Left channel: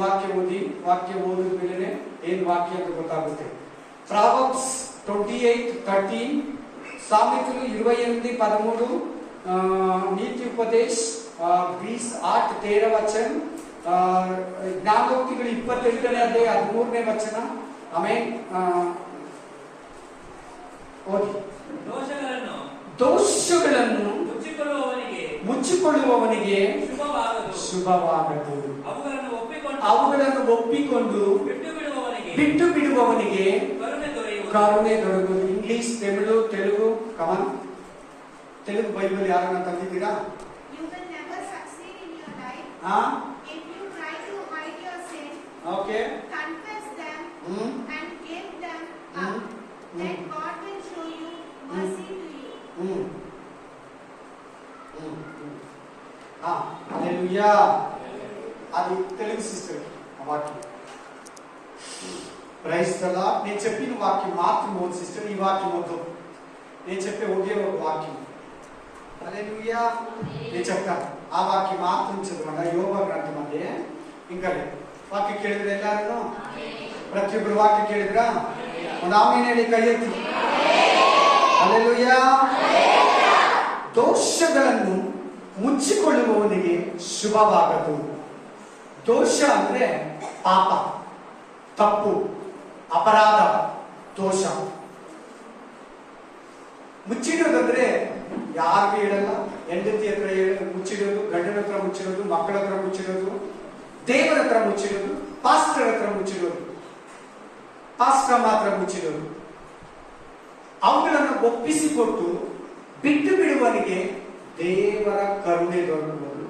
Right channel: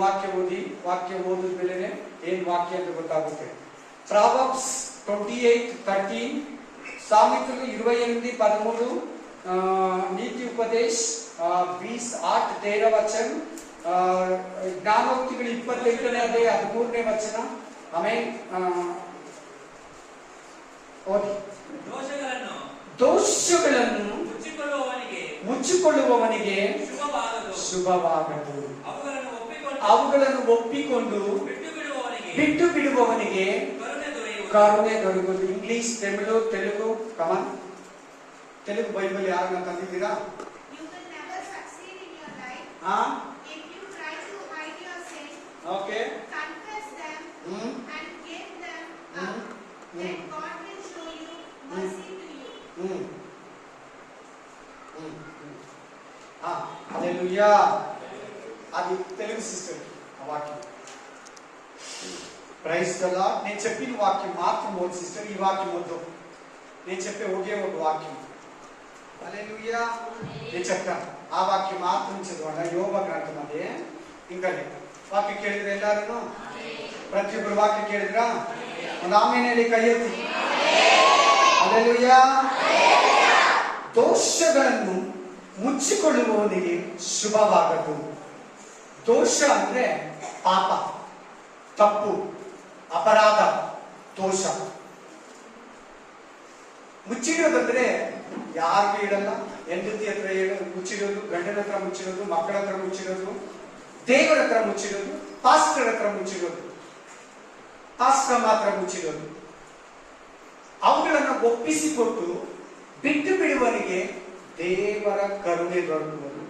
ವಾಕ್ಯ ಓದಿದ ಮೇಲೆ ಏನ್ ವಾಕ್ಯ ಅಂತ ಗೊತ್ತಾಗುತ್ತೆ. ಪ್ರಾವರ್ಬ್ಸ್ 28:13, సామెతలు 28:13, नीति उपदेश 20:8-13 वचन, ಜ್ಞಾನೋಕ್ತಿಗಳು 25ನೇ ಅಧ್ಯಾಯ 13ನೇ ವಚನ. ಆಮೇಲೆ ದೋಷಗಳನ್ನು ಮುಚ್ಚಿಕೊಳ್ಳುವವನಿಗೆ ಶುಭವಾಗದು, ಅವುಗಳನ್ನು ಒಪ್ಪಿಕೊಂಡು ಬಿಟ್ಟು ಬಿಡುವವನಿಗೆ ಕರುಣೆ ದೊರೆಯುವುದು. English, Telugu come on. Telugu Bible ಯಾರನ್ನ ತಂದಿದ್ದೀರಾ? ಓಕೆ. అది తెలుగు సిస్టర్ వాక్యం. Praise the Lord. నేను చెప్పిన వాక్యం మాత్రం ఓది సిస్టర్, ఈ వాక్యం వద్దు. నేను చెప్పే ఒకే ఒక వాక్యం. హల్లెలూయా. నేను చెప్తాను, ಆ ವಾಕ್ಯ ಮಾತ್ರ ಚದೋಣ. ಯೋಗ ಗ್ರಂಥ ಅದೇ ఇంకా ವಾಕ್ಯ ಕೇಳಿದ್ರೆ ಎಲ್ಲಾರು ಪ್ರತಿಯೊಬ್ಬರು ವಾಕ್ಯ ಕೇಳಿದ್ರ ಒಂದು ಆಮೇಲೆ ಹೇಳಿ, ಕೈ ಎತ್ತಿ. ಹಲ್ಲೆಲೂಯಾ. ದೋಷಗಳನ್ನು ಮುಚ್ಚಿಕೊಳ್ಳುವವನಿಗೆ ಶುಭವಾಗದು. ದೋಷ ಅಂದ್ರೆ ಪಾಪ, ತಪ್ಪು, ಅಪರಾಧ, ದೋಷ. ಮುಚ್ಚಿಡೋದಂದ್ರೆ ಯಾರಿಗೂ ಹೇಳಲ್ಲ, ಹೆಂಡತಿ ಹತ್ರ ಮುಚ್ಚಿಡೋದು, ಗಂಡನ ಹತ್ರ ಮುಚ್ಚಿಡೋದು, ಮಕ್ಕಳ ಹತ್ರ ಮುಚ್ಚಿಡೋದು, ದೇವರ ಹತ್ರ ಮುಚ್ಚಿಡೋದು, ಪಾಸ್ಟರ್ ಹತ್ರ ಮುಚ್ಚಿಡೋದು, ಪಾಸ್ಟರ್ ಮಾತ್ರ ಮುಚ್ಚಿಡೋದು. ಅವುಗಳನ್ನು ಒಪ್ಪಿಸಿಕೊಟ್ಟು ಬಿಟ್ಟು ಬಿಡುವವನಿಗೆ ದೇವರ ಕರುಣೆ ದೊರಕುವುದು.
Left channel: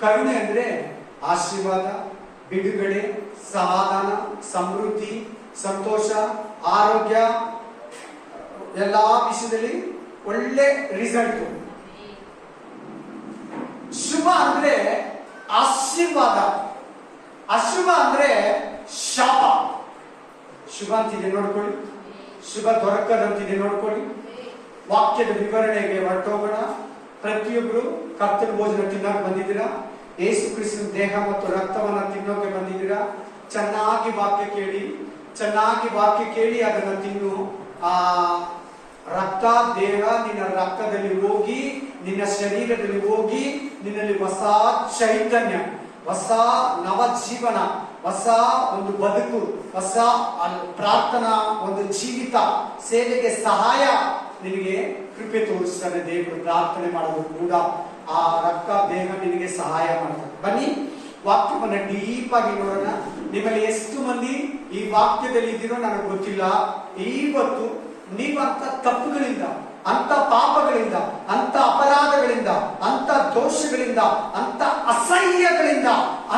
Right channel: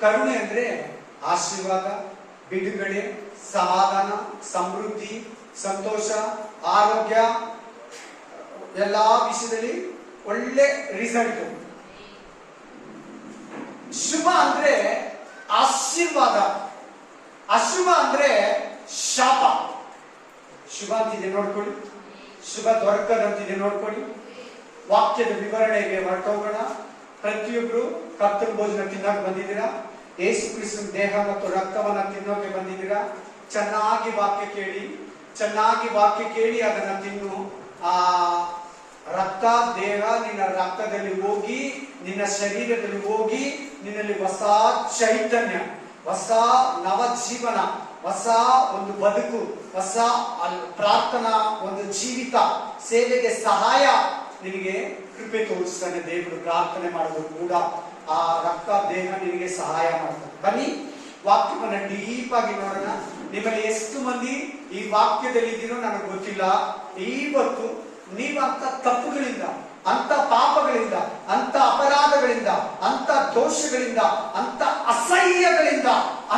ಕರುಣೆ ಅಂದ್ರೆ ಆಶೀರ್ವಾದ, ಬಿಡುಗಡೆ, ಸಮಾಧಾನ, ಸಮೃದ್ಧಿ, ಸಂತೋಷ, ಆರೋಗ್ಯ, ಎಲ್ಲಾ ವಿಷಯದಲ್ಲಿ ಒಳ್ಳೆ ರಿಸಲ್ಟ್. ಶುಭ ಅಂದ್ರೆ ಆಶೀರ್ವಾದ, ಅಶುಭ ಅಂದ್ರೆ ಶಾಪ. ಶುಭ ಅಂತಿದೆ ನೋಡ್ಕೊಳ್ಳಿ, ಶುಭ ದೊರಕದಂತಿದೆ ನೋಡ್ಕೊಳ್ಳಿ. ವಾಕ್ಯದ ವಿವರಣೆಗೆ ಹೊರಟೋಗೋಣ. ಪ್ರತಿಯೊಬ್ರು ಕರ್ತನ ಭೋಜನ ತಿನ್ನಕ್ಕೆ ಬಂದಿದ್ದೀರಾ, ಯೇಸು ಕ್ರಿಸ್ತನ ದೇಹ ಮತ್ತು ರಕ್ತವನ್ನ ತಿನ್ನೋಕೆ ಬಂದಿದ್ದೀರಾ. ಚೆನ್ನಾಗಿ ವಾಕ್ಯ ಕೇಳಿ, ಚೆನ್ನಾಗಿ ವಾಕ್ಯ ಕೇಳಿ ಅದನ್ನ ತಿನ್ನು. ಆ ರಕ್ತ ದೇಹ ನಿನ್ನ ರಕ್ತದಲ್ಲಿ ಹೋಗಿ, ನಿನ್ನ ಶರೀರದಲ್ಲಿ ಹೋಗಿ, ನಿನ್ನಲ್ಲಿ ಹೊಸ ಚೈತನ್ಯ, ಹೊಸ ನವಜೀವನ, ಹೊಸ ಒಂದು ಬದುಕು, ಹೊಸ ಪ್ರಾರ್ಥನಾ ಒಂದು ಜೀವಿತ, ಸೇವೆಗೆ ಸಹಾಯ ನಿನಗೆ ಕೃಪೆ ತೋರಿಸ್ತಾನೆ ದೇವರು. ಪ್ರಾರ್ಥನೆ ಮಾಡೋದು ಕೂಡ ಆ ರಕ್ತ ದೇಹ ನಿನಗೆ ಸಹಾಯ ಮಾಡ್ತಾರೆ. ಬನ್ನಿ ವಾಕ್ಯವನ್ನ ಡೀಪ್ ಆಗಿ ನೋಡೋಣ. ನಿಮ್ಮಲ್ಲಿ ಎಷ್ಟು ಮಂದಿ ಈ ವಾಕ್ಯದಲ್ಲಿ ಇದ್ದೀರೋ ನನಗೆ ಗೊತ್ತಿಲ್ಲ. ಇವತ್ತು ನೀವಂತ ತಪ್ಪುಗಳಿಂದ, ಅಂತ ಪಾಪಗಳಿಂದ, ಅಂತ ಅಪರಾಧಗಳಿಂದ, ಅಂತ ದೋಷಗಳಿಂದ, ಅಂತ ಅಸಹ್ಯಗಳಿಂದ,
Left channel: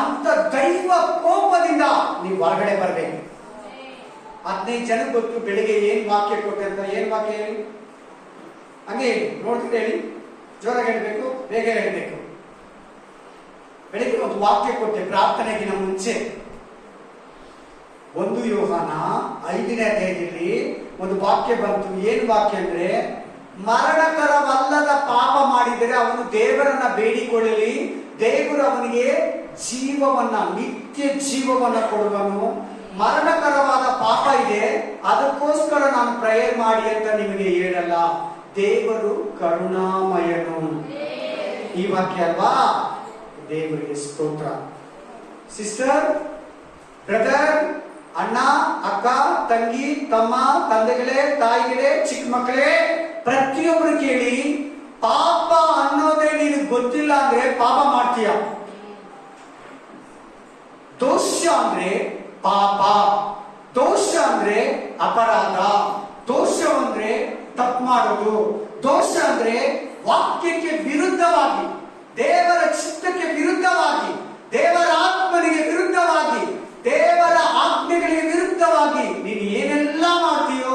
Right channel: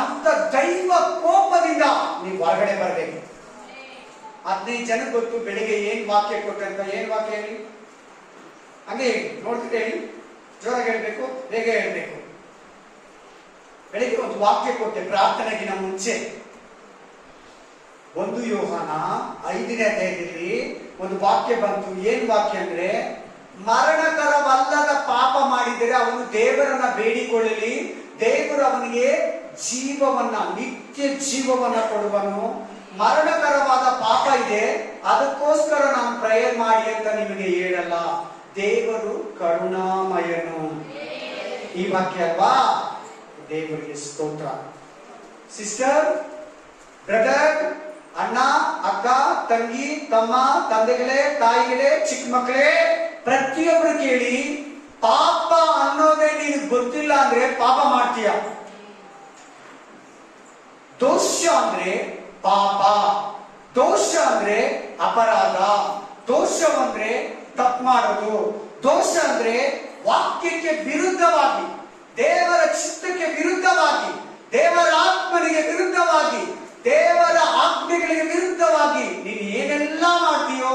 ಅಂತ ದೈವ ಕೋಪದಿಂದ ನೀವು ಹೊರಗಡೆ ಬರಬೇಕು. 15 ಜನ ಗೊತ್ತು ಬೆಳಿಗ್ಗೆ ಏನ್ ವಾಕ್ಯ ಕೊಟ್ಟೆ ಅಂತ. ಏನ್ ವಾಕ್ಯ ಹೇಳಿ? ಹಂಗೆ ಹೇಳಿ, ನೋಡ್ತಿದ್ದೆ ಹೇಳಿ, ಜೋರಾಗಿ ಹೇಳ್ಬೇಕು, ಬೇಗ ಹೇಳ್ಬೇಕು. ಬೆಳಿಗ್ಗೆ ಒಂದು ವಾಕ್ಯ ಕೊಟ್ಟೆ ಪ್ರಾರ್ಥನೆಗಿನ ಮುಂಚೆ. 1 ಯೋಹಾನ 5ನೇ ಅಧ್ಯಾಯದಲ್ಲಿ ಒಂದು ವಾಕ್ಯ ಬಂತು. ಏನ್ ವಾಕ್ಯ ಅಂದ್ರೆ, ಮರಣಕರವಲ್ಲದ ಪಾಪ ಮಾಡಿದರೆ ಅವನು ದೇವರನ್ನ ಬೇಡಿಕೊಳ್ಳಲಿ, ದೇವರು ಅವನಿಗೆ ಜೀವವನ್ನ, ನಿತ್ಯ ಜೀವವನ್ನ ಕೊಡುವನು. ಮರಣಕರವಾದ ಪಾಪ ಇದೆ, ಅದಕ್ಕೋಸ್ಕರ ನಾನು ಪ್ರೇಯರ್ ಮಾಡಿ ಅಂತ ನಿಮಗೆ ಹೇಳಲ್ಲ. ದೇವರು ಕರುಣಾಮಯನು. ಈ ವಾಕ್ಯ ಅಲ್ವಾ? ದೇವರಿಗೆ ಸ್ತೋತ್ರ. ಸಿಸ್ಟರ್, ಬ್ರದರ್, ಅಣ್ಣ, ಅಕ್ಕ, ತಂಗಿ, ತಮ್ಮ, ತಂದೆಗಳೇ, ತಾಯಿಗಳೇ, ಚಿಕ್ಕ ಮಕ್ಕಳೇ, ಪ್ರತಿಯೊಬ್ರು ಕೇಳಿ. ಪಾಪ ಅನ್ನೋದೇ ನಿನಗೆ ಗೊತ್ತಿಲ್ಲ ಅಂದ್ರೆ ಪಾಪ ಮಾಡ್ತೀಯ. ದೋಷ ಅಂದ್ರೆ ಪಾಪ, ದೋಷ ಅಂದ್ರೆ ಅಪರಾಧ, ದೋಷ ಅಂದ್ರೆ ತಪ್ಪು ಮಾಡೋದು, ದೋಷ ಅಂದ್ರೆ ವಾಕ್ಯಕ್ಕೆ ವಿರುದ್ಧವಾಗಿ, ದೇವರ ಚಿತ್ತಕ್ಕೆ ವಿರುದ್ಧವಾಗಿ, ದೇವರ ಆತ್ಮನಿಗೆ ವಿರುದ್ಧವಾಗಿ, ದೇವರ ಆಜ್ಞೆಗಳಿಗೆ ವಿರುದ್ಧವಾಗಿ ನೀನು ಏನೆಲ್ಲ ಮಾಡ್ತೀಯೋ,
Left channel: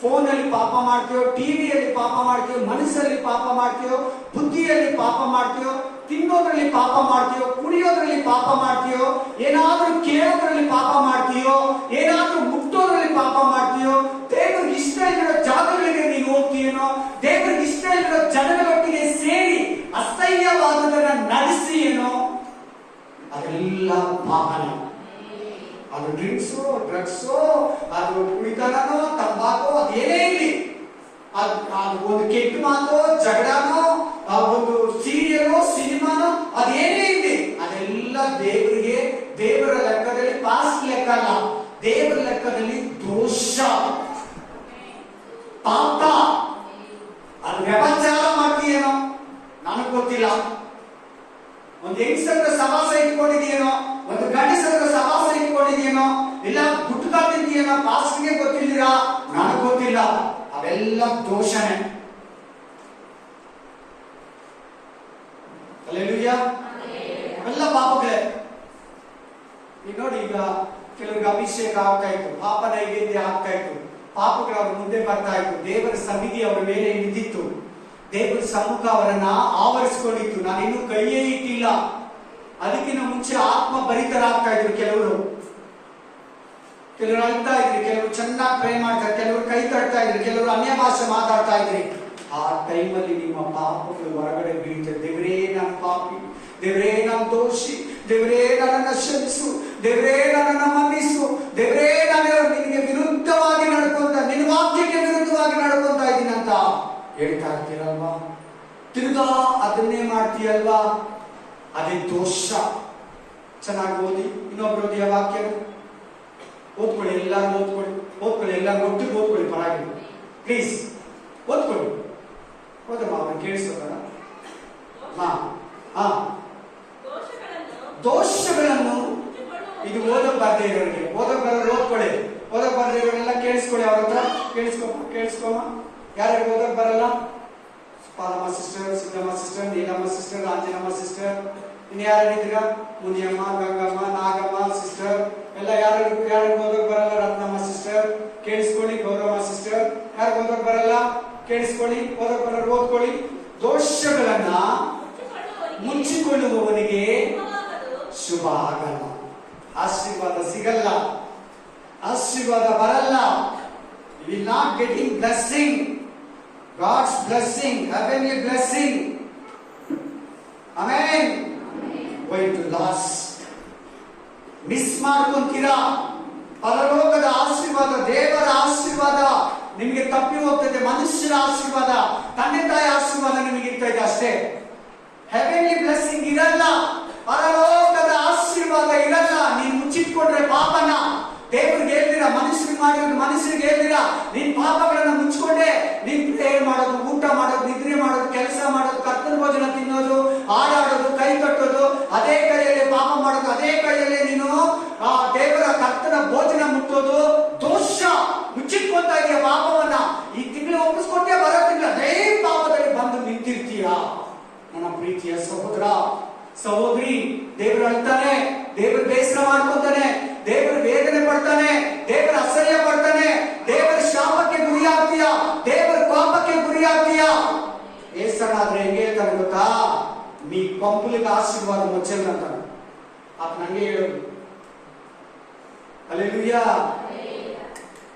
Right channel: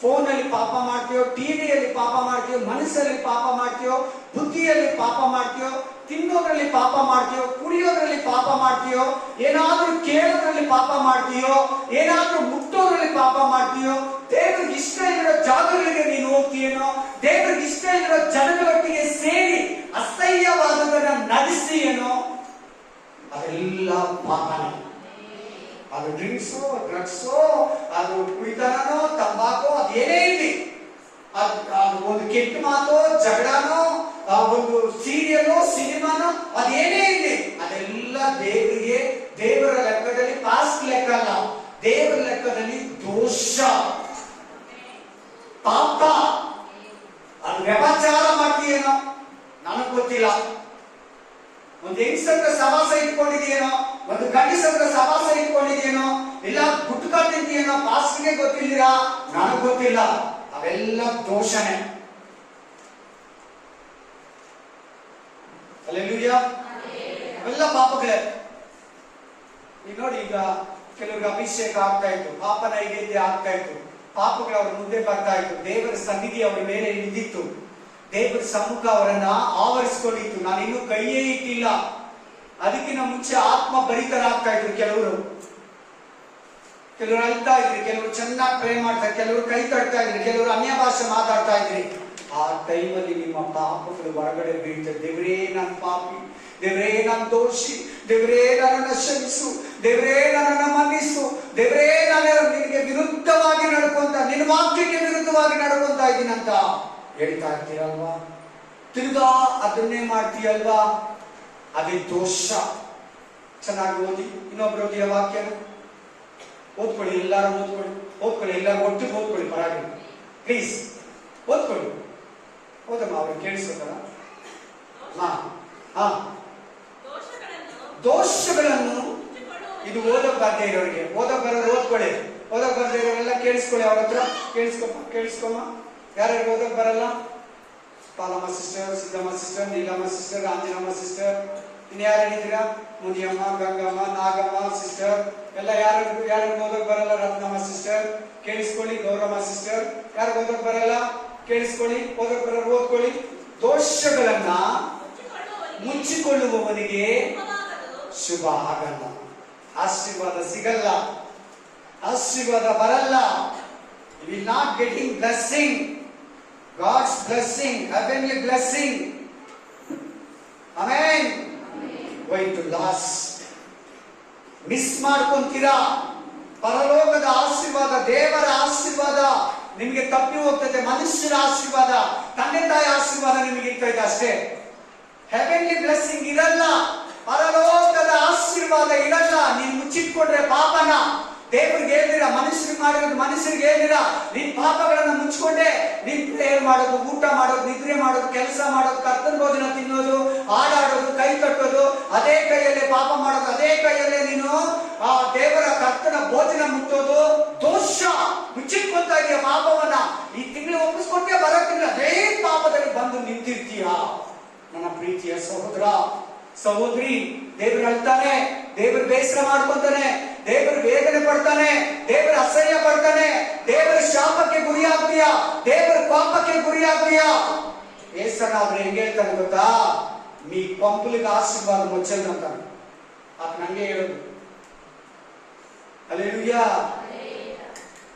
ಫೋನಲ್ಲಿ ಪಾಪ ಮಾಡ್ತೀಯೋ, ಟಿವಿಯಲ್ಲಿ ಪಾಪ ಮಾಡ್ತೀಯೋ, ಮನಸ್ಸಲ್ಲಿ ಪಾಪ ಮಾಡ್ತೀಯೋ, ಬುದ್ಧಿಯಲ್ಲಿ ಪಾಪ ಮಾಡ್ತೀಯೋ, ತಿನ್ನೋದ್ರಲ್ಲಿ ಪಾಪ ಮಾಡ್ತೀಯೋ, ಕುಡಿಯೋದ್ರಲ್ಲಿ ಪಾಪ ಮಾಡ್ತೀಯೋ, ಏನಾದ್ರೂ ಕೇಳೋದ್ರಲ್ಲಿ ಪಾಪ ಮಾಡ್ತೀಯೋ, ಏನಾದ್ರೂ ಮುಟ್ಟೋದ್ರಲ್ಲಿ ಪಾಪ ಮಾಡ್ತೀಯೋ, ದೇವರಿಗೆ ಇಷ್ಟ ಇರೋ ಜಾಗಗಳಿಗೆ ನೀನು ಹೋಗ್ತೀಯೋ, ದೇವರಿಗೆ ಇಷ್ಟ ಇರೋ ಜನಗಳೊಟ್ಟಿಗೆ ಸೇರಿ ಅಸಹ್ಯವಾದದನ್ನ ನಡೆಸಿ ಏನೋ, ಅದೆಲ್ಲ ಪಾಪನೇ. ಅದು ಡ್ರಿಂಕ್ಸು, ಡ್ರಗ್ಸು, ಅದು ಕುಡಿತನೋ, ತಂಬಾಕು, ಅದೇನೇ ಇರಲಿ, ಅದು ಒಂದು ಕೆಟ್ಟ ಮಾತು, ಜಗಳನೋ, ಒಂದು ಸೀರಿಯಲ್, ಸಿನಿಮಾನೋ, ಅದೇನೇ ಇರಲಿ, ಅದೆಲ್ಲ ದೇವರಿಗೆ, ದೇವರ ಲೆಕ್ಕದಲ್ಲಿ ಪಾಸ್ಟ್ ಲೆಕ್ಕ ಅಲ್ಲ, ದೇವರ ಲೆಕ್ಕದಲ್ಲಿ ದೋಷ, ಪಾಪ. ಅದು ವ್ಯಭಚಾರ ಮಾಡ್ತೀಯೇನೋ ನನಗ್ ಗೊತ್ತಿಲ್ಲ, ಒಂದು ಹೆಂಗಸತ್ರ ಸವಾಸ ಇಟ್ಕೊಂಡಿದೆಯೇನೋ, ಒಂದು ಗಂಡಸತ್ರ ಸವಾಸ ಇಟ್ಕೊಂಡಿದೆಯೇನೋ, ಇಲ್ಲ ಗುಟ್ಕಾ ತಿಂತೀಯೇನೋ, ಪಾಸ್ಗೆ ಗೊತ್ತಿದ್ದೀರಾ, ನನಗ್ ಗೊತ್ತಿಲ್ಲ. ಅವೆಲ್ಲ ದೋಷನೇ. ಹಲ್ಲೆಲೂಯಾ. ಅವೆಲ್ಲ ಪಾಪಗಳೇ. ಈಗ ನೋಡಿ, ಈಗ ಕೆಲವರಿಗೆ ಅಭಿಷೇಕ ಆಗ್ತಾ ಇತ್ತು, ಪಾಪ ನೈವೇದ್ಯ ಆಗ್ತಾ ಇತ್ತು, ಪಾಪಗಳು ಅವ್ರ ಮುಂದೆ ಬರ್ತಾ ಇತ್ತು, ದೇವರ ಸನ್ನಿಧಿ ಅವರ ಮೇಲೆ ನಿಂತಿತ್ತು, ದೇವರ ಸಮ್ಮುಖ ಅವರನ್ನ ಆವರಿಸಿಕೊಂಡಿತ್ತು. ನಾನಿನ್ನೂ ಕೈಯೇ ಇಟ್ಟಿಲ್ಲ. ಅದಕ್ಕಿಂತ ಮುಂಚೆ ಆತ್ಮ ಭರಿತರಾಗ್ತಾ ಇದ್ರು. ಕೆಲವರು ಅಳ್ತಾ ಇದ್ರಿ, ಕೆಲವರು ಚೆನ್ನಾಗಿ ಪ್ರೇ ಮಾಡ್ತಾರೆ, ಕೆಲವರು ಕೈ ತಡ್ತಾ ಇದ್ರಿ, ಕೆಲವರು ಅನ್ಯ ಭಾಷೆ ಮಾತಾಡ್ತಾ ಇದ್ರಿ. ಆ ಟೈಮಲ್ಲಿ ನಿಮ್ಮ ಪಾಪಗಳು ಹೊರಗಡೆ ಬೀಳ್ತದೆ. ದೇವರೇ ನಾನು ಪಾಪಿ, ದೇವರೇ ನಾನು ದೋಷಿ, ದೇವರೇ ನನ್ನನ್ನು ಕ್ಷಮಿಸು, ದೇವರೇ ನನ್ನನ್ನು ಮನ್ನಿಸು, ದೇವರೇ ನಾನು ನಿನಗೆ ವಿರುದ್ಧವಾಗಿ ನಡ್ಕೊಂತ, ನಿನ್ನ ವಾಕ್ಯಕ್ಕೆ ವಿರುದ್ಧವಾಗಿ ನಡ್ಕೊಂತ ಇದ್ದೀನಂತ ಹೇಳ್ತಾ ಇರ್ತೀರಲ್ವಾ? ತಿರ್ಗಾ ಅದನ್ನೇ ಮಾಡ್ತೀಯಲ್ವಾ? ಅದೇ ದೋಷ. ಚೆನ್ನಾಗಿ ಓದಿ, ಇನ್ನೊಬ್ರು ಓದಿಯ ವಾಕ್ಯ ಓದ್ಕೊಳ್ಳಿ, ಎಲ್ಲರೂ ಓದ್ಕೊಳ್ಳಿ, ಎಲ್ಲರೂ ಒಟ್ಟಿಗೆ ಓದ್ಕೊಳ್ಳಿ, ಪರವಾಗಿಲ್ಲ, ಪ್ಲೀಸ್ ಓದ್ಕೊಳ್ಳಿ. ಓದಮ್ಮ, ಅವ್ರು ಕೇಳಿಸೋದಲ್ಲ. ದೋಷಗಳನ್ನು ಇದು ಓದಕ್ ಬಾಧ್ಯ ಇರೋರಿಗೆ, ಓದಕ್ ಬರೋರು ಓದ್ಕೊಳ್ಳಿ, ಓದಕ್ ಬಾಧ್ಯ ಇರೋರೆಲ್ಲ ಕೇಳಿಸ್ಕೊಳ್ಳಿ, ಅವ್ರ ಹತ್ರ ಕೇಳಿಸ್ಕೊಮ್ಮ. ಯಾರ್ಯಾರು ಓದಕ್ ಬರಲ್ಲ? Palamma sister, Siddamma sister, Neelamma sister, Anjanamma sister, ಇನ್ನು ಯಾರಿದ್ದೀರಾ? ಮುನಿಯಮ್ಮ, ಗಂಗಮ್ಮ, ನಾಗಮ್ಮ ಸಿಸ್ಟರ್, ಎಲ್ಲ ಯಾರು ಓದಕ್ ಬರಲ್ಲ? ರತ್ನಮ್ಮ ಸಿಸ್ಟರ್ ಕೇಳಿಸ್ಕೊಳ್ಳಿ, ಗೌರಮ್ಮ ಸಿಸ್ಟರ್, ಯಾರು ಓದಕ್ ಬರಲ್ಲ ಕೇಳಿಸ್ಕೊಳ್ಳಿ, ಓದಕ್ ಬರೋರು ಓದ್ಕೊಳ್ಳಿ. ದೋಷಗಳನ್ನ ಮುಚ್ಚಿಕೊಳ್ಳುವವನಿಗೆ ಶುಭ ಆಗಲ್ಲ, ಆಶೀರ್ವಾದ ಸಿಗಲ್ಲ, ಆಶೀರ್ವಾದ ಬರಲ್ಲ. You will not getting blessing, God's blessing, heavenly blessing. Amen. Going to loss. Miss ಮಾಡ್ಕೊಂತೀರಾ ಪರಲೋಕದ ಆಶೀರ್ವಾದ, ದೇವರ ಆಶೀರ್ವಾದ ನಿಮಗೆ ತಪ್ಪಿ ಹೋಗ್ತದೆ. ಮನುಷ್ಯರ ಆಶೀರ್ವಾದ, ತಂದೆ ತಾಯಿ ಆಶೀರ್ವಾದ ನಿಮಗೆ ಇರ್ತದೆ ಅಷ್ಟೇ. ಹೆವೆನ್ಲಿ ಬ್ಲೆಸ್ಸಿಂಗ್ ಇರಲ್ಲ, ಪರಲೋಕದ ಆಶೀರ್ವಾದ ಇರಲ್ಲ. ನೀನು ಮುಚ್ಚಿಟ್ಕೊಂಡ್ರೆ ಪಾಪನ ದೇವರಿಗೆ ಹೇಳ್ದಿರಾ, ಮನುಷ್ಯರಿಗೆ ಮಾಡಿದ್ರೆ ಮನುಷ್ಯರಿಗೆ ಹೇಳ್ದಿರಾ, ನಿನ್ ಪಾಪಗಳನ್ನ ಮುಚ್ಕೊಂಡೆ ನೀನ್ ಪ್ರೇಯರ್ ಮಾಡೋದು, ಊಟ ಮಾಡೋದು, ನಿದ್ರೆ ಮಾಡೋದು, ಕೆಲಸ ಮಾಡೋದು, ಕರ್ತನ ಭೋಜನ ತಿನ್ನೋದು, ಹಾಡಾಡೋದು, ಕೈ ಕಟ್ಟೋದು, ಅದೇ ಕೈಯಲ್ಲೇ ಪಾಪ ಮಾಡೋದು, ಅದೇ ಕೈಯಲ್ಲೇ ನೀನು ಆ ದೇವರ ಕರ್ತನ ಭೋಜನ ಮುಟ್ಟೋದು ದೋಷ. ಮುಚ್ಚಿಟ್ಕೊಳ್ತಾ ಇದೆಯಾ ಪಾಪವನ್ನ. ಈ ತಿಂಗಳು ಒಪ್ಪಿಸ್ಕೊಟ್ಟೆ, ಬರೋ ತಿಂಗಳು ಅದೇ ಪಾಪದಲ್ಲಿ ಬಂದು ನಿಂತಿರ್ತೀಯ. ನನ್ನ ಪ್ರೀತಿಯ ಸಹೋದರ ಸಹೋದರಿ, ದೇವರು ಅಳ್ತಾನೆ, ದೇವರು ಬೇಸರ ಮಾಡ್ಕೊತಾನೆ, ದೇವರು ವೇದನೆ ಪಡ್ತಾನೆ, ದೇವರ ಅಸಹ್ಯ ಪಡ್ತಾನೆ, ದೇವರ ಶಾಪಕ್ಕೆ ಗುರಿಯಾಗ್ತೀಯ, ದೇವರ ಪಾಪಕ್ಕೆ ಗುರಿಯಾಗ್ತೀಯ. ಬೇಸರಾದ್ರೆ ಹೆಂಗೆ ಹೇಳ್ತಾನೆ ಗೊತ್ತಾ? మీ పంపులకు ఆశీర్వాదం వచ్చేదంట. అతను హంగే ಹೇಳೋದು. హల్లెలూయా.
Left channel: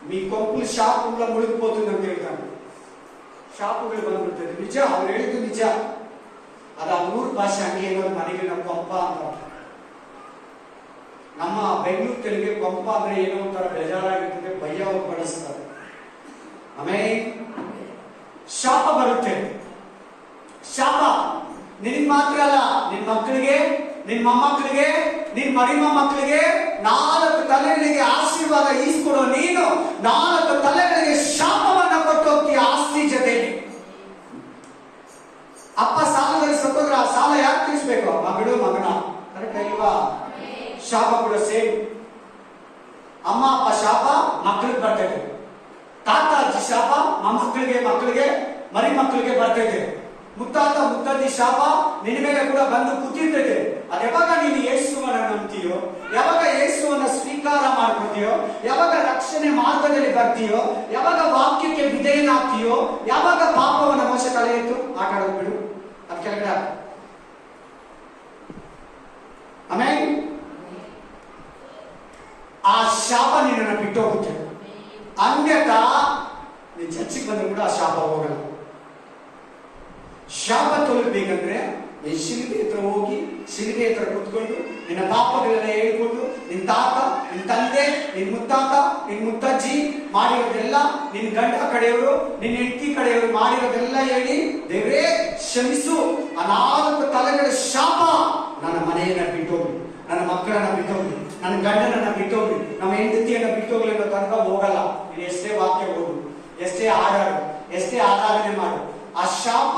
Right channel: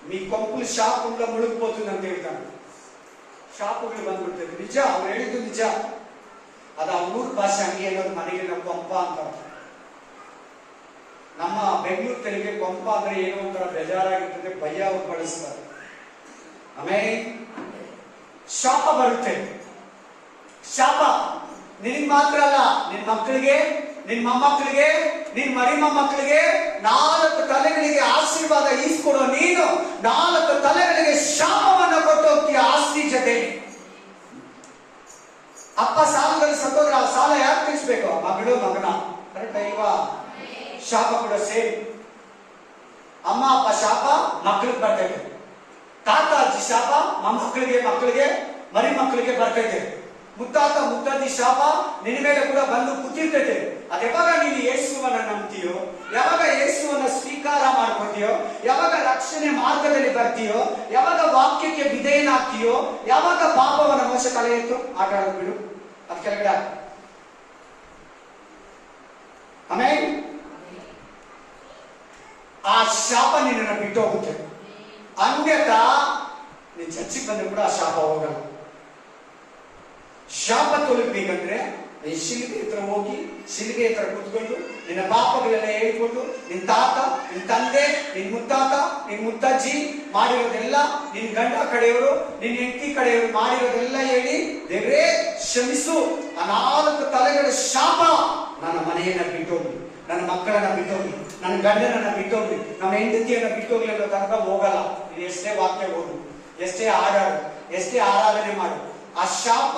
మీ కొంపులు ಶಾಪುಗಳ ಮುಳುಗಿపోతుంది ಅಂತ ಹೇಳ್ತಾನೆ. ಶಾಪುಗಳು ಬಂದ್ಬಿಡ್ತದೆ. ನಿಜ, ಅವ್ರು ಹೇಳಿದ್ದು ನಿಜ. ಅದು ಅವ್ರ ಭಾಷೆ ಹಂಗೆ ಹೇಳೋದು. ಮನೆಗೆ ನಾವು ಕೊಂಪ ಅಂತ. ನಮ್ಮ ಬೆಂಗಳೂರು ತೆಲುಗಿಗೆ ಕೊಂಪ ಅಂದ್ರೆ ಏನೋ ಒಂಥರ ಬೇಜಾರಾಗಿರ್ತದೆ, ಭಯ ಅವ್ರು ಬಳಸ್ತಾರೆ. ಆಮೇಲೆ ಶಾಪ ಬರುತ್ತೆ. ಶಾಪ ನಿನಗೆ ಮಾತ್ರ ಅಲ್ಲ, ನಿನ್ ಮಕ್ಕಳಿಗೆ, ನಿನ್ ಮೊಮ್ಮಕ್ಕಳಿಗೆ, ನಿನ್ ಮರಿ ಮೊಮ್ಮಕ್ಕಳಿಗೆ 4 ತಲೆಗಳಿಗೆ ಆಶೀರ್ವಾದ ಈಸ್ಕೊಡೋ ನೀನು 4 ತಲೆಗಳಿಗೆ ಶಾಪವನ್ನ ಕೊಟ್ಟು ಹೋಗ್ತೀಯ ಆಸ್ತಿ ಜೊತೆ. ಅಪ್ಪ ಸಾಲದಲ್ಲಿ ಸತ್ತೋದ್ರೆ ಆ ಸಾಲ ಯಾಕೆ ತಿಳಿಸ್ಬೇಕು? ಮಗಳು ಮಗನ, ಕರೆಕ್ಟ್ ಅಲ್ವಾ? ಶಾಪ ಕೂಡ ಸೇಮ್. ಅಮ್ಮ ಅಪ್ಪ ಶಾಪ ಮಕ್ಕಳಿಗೆ ಬರ್ತೈತೆ, ತಾತ ಅಜ್ಜಿ ಶಾಪ ಮೊಮ್ಮಕ್ಕಳಿಗೆ, ಮಕ್ಕಳಿಗೆ, ಮರಿ ಮಕ್ಕಳಿಗೆ ಬರ್ತೈತೆ. ಮುತ್ತಾತ ಮುತ್ತಜ್ಜಿ ಶಾಪ ನಿನ್ನ ಮೇಲೆ ಕೂಡ ಬಂದು ಕೂತಿರ್ತೈತೆ. ಅದು ಯಾವಾಗ ನೀನು ಯೇಸುವನ್ನ ನಂಬ್ತೀಯೋ, ಯಾವಾಗ ಯೇಸುವನ್ನ ಸ್ವೀಕಾರ ಮಾಡ್ಕೊತೀಯೋ, ಯಾವಾಗ ರಕ್ಷಣೆ ಮಾರ್ಗದಲ್ಲಿ ಬರ್ತೀಯೋ, ಯಾವಾಗ ವಾಕ್ಯಕ್ಕೆ ವಿಧೇಯನಾಗ್ತೀಯೋ, ಯಾವಾಗ ಪಾಪವನ್ನ ಮೋಸ ಕಳೆಯಿತು ಆಟ ಆಡೋದು ಬಿಡು, ಅದು ಕೆಳಗಡೆ ಆಮೇಲೆ ಆ ಶಾಪ ನಿನ್ನನ್ನು ಬಿಟ್ಟು ಹೋಗುತ್ತೆ. ಅನ್ಯಥಾ ನೀನ್ ಚರ್ಚಿಗೆ ಬಂದ್ರೆ ಕೂಡ ಆ ಶಾಪ ಹೋಗಲ್ಲ. ಶಾಪ ತೊಲಗಬೇಕಂದ್ರೆ ನೀನ್ ಶಿಲ್ಪಿ ಹತ್ರ ಹೋಗಿ, ಶಿಲ್ಪಿ ಹತ್ರ ಕುತ್ಕೊಂಡು ನಿನ್ನ ಪಾಪಗಳೆಲ್ಲ ಹೇಳ್ಕೊಂಡು, ನಿನ್ ತಾತ, ನಿನ್ ತಂದೆ ನಿನ್ ಮುತ್ತಾತ, ನಿನ್ ಮುತ್ತಜ್ಜಿ ಮಾಡಿರೋದೆಲ್ಲ, ನಿನ್ ಗಂಡ ಕಡೆಯವರು, ನಿನ್ ಹೆಂಡತಿ ಕಡೆಯವರು ಮಾಡಿರೋದೆಲ್ಲ ಹೇಳಿ, ದೇವರೇ ಕ್ಷಮಿಸು, ಆ 4 ತಲೆಗಳ ಶಾಪ ನನ್ನ ಮನೆಯನ್ನ ಬಿಟ್ಟೋಗ್ಲಿ, ನನ್ನ ಮಕ್ಕಳನ್ನ ಬಿಟ್ಟೋಗ್ಲಿ, ನನ್ನ ಗಂಡನನ್ನ ಬಿಟ್ಟೋಗ್ಲಿ, ನಮ್ಮ ಹೆಂಡತಿಯನ್ನ ಬಿಟ್ಟೋಗ್ಲಿ ಅನ್ನೋ ತನಕ ಹೋಗಲ್ಲ. ನೀನು ಎಷ್ಟೇ ವಾಕ್ಯ ಓದು, ಎಷ್ಟೇ ಹಾಡಾಡು, ಎಷ್ಟೇ ಆರಾಧನೆ ಮಾಡು, ಆ ಶಾಪ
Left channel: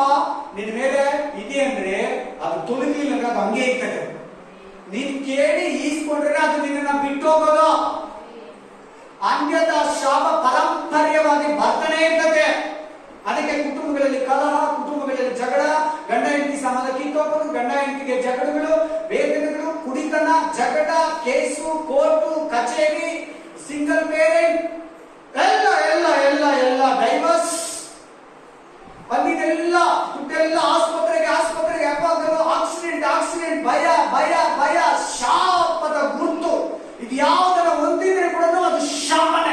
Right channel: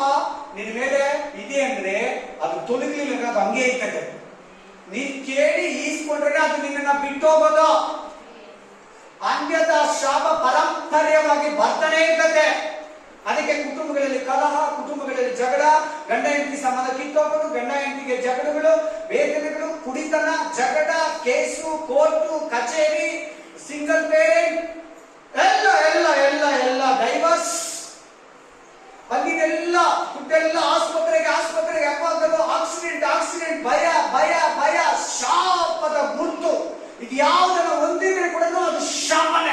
ನಿನ್ ಮೇಲೆ ಇದೆ ಅಂದ್ರೆ ಅದು ತೊಲಗಿಲ್ಲ, ಅದು ಹಂಗೆ ಇರ್ತದೆ. ನೀನ್ ಕೇಳಿ ಈಸ್ಕೊಂಡ್ರೆ ಅದು ನಿನ್ನ ಬಿಟ್ಟೋಗೋದು. ಅಂತ್ಯದ ಶಾಪ ಪರಂಪರ್ಯವಾಗಿ ಬರ್ತಾನೆ ಇರ್ತದೆ. ಅದಕ್ಕೆ ಕುಟುಂಬಗಳಲ್ಲಿ ಕಲಹ, ಕುಟುಂಬಗಳಲ್ಲಿ ಜಗಳ, ಗಂಡ ಹೆಂಡತಿ ಸಂಬಂಧ ಕಿತ್ತೋಗೋದು, ಗಂಡ ಹೆಂಡತಿಗೆ ಜಗಳಗಳು, ವೇದನೆಗಳು, ಕುಡಿತನ, ಜಗಳ, ಕೇಸು, ಕೋರ್ಟು, ಕಚೇರಿ, ಸಿಂಗಲ್ ಪೇರೆಂಟ್, ಎಲ್ಲ ಎಲ್ಲ ಎಲ್ಲ ಎಲ್ಲ ಡೈವರ್ಸ್, ಅಲ್ಲಿದೆಲ್ಲ ದುಡ್ಡೆಲ್ಲ ಆಸ್ಪತ್ರೆಗೆ ಯಾವಾಗಲೂ ಆಕ್ಸಿಡೆಂಟ್, ಭಯ ಭಯ ಭಯ, ಶಾಪದ ಗುರುತು. ಇದು ಯಾವುದನ್ನ ಹೊಂದಿದ್ರೆ ಕೂಡ ಅದು ಶಾಪನೆ.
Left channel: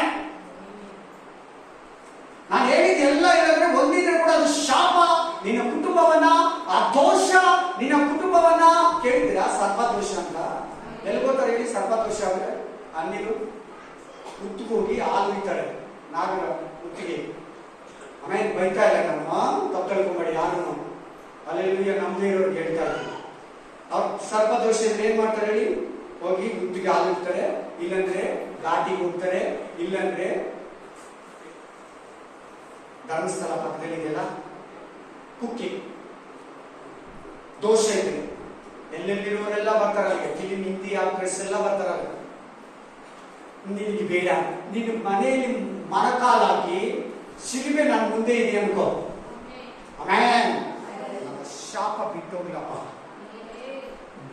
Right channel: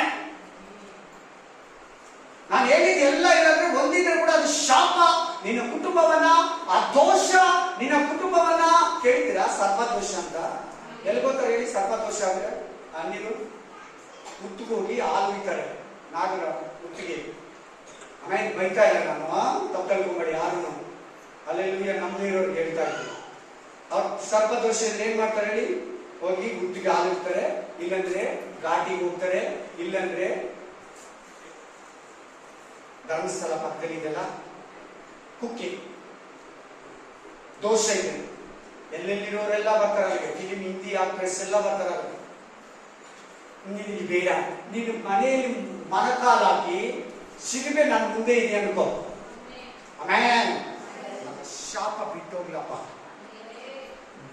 ನಾನು ಹೇಳಿದ ಎಲ್ಲ ಇರೋದ್ರೆ ಹೊಂದಿದ್ರೆ ಕೂಡ ಅದು ಶಾಪ. ನಿನ್ನ ಕುಟುಂಬವನ್ನ, ಆ ದೋಷ ನಿನ್ನ ಕುಟುಂಬವನ್ನ, ಕೇಳಿದಿರಾ ಸರ್ಪದೋಷ ಅಂತ? ಎಲ್ಲಿ ಗೊತ್ತಾರೆ ಹೇಳಿ? ಸರ್ಪದೋಷ ಅಂದ್ರೆ ಅನ್ನಿಲು ಹುತ್ತಿಗೆ ಹೋಗಿ ಹಾಲು ಇರ್ತಾರೆ, ನಾಗರ ಹುತ್ತಿಗೆ. ಆಮೇಲೆ ಬೈತಾ ಇಲ್ಲ, ನಾನು ತಪ್ಪು ತಿಳ್ಕೊಂಬೇಡಿ ಯಾರು, ಅಲ್ಲೆಲ್ಲ ನಮ್ದೇ ಇರೋರಿಗೆ ಹೇಳ್ತಾ ಇದ್ದೀನಿ. ಅವ್ರು ಸರ್ಪದೋಷ ಇದ್ರೆ ಏನ್ ಮಾಡ್ತಾರೆ ಹೇಳಿ? ಹೋಗಿ ಹುತ್ತಿಗೆ ಹಾಲು ಇರ್ತಾರೆ, ಇಲ್ಲಂದ್ರೆ ಘಾಟಿಗೆ ಹೋಗ್ತಾರೆ, ಇಲ್ಲಂದ್ರೆ ಧರ್ಮಸ್ಥಳ ಪಕ್ಕದಲ್ಲಿ ಇದೆಲ್ಲ ಕುಕ್ಕೆ ದೋಷ ಇದೆ. ಎಲ್ಲೆಲ್ಲಿರೋರೆಲ್ಲ ಬರ್ತಾರೆ ಅಲ್ಲಿಗೆ, ಫಿಲಿಂ, ಹಿಂದಿ ಆಕ್ಟ್ರೆಸ್ ಎಲ್ಲ ಬರ್ತಾರೆ ಅಲ್ಲಿಗೆ. ನಿನಗೆ ಬೇಡ, ನೀನು ಮನೆಯಲ್ಲಿ ಮರಕಾಲಾಕಿ ಶಿಲ್ಬೆ ನಾನು ಮುಂದೆ ಇದೆ ಅನ್ಕೋ, ಆಮೇಲೆ ಶಾಪ ಬಿಟ್ಟೋಗ್ಲಪ್ಪ,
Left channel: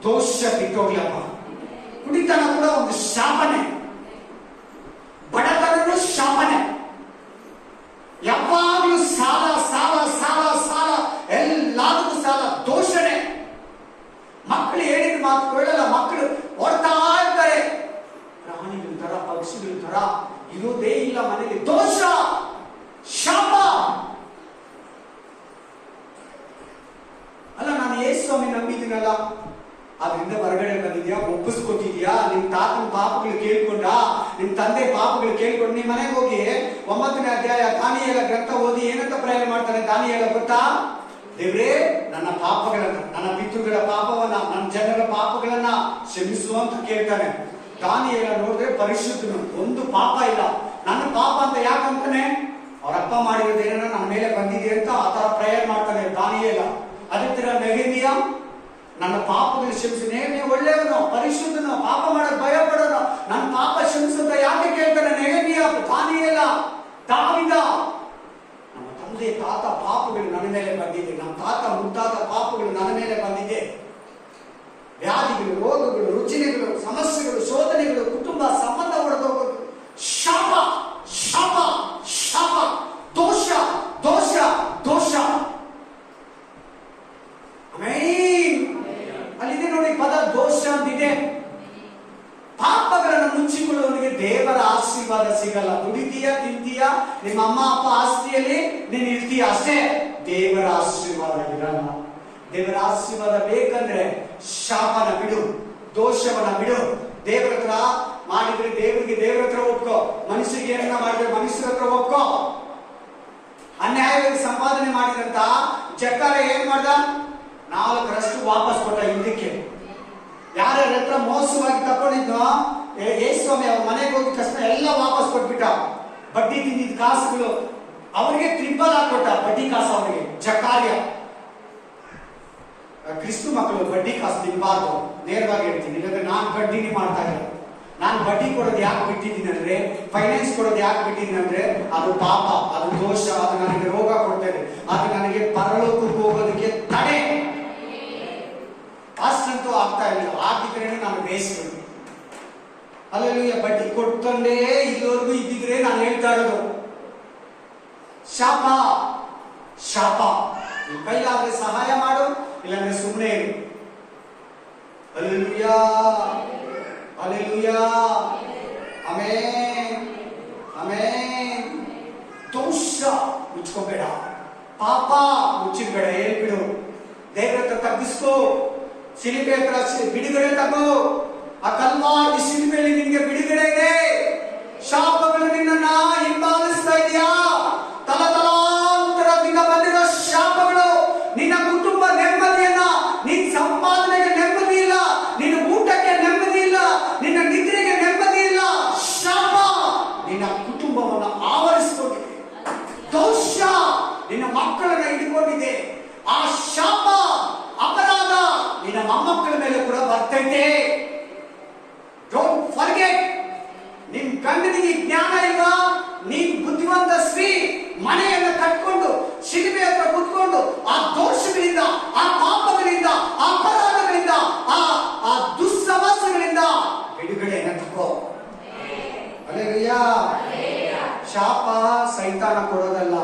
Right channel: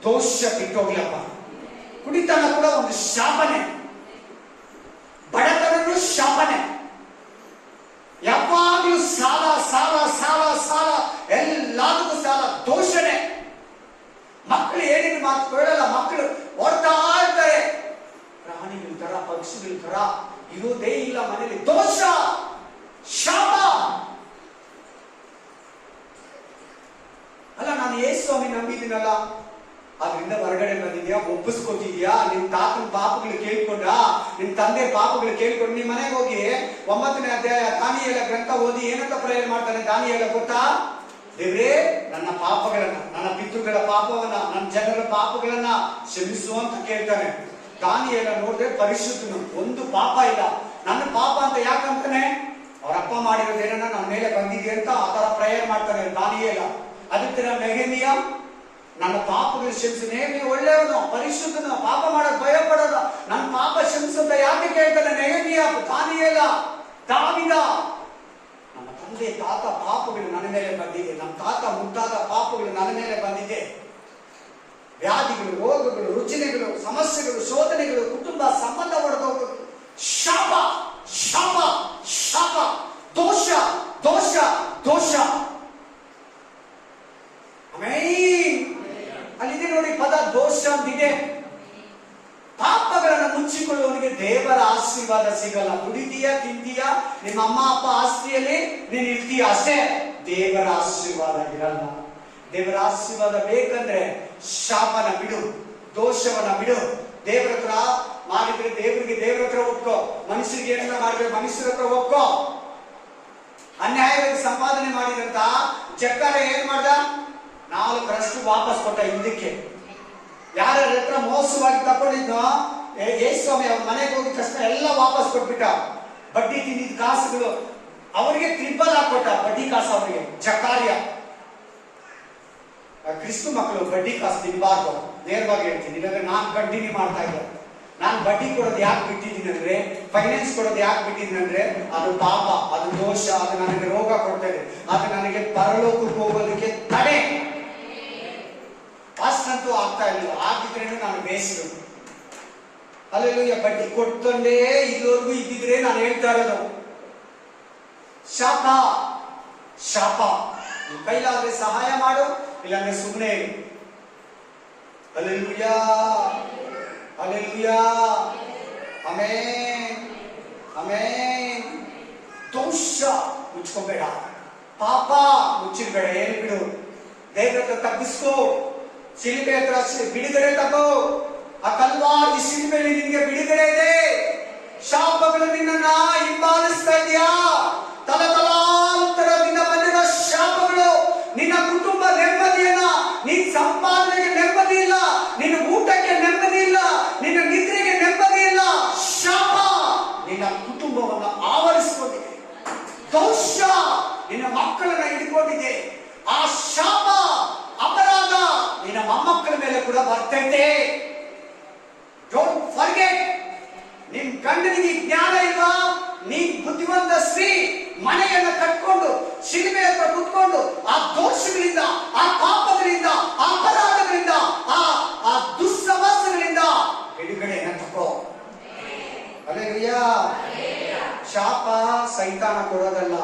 ದೋಷ ಬಿಟ್ಟೋಗ್ಲಪ್ಪ. ಕುಡಿತನ ಕೂಡ ಒಂದು ಶಾಪನೆ, ಬಡತನೂ ಶಾಪನೆ, ಯಾವಾಗಲೂ ಸಾಲ ಸಾಲ ಸಾಲ ಸಾಲ, ಎಲ್ಲದಕ್ಕೂ ಸಾಲ, ದೋಷಣೆ. ಮಕ್ಕಳು ಹೇಳಿದ ಮಾತು ಕೇಳಲ್ಲ, ಮಕ್ಕಳು ಓಡ್ತಾ ಇರ್ತಾರೆ, ಪ್ರಾಣಿಗಳ ತರ, ಪಕ್ಷಿಗಳ ತರ, ಇರೋದೇ ಇಲ್ಲ ಮನೆಯಲ್ಲಿ, ದೋಷ, ಶಾಪ. ಅಲ್ಲ, ನಾನು ಯೇಸು ಸ್ವಾಮಿ ನಂಬಿದ್ದೀನಲ್ಲ, ಅದರಿಂದ ಹೊರಗಡೆ ಬಂದಿದ್ಯಾ? ಒಪ್ಪಿಸ್ಕೊತಿದ್ಯಾ? ನಿಮ್ ತಾತನ ಪಾಪಗಳು ಕೇಳ್ಕೊಂಡ, ನಿಮ್ ತಂದೆ ಪಾಪಗಳು ಕೇಳ್ಕೊಂಡು ನಿಮ್ ಮನೆಗೆ ಹೋಗಿ 9ನೇ ಅಧ್ಯಾಯ ದಾನಿಯೇಲ ಗ್ರಂಥ ಓದಿ ಏನಂತ ಪ್ರೇರಣೆ ಮಾಡ್ತಾನೆ ದಾನಿಯೇಲ ಗೊತ್ತಾ? ದೇವರೇ, ನನ್ನ ಪಾಪಗಳನ್ನ, ನನ್ನ ಪಿತೃಗಳ ಪಾಪವನ್ನ, ನನ್ನ ಜನರ ಪಾಪಗಳನ್ನ ಕ್ಷಮಿಸು ಅಂತ ಕೇಳ್ತಾನೆ. ದಾನಿಯೇಲ ನೋಡಿದ್ರೆ ಪರಿಶುದ್ಧನು, ಒಂದು ಪಾಪ ಇಲ್ಲ. ನನ್ನ ಪಾಪ ಅಂತ ಯಾಕಂತಾನೆ? ಅವರಪ್ಪ ಮಾಡಿರೋದೇನ ನಮ್ಮ ಮೇಲೆ ಬಂದಿದೆ ಅಂತ ಆತರ ಪ್ರೇಯರ್ ಮಾಡ್ತಾನೆ ದಾನಿಯೇಲ. ಅದಕ್ಕೆ ನೆಹೆಮೀಯ, ನನ್ನ ಪಾಪಗಳು ಕ್ಷಮಿಸಿ. ನೆಹೆಮೀಯ ಒಳ್ಳೆಯವನು, ಪರಿಶುದ್ಧನು, ಪಾಪ ಮಾಡಕ್ ಭಯ ಪಡೋನು, ನನ್ನ ಪಾಪ ಕ್ಷಮಿಸು ಅಂತ ಯಾಕೆ ಕೇಳ್ತಾನೆ ನೆಹೆಮೀಯ? ದಾನಿಯೇಲ, ದಾವೀದ, ನಮ್ಮ ತಂದೆ ತಾತ ಪಾಪಗಳು ನನ್ನ ಮೇಲೆ ಬಂದಿದೆ, ನಮ್ಮ ತಾತ ಮುತ್ತಾತ ಪಾಪಗಳು ನನ್ನ ಮೇಲೆ ಬಂದಿದೆ. ವ್ಯಾಧಿಗಳು, ರೋಗಗಳು, ರುಚಿನೆಗಳು, ಸಮಸ್ಯೆಗಳು, ಶೋಧನೆಗಳು, ಕುಟುಂಬ ಸಂಬಂಧ ಒಡೆದೋಗೋದು, ಶಾಪ ಶಾಪ ಶಾಪ, ದೋಷ ದೋಷ ದೋಷ. ಅಲ್ಲಿದೆ ನೋಡಿ ಪದ, ದೋಷ ಅಂತಿದೆ. ಪಾಪಗಳನ್ನು ಮುಚ್ಚಿಕೊಳ್ಳುವವನಿಗೆ ದೇವರ ಆಶೀರ್ವಾದ ಸಿಗಲ್ಲ. ದುಡಿತೀಯ, ತಿಂತೀಯ, ನಿಮ್ಮ ಅಮ್ಮ ಅಪ್ಪ ಆಸ್ತಿಯಲ್ಲಿ ನೀನು ಇರ್ತೀಯ ಅಷ್ಟೇ, ದೇವರ ಆಶೀರ್ವಾದ ಇರಲ್ಲ. ದೇವರ ಆಶೀರ್ವಾದ ಬೇಕಂದ್ರೆ ಶಾಪನ ಬಿಡು, ದೋಷವನ್ನ ಬಿಡು. ದೇವರ ಹತ್ರ ಮಾಡಿದ್ರೆ ದೇವರಿಗೆ ದೇವರ ಹತ್ರ ಒಪ್ಕೋ, ಮನುಷ್ಯರಿಗೆ ಏನನ್ನ ಮಾಡಿದ್ರೆ ಮನುಷ್ಯರ ಹತ್ರ ಒಪ್ಕೋ. ಅನ್ಯಾಯವಾಗಿ ಸಂಪಾದನೆ ಮಾಡಿದಂತ ಜಕ್ಕಾರ ಏನ್ ಮಾಡ್ದ? 4ರಷ್ಟು ವಾಪಸ್ ಕೊಟ್ಟ ಹಿಂದಕ್ಕೆ. ಯಾರ ಹತ್ರ ಮೋಸವಾಗಿ ತಕೊಂಡಿದ್ನೋ ಯೇಸು ಸ್ವಾಮಿ ಅವ್ರ ಮನೆಗೆ ಹೋಗಿದ ತಕ್ಷಣ ಎಲ್ಲ ವಾಪಸ್ ಕೊಟ್ಬಿಟ್ಟ. ಬಡ್ಡಿ ತಿಂದಿದ್ದ ಕಾಸುಗಳು ಅವರಿಗೆ ಟ್ರಿಪಲ್ ಹಾಕೊಟ್ಟ, ಬಡ್ಡಿ ಕಾಸು ಅವರಿಗೆ. ಜಕಾರ್ಯ, ಕ್ರಿಸ್ತು ಮಕ್ಕಳು ಬಡ್ಡಿ ಕಾಸು ತಿನ್ಬಾರ್ದು, ನೇರವಾಗಿ ಹೇಳ್ತೀನಿ. ಇಲ್ಲಾಂದ್ರೆ ನಾನು ಬಡ್ಡಿನೇ ಮಾಡ್ತಾ ಇದ್ದೆ. ನಾನು ಬಡ್ಡಿ ಕೊಡೋದು ಯಾಕೆ ಬಿಟ್ಟಿದ್ದೀನಿ ಅಂದ್ರೆ, ಫೈನಾನ್ಸ್ ಕೊಡೋದು ಯಾಕೆ ಬಿಟ್ಟಿದ್ದೀನಿ ಅಂದ್ರೆ, ಅದು ಪಾಪ, ಅದು ದೋಷ, ಅದು ನನಗೆ ರೋಗ ಕೊಡ್ತೇನೆ, ಅದು ನನಗೆ ಪರಲೋಕಕ್ಕೆ ಹೋಗೋದಕ್ಕೆ ತಡೆ. ಅಷ್ಟಂತೂ ಆಗ್ತಾ ಇಲ್ಲ, ಆಗಿದ್ರೆ ನಾನು ಬೇಯಿಸಿದ್ರು. ಅಲ್ಲೆಲ್ಲ ಬಡ್ಡಿ ಕೊಟ್ಟಂದೇ ಇದುವರೆಗೂ ಇದ್ದಿದ್ರೆ ನಾನು ಹೇಳ್ತಾ ಇರೋದು ಶಾಪ ಶಾಪ. ಕೈಲಾದ್ರೆ ಸಹಾಯ ಮಾಡು, ಇಲ್ಲಾಂದ್ರೆ ಸುಮ್ಮನೆ ಇರು. Hallelujah hallelujah, amen amen. ದೋಷ ಮುಚ್ಕೋಬೇಡ, ಪಾಪ ಮುಚ್ಚಿರ್ಬೇಡ, ಹೇಳ್ಬಿಡು. ದೇವರ ಹತ್ರ ತಗ್ಗಿಸ್ಕೋ, ಶಿಲ್ಪೆ ಹತ್ರ ಬಿಡುಗಡೆ ತಗೋ. ಆ ಕಲ್ವಾರಿ ಶಿಲ್ಪೆಯಲ್ಲಿ ನಿನ್ಗೆ ಬಿಡುಗಡೆ ಇದೆ. ಫರ್ಗೆಟ್. ನಿಮ್ ಗಂಡನಿಗೆ ಜ್ಞಾನ ಇಲ್ವಾ? ನೀನ್ ಬುದ್ಧಿವಂತ ಸ್ತ್ರೀ ಮನೆಯನ್ನ ಕಟ್ಕೊಂಡು ಶಿಲುಬೆ ಹತ್ರ ಕುತ್ಕೊಂಡು ಆ ದೋಷಗಳಿಂದ, ಆ ಪಾಪಗಳಿಂದ, ಆ ಅಪರಾಧಗಳಿಂದ, ಆ ದುಸ್ಸವಾಸಗಳಿಂದ ಬಿಡುಗಡೆಯನ್ನು ತಗೋ. ಹಲ್ಲೆಲೂಯಾ. ಶಾಪ ಸೈತಾನ ಕೊಡೋದಲ್ಲ,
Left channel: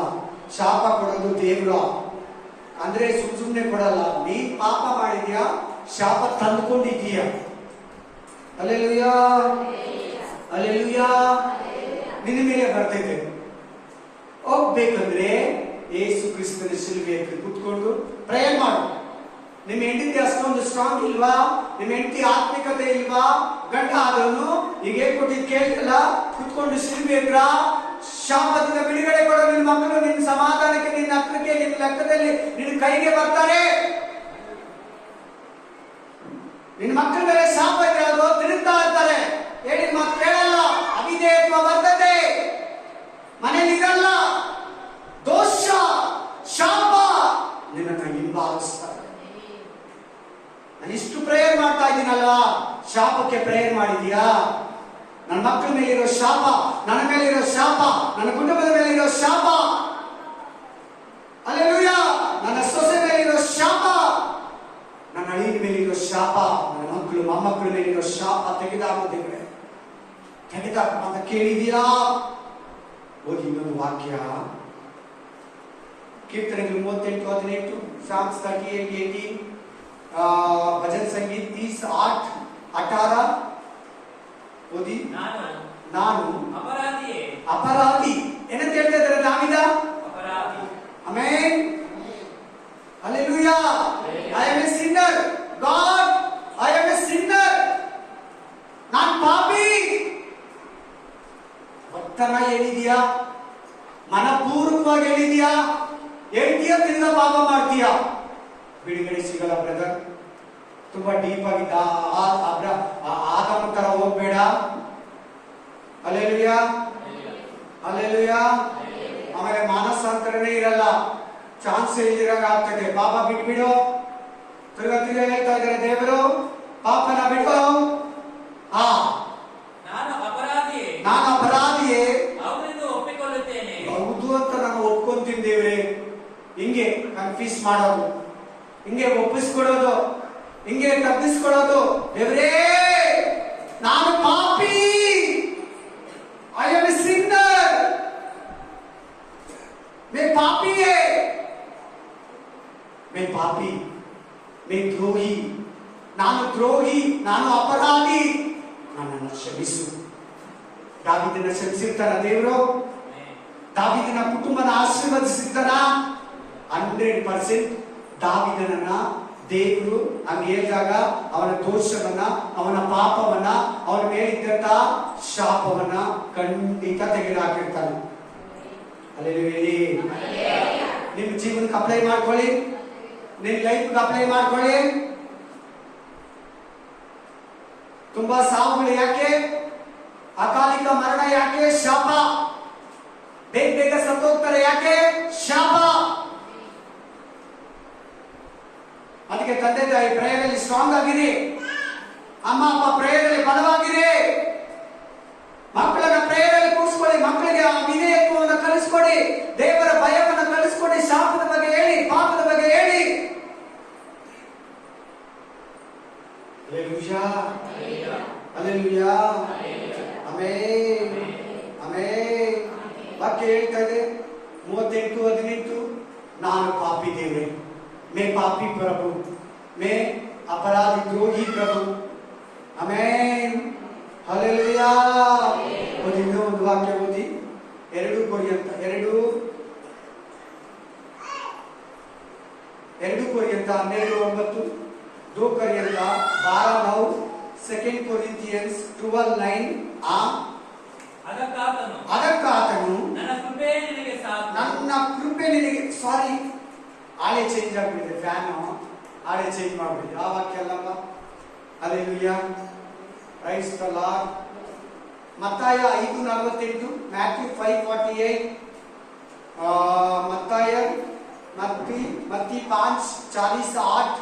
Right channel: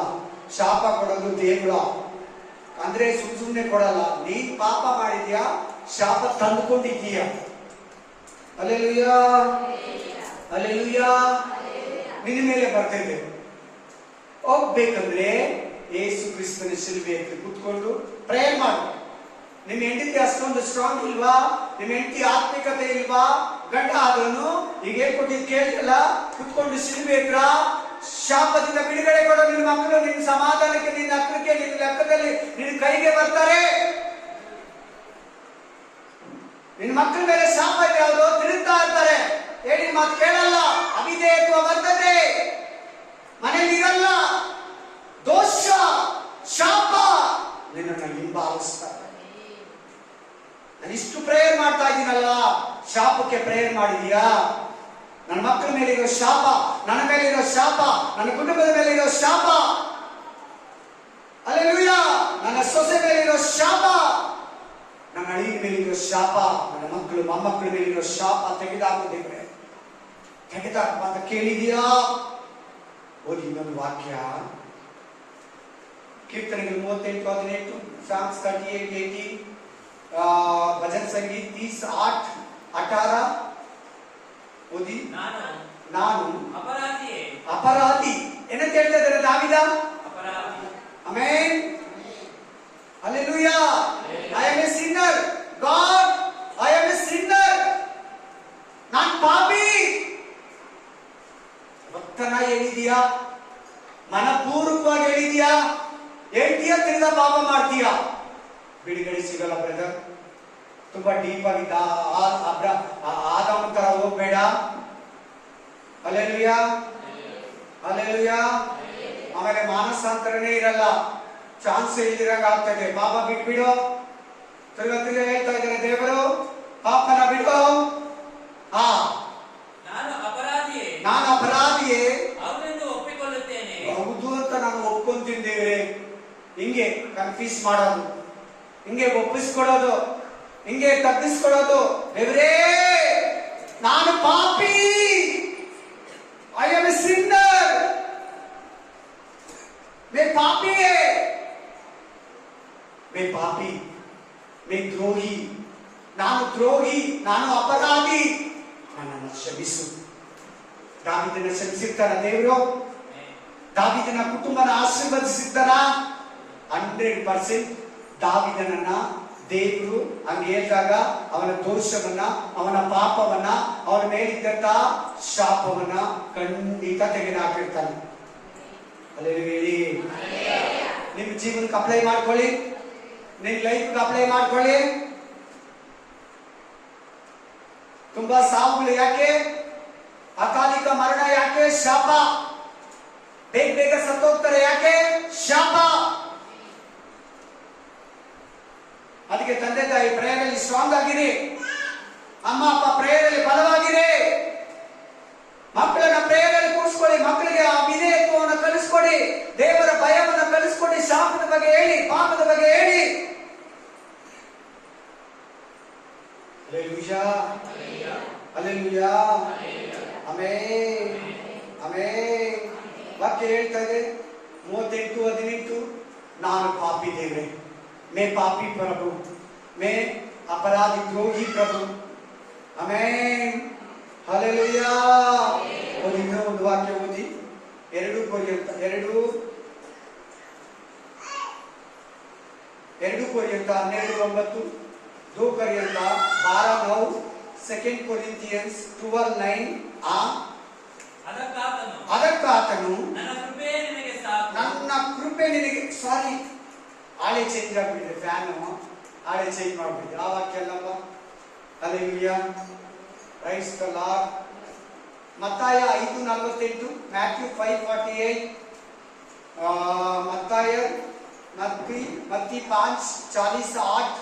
ಶಾಪ ಕೊಡೋದು ದೇವ್ರು. ಅಂದ್ರೆ ಸುಮ್ಮನೆ ಕೊಡಲ್ಲ. ನೀನ್ ಪಾಪ ಮಾಡಿದ್ಯಾ, ಶಾಪ ತಂದುಕೊಂಡಿದ್ದೀಯ. Hallelujah, hallelujah. ನಿನ್ನ ಮೇಲೆ ಬರ್ತೈತೆ. ಹೋಗ್ಬೇಕಂದ್ರೆ ಯೇಸು ಕ್ರಿಸ್ತನ ಶಿಲುಬೆ ಹತ್ರ ಕೂತ್ಕೊಂಡು ಪ್ರೇಯರ್ ಮಾಡು. ನಿಮ್ ಹೆಂಡತಿ ಅಷ್ಟೊಂದು ಸ್ಟ್ರಾಂಗ್ ಇಲ್ವಾ? ನಿಮ್ ಹೆಂಡತಿ ಆತ್ಮಿಕತೆ ಇಲ್ವಾ? ಗಂಡ ಆದವನು ಈಗ ಹೇಳ್ಕೊಟ್ಟಿದ್ ಕೇಳ್ತಲ್ಲ, ಕುತ್ಕೊಂಡು ಶಿಲುಬೆ ಹತ್ರ ಶಾಪದಿಂದ ಬಿಡುಗಡೆ ಕೊಡೋ. ನಿನ್ನ ಮಕ್ಕಳು ನಿನ್ನ ಸಮಾಧಾನಕ್ಕೆ, ನಿನ್ನ ಹತ್ರಕ್ಕೆ, ನಿನ್ನ ಲೆಕ್ಕದಲ್ಲಿ ನಿನ್ನ ಕೈಗೆ ಬರ್ತಾರೆ. ನಿನ್ನ ಮಕ್ಕಳ ಮೇಲೆ ಶಾಪ ಇದೆ, ಅವರು ತಿರುಗ್ತಾ ಇರ್ತಾರೆ, ಹೇಳಿ ಮಾತು ಕೇಳಲ್ಲ, ಅವಿಧೇಯತ್ವ ಬರ್ತದೆ, ಮನೇಲಿ ಇರಲ್ಲ, ದೋಷ ಶಾಪ ನಿನ್ನನ್ನು ಹಿಂಬಾಲಿಸ್ತಾರೆ. ನಾನು ಇಷ್ಟು ಪ್ರೇಯರ್ ಮಾಡ್ತಾ ಇದ್ದೀನಲ್ಲ, ಶಾಪಕ್ಕೆ ಪ್ರೇಯರ್ ಮಾಡಿದೀಯಾ? ನನ್ನ ಮಕ್ಕಳ ಮೇಲಿರೋ ಶಾಪ, ನನ್ನ ಮೇಲಿರೋ ಶಾಪ, ನನ್ನ ಕುಟುಂಬದ ಮೇಲಿರೋ ಶಾಪ, ಹಲ್ಲೆಲೂಯಾ, ನನ್ನ ಸೊಸೆ ಮೇಲಿರೋ ಶಾಪ, ನನ್ನ ಅಳಿಯ ಮೇಲಿರೋ ಶಾಪ, ನನ್ನ ಮಕ್ಕಳು ಮೊಮ್ಮಕ್ಕಳ ಮೇಲಿರೋ ಶಾಪ ತೆಗೆದಾಕುತ್ತೇವೆ. ತೆಗೆದಾಕ ಅಂತ ಕೇಳಿದೀಯಾ? ಓದಿ ಇನ್ನೊಂದು ವಾಕ್ಯ, ಕೀರ್ತನೆಗಳು 38:18, Psalms 38:18, ಭಜನ್ ಸಂಗೀತ 20:8-18. ಓದಿ. ನಾನು ಅಪರಾಧಿ ಏನಂತ ಹೇಳ್ತಾ ಇದ್ದಾರೆ ದಾವೀದ? Amen, hallelujah. I am a sinner. God, I am a sinner. ನಾನು ಪಾಪಿ. ಒತ್ತನ ಹೇಳಿದೀಯಾ? ಮನಪೂರ್ವಕವಾಗಿ ಹೇಳಿದೀಯಾ? ಹೇಳ್ತೀಯಾ? ತಿರ್ಗಾ ಪಾಪ ಮಾಡ್ತೀಯಾ? ಬಿಡುಗಡೆ ಸಿಗಲ್ಲ ಬ್ರದರ್. ತುಂಬಾ ಡೀಪ್ ಆಗಿದ್ದ ಆದಾಮ ತರ ಹೋಗ್ಬೇಡ. Hallelujah, hallelujah. ಆಮೇಲೆ ಮಾನಸಾಂತರನೇ ಇರಲ್ಲ, ಚಾನ್ಸ್ ಇಲ್ದಿರಂಗ ಆಗ್ತದೆ. ಪಾಪ ಬಿಟ್ಬಿಡು. ತಿರ್ಗಾ ಹೇಳ್ತಾ ಇದ್ದಾರೆ ದೇವರು, ಪಾಪನ ಬಿಟ್ಟು. ನಾನು ಅಪರಾಧಿಯೇ ಹೌದು ಅಂತ ನಾನು ಒಪ್ಕೊಂತೀನಿ ದೇವ್ರೆ. ಹಿಂಗೆ ಕನ್ಫ್ಯೂಸ್ ಮಾಡೋದು, ಹಿಂಗೆ ಒಪ್ಪಿಸ್ಕೊಡೋದು, ಹಿಂಗೆ ತಪ್ಪಿಸ್ಕೊಡೋದು. ದೇವ್ರೇ ನಾನು ಪಾಪಿ, ಐ ಆಮ್ ಎ ಸಿನ್ನರ್. मैं पापी है, मैं पापी, मैं द्रोही, ನಾನು ದ್ರೋಹಿ, ನಾನು ಅಪರಾಧಿ, ನನ್ನನ್ನು ಕ್ಷಮಿಸು. ದಾವೀದನ ಕ್ಷಮಿಸಿರ್ತಾನ ದೇವರು? ದಾವೀದನ ಕುಟುಂಬನ ಆಶೀರ್ವದಿಸಿರ್ತಾನ? 100% ದಾವೀದನನ್ನ ದೇವರು ಹಂಗೆ ಹೇಳಿದಾಗ ಅವನ ದೋಷವನ್ನ, ಅವನ ಪಾಪವನ್ನ, ಅವನ ಮೇಲಿದ್ದಂತ ಶಾಪವನ್ನ ಖಂಡಿತ ತೆಗೆದುಹಾಕಿರ್ತಾನೆ. ನಿಮ್ ಜೀವನಕ್ಕೆ ಅಪ್ಲೈ ಮಾಡ್ಕೊಳ್ಳಿ, ನಿಮ್ ಲೈಫ್ಗೆ ಅಪ್ಲೈ ಮಾಡ್ಕೊಳ್ಳಿ. ತುಂಬಾ ಸಾವುಗಳು ಯಾಕೆ? ಅಕಾಲಿಕ ಮರಣ ಯಾಕೆ? ಶಾಪ. ಬೇಗ ಬೇಗ ಸತ್ತೋಗ್ತಾರೆ ಯಾಕೆ? ಶಾಪ. ಅದಕ್ಕೆ ತಂದೆ ತಾಯಿ ಪ್ರೇಯರಲ್ಲಿ ಸ್ಟ್ರಾಂಗ್ ಆಗಿರಿ, ಅಮ್ಮ ಅಪ್ಪ ಪ್ರೇಯರಲ್ಲಿ ಬಲವಾಗಿರಿ, ಮಕ್ಕಳನ್ನ ಪ್ರೇಯರಲ್ಲಿ ಕೂರಿಸ್ಕೊಳ್ಳಿ, ಮಕ್ಕಳಿಗೆ ಆ ವಿಧೇಯತ್ವವನ್ನು ಕಲಿಸ್ಕೊಡಿ, ದೇವರ ಭಯವನ್ನು ಕಲಿಸ್ಕೊಡಿ, ಶಾಪದ ಬಗ್ಗೆ ಹೇಳಿ, ಪಾಪದ ಬಗ್ಗೆ ಹೇಳಿ. Hallelujah, hallelujah, amen, amen. ವಾಕ್ಯ ಹೇಳ್ತಾ ಇದೆ 38:18, ನಾನು ಪಾಪಿ ದೇವರೇ, ಮೇ ಪಾಪಿ ಪ್ರಭು, ಮೇ ಅಪರಾಧಿ ದ್ರೋಹಿ ಪ್ರಭು. Amen, hallelujah. ಓದಿ ಒಂದು ವಾಕ್ಯ ಓದಿ. 2 ಕೊರಿಂಥ 12:9, 2 ಕೊರಿಂಥ 12:9, 2 Corinthians 12:9. ಅದಕ್ಕಾತನು ನನ್ನ ಕೃಪೆ ನಿನಗೆ, ಸಾರಿ ಆಳೆ ಚೇಂಜ್ ಆಗ್ಬಿಟ್ಟಿದೆ, ಫ್ಯಾನು ಆಳೆ ಚೇಂಜ್ ಮಾಡ್ಬಿಟ್ಟಿದೆ. ಆ ವಾಕ್ಯ ಅಲ್ಲಪ್ಪ. Hallelujah, praise the Lord. ಮತ್ತಾಯ 5:48, ಮ್ಯಾಥ್ಯೂ 5:48, ಮತ್ತಿ 5:48.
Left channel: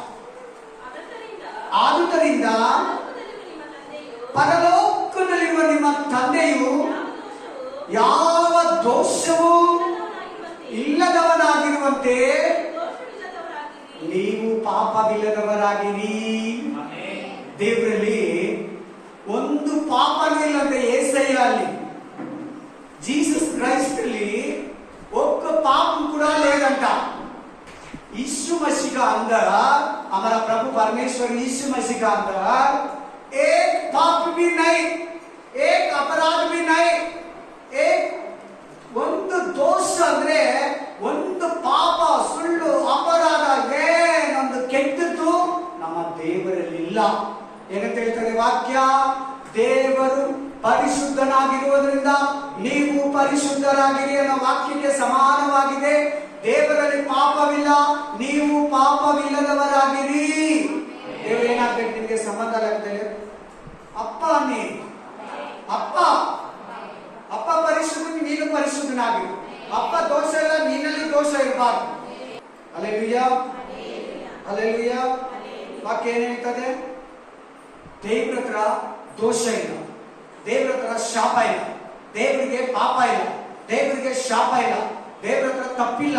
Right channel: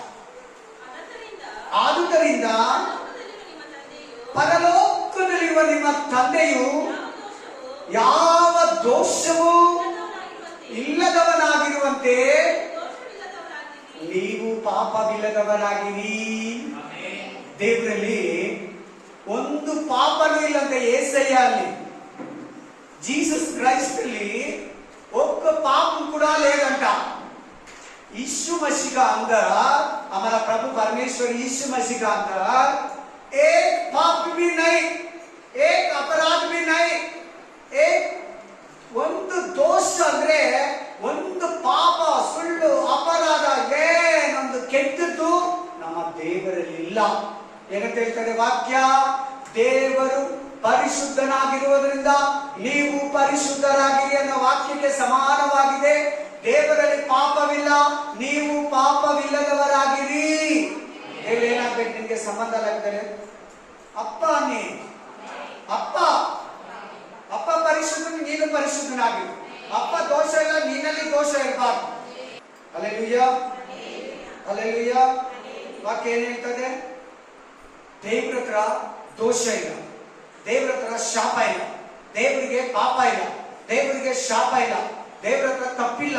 ಆದುದರಿಂದ ಪರಲೋಕದಲ್ಲಿ ಪರಲೋಕದಲ್ಲಿರುವ ನಿಮ್ಮ ತಂದೆಯು ಯಾವ ದೋಷವೂ ಇಲ್ಲದವನಾಗಿರುವಂತೆ ನೀವು ಪಾಪವಿಲ್ಲದವರಾಗಿರಿ. ದೇವರಲ್ಲಿ ಒಂದು ಪಾಪನೂ ಇಲ್ಲಂತೆ. ಏಸಯ್ಯ ಅಲ್ಲಿ ಜೀಸಸ್ ಕ್ರೈಸ್ಟ್ ಅಲ್ಲಿ ఒక్క పాపం కూడా లేదంట. यीशु मसीह का अंदर हमारा प्रभु परमेश्वर यीशु मसीह का अंदर एक पाप भी नहीं, एक अपराध भी नहीं, एक ಒಂದು ದೋಷ ಅಂದ್ರೆ ಒಂದು ಪಾಪ, ಸುಳ್ಳು, ಅಪರಾಧ, ಏನೊಂದು ಕೆಟ್ಟದ್ದು ನಮ್ಮ ದೇವರಲ್ಲಿ ಇಲ್ಲ. ಏನಂತ ಹೇಳ್ತಾರೆ ವಾಕ್ಯ? ದೇವರು ಪರಿಶುದ್ಧನಾಗಿರುವುದರಿಂದ ನೀವು ಪರಿಶುದ್ಧರಾಗಿರಿ ಅನ್ನೋ ವಾಕ್ಯಕ್ಕೆ ಸಮಾನವಾಗಿದೆ. ದೇವರಲ್ಲಿ ಪಾಪವಿಲ್ಲ, ನೀವು ಪಾಪವಿಲ್ಲದವರಾಗಿರಿ. ದೇವರು ಏನಾಗ್ಬೇಕು ನಿಮ್ಗೆ ಸಂಬಂಧ ಲೆಕ್ಕದಲ್ಲಿ? ಅಪ್ಪ ನೀ ಅಪ್ಪ ಅಪ್ಪ ಪರಿಶುದ್ಧ, ನೀನು ಪರಿಶುದ್ಧನಾಗಿರು. ಅಪ್ಪ ದೋಷ ಇಲ್ಲ, ನೀನಲ್ಲಿ ದೋಷ ಇರಬಾರ್ದು. Hallelujah, hallelujah. ವಾಕ್ಯ ಏನ್ ಹೇಳ್ತದೆ? ದೇವ್ರ ಹತ್ರ ದೋಷ ಇಲ್ಲ, ದೇವ್ರ ಹತ್ರ ಶಾಪ ಇಲ್ಲ, ದೇವರಿಗೆ ಪಾಪ ಇಲ್ಲ, ದೇವರಿಗೆ ಶಾಪ ಇಲ್ಲ, ದೇವ್ರ ಹತ್ರ ತಪ್ಪಿಲ್ಲ,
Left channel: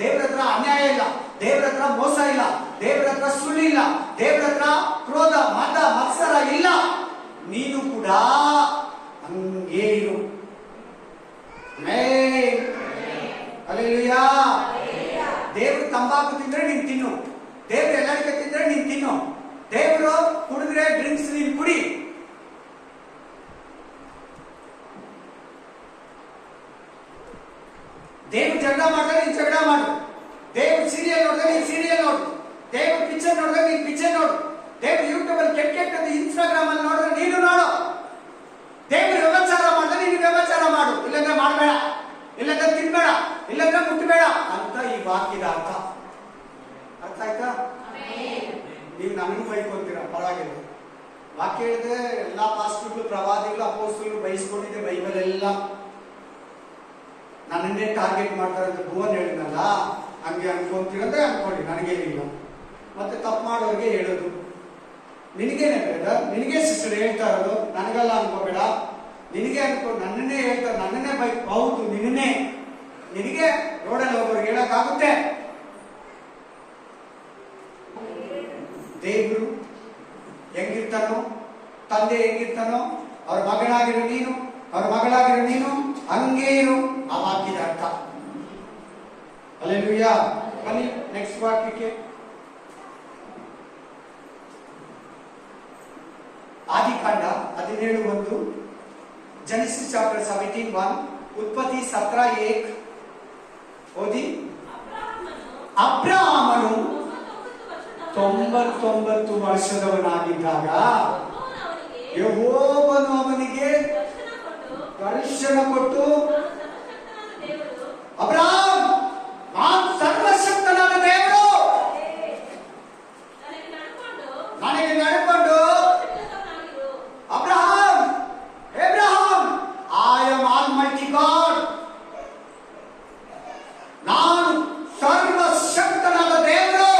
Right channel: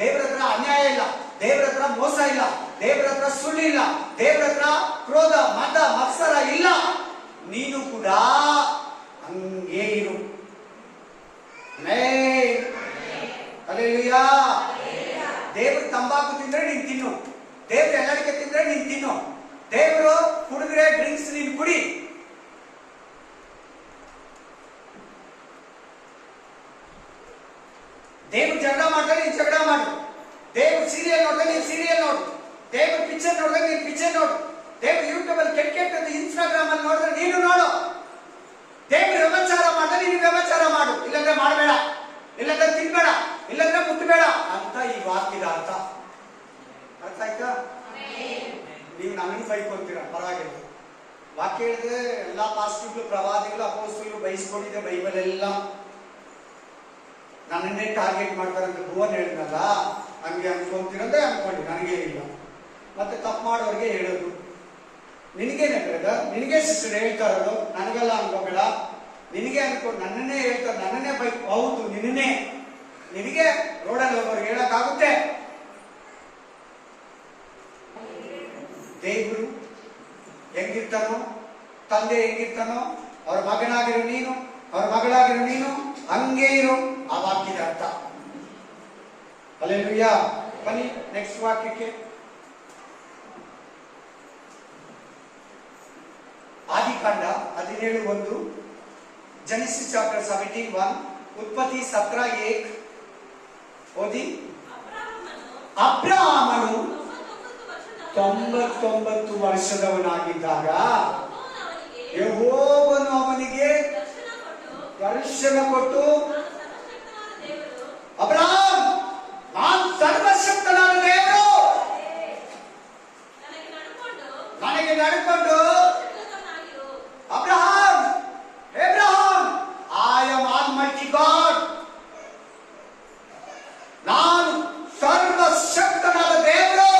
ದೇವ್ರ ಹತ್ರ ಅನ್ಯಾಯ ಇಲ್ಲ, ದೇವ್ರ ಹತ್ರ ಮೋಸ ಇಲ್ಲ, ದೇವ್ರ ಹತ್ರ ಸುಳ್ಳಿಲ್ಲ, ದೇವ್ರ ಹತ್ರ ಕ್ರೋಧ, ಮದ, ಮತ್ಸರ ಇಲ್ಲ. ನೀನು ಕೂಡ ಹಂಗೇ ಇರು. ಹಲ್ಲೆಲೂಯಾ. ದೇವ್ರು ತಂಬಾಕು ತಿಂದ್ರೆ ನೀನ್ ತಿನ್ನು, ದೇವ್ರು ಎಲ್ಲರಿಗೆ ತಿಂದ್ರೆ ನೀನ್ ತಿನ್ನು, ದೇವ್ರು ಕುಡಿದ್ರೆ ಡ್ರಿಂಕ್ಸ್ ನೀನ್ ಕುಡಿ. ದೇವ್ರು ಜಗಳ ಮಾಡಿದ್ರೆ ನೀನ್ ಜಗಳ ಮಾಡು, ದೇವ್ರು ಸೀರಿಯಲ್ ನೋಡಿದ್ರೆ ನೀನ್ ಸೀರಿಯಲ್ ನೋಡು, ದೇವ್ರು ಪಿಕ್ಚರ್ ನೋಡಿದ್ರೆ ನೀನ್ ಪಿಕ್ಚರ್ ನೋಡು, ದೇವ್ರು ಯೂಟ್ಯೂಬ್ ಅಲ್ಲಿ ಕೆಟ್ಟದ್ದು ಇನ್ಸ್ಟಾಗ್ರಾಮ್ ಅಲ್ಲಿ ನೋಡಿದ್ರೆ ನೀನು ನೋಡು, ದೇವ್ರು ವ್ಯಭಚಾರ ಮಾಡಿದ್ರೆ ನೀನು ವ್ಯಭಚಾರ ಮಾಡು, ಇಲ್ಲಂದ್ರೆ ಮಾಡಬೇಡ, ಇಲ್ಲಂದ್ರೆ ತಿನ್ಬೇಡ, ಇಲ್ಲಂದ್ರೆ ಮುಟ್ಟಬೇಡ ಅಂತ ಈ ವಾಕ್ಯದ ಅರ್ಥ. ಅರ್ಥ ಆಯ್ತಾ? ನೀವು ನನಗೂ ಬೈಕೊಂತೀರಾ, ಪರವಾಗಿಲ್ಲ. ವಾಕ್ಯ ಹೇಳಿದ್ರೆ ಎಲ್ಲಾ ಪಾಸ್ಟರ್ಗಳು, ಪ್ರವಾದಿಗಳು, ಅಪೋಸ್ತಲರು ಬೈಸ್ಕೊಂಡಿದ್ದೆ. ಬೈಬಲ್ ಎಲ್ಲ ನನ್ನನ್ನೇ ಟಾರ್ಗೆಟ್ ಮಾಡ್ತಾರಂತ ಭುವನ್ ಹೇಳಿದ್ನಲ್ಲ, ಹಂಗೆ ಅನ್ಕೊಂತೀರಂದ್ರೆ ಅನ್ಕೊಂಡಿ, ನನಗೇನಿಲ್ಲ. ಮತ್ತೆ ತಪ್ಪು ಮಾಡೋರಿಗೆ ಹೇಳೋದು ನಿನಗೇನೆ ಬ್ರದರ್, ನಿನಗೆ ಸಿಸ್ಟರ್ ಹೇಳ್ತಾರದು, ನನಗೆಲ್ಲ ಅನ್ಕೋಬೇಡ, ನಿನಗೆ ಅನ್ಕೊಂಡು ನನ್ನನ್ನೇ ಹೇಳ್ತಾರೆ, ನನ್ನನ್ನೇ ಬೈಕ್. ಹೌದು, ನಿನಗೆ ರೋಡಲ್ಲಿ ಹೋಗೋರಿಗೆ ಹೇಳಕ್ಕಾಗುತ್ತೆ. ದೇವ್ರು ಹೆಂಗಿರ್ತಾನೋ, ತಂದೆ ಹೆಂಗಿರ್ತಾನೋ, ಅವ್ರ ಮಗನಾಗಿರೋ ನೀನು, ಅವ್ರ ಮಗಳಾಗಿರೋ ನೀನು ಹಂಗೇ ಇರು. ಆ ವಾಕ್ಯದ ಅರ್ಥ. ಹಲ್ಲೆಲೂಯಾ. ಬನ್ನಿ ನೆಕ್ಸ್ಟ್ ವಾಕ್ಯಕ್ಕೆ. ಆದಿಕಾಂಡ 17:1, Genesis chapter 17:1, ಉತ್ಪತ್ತಿ 17:1 ಓದಿ. ಅಬ್ರಹಾಮನು 99 ವರ್ಷದವನಾಗಿದ್ದಾಗ ಯೆಹೋವನು ಅವನಿಗೆ ದರ್ಶನ ಕೊಟ್ಟು, ಅಬ್ರಹಾಮ್, ನಾನು ಸರ್ವಶಕ್ತನಾದ ದೇವರು, ನನಗೆ ನಡ್ಕೊಂಡು Abraham, I am almighty god, ನಾನು ಸರ್ವಶಕ್ತನಾದ ದೇವರು,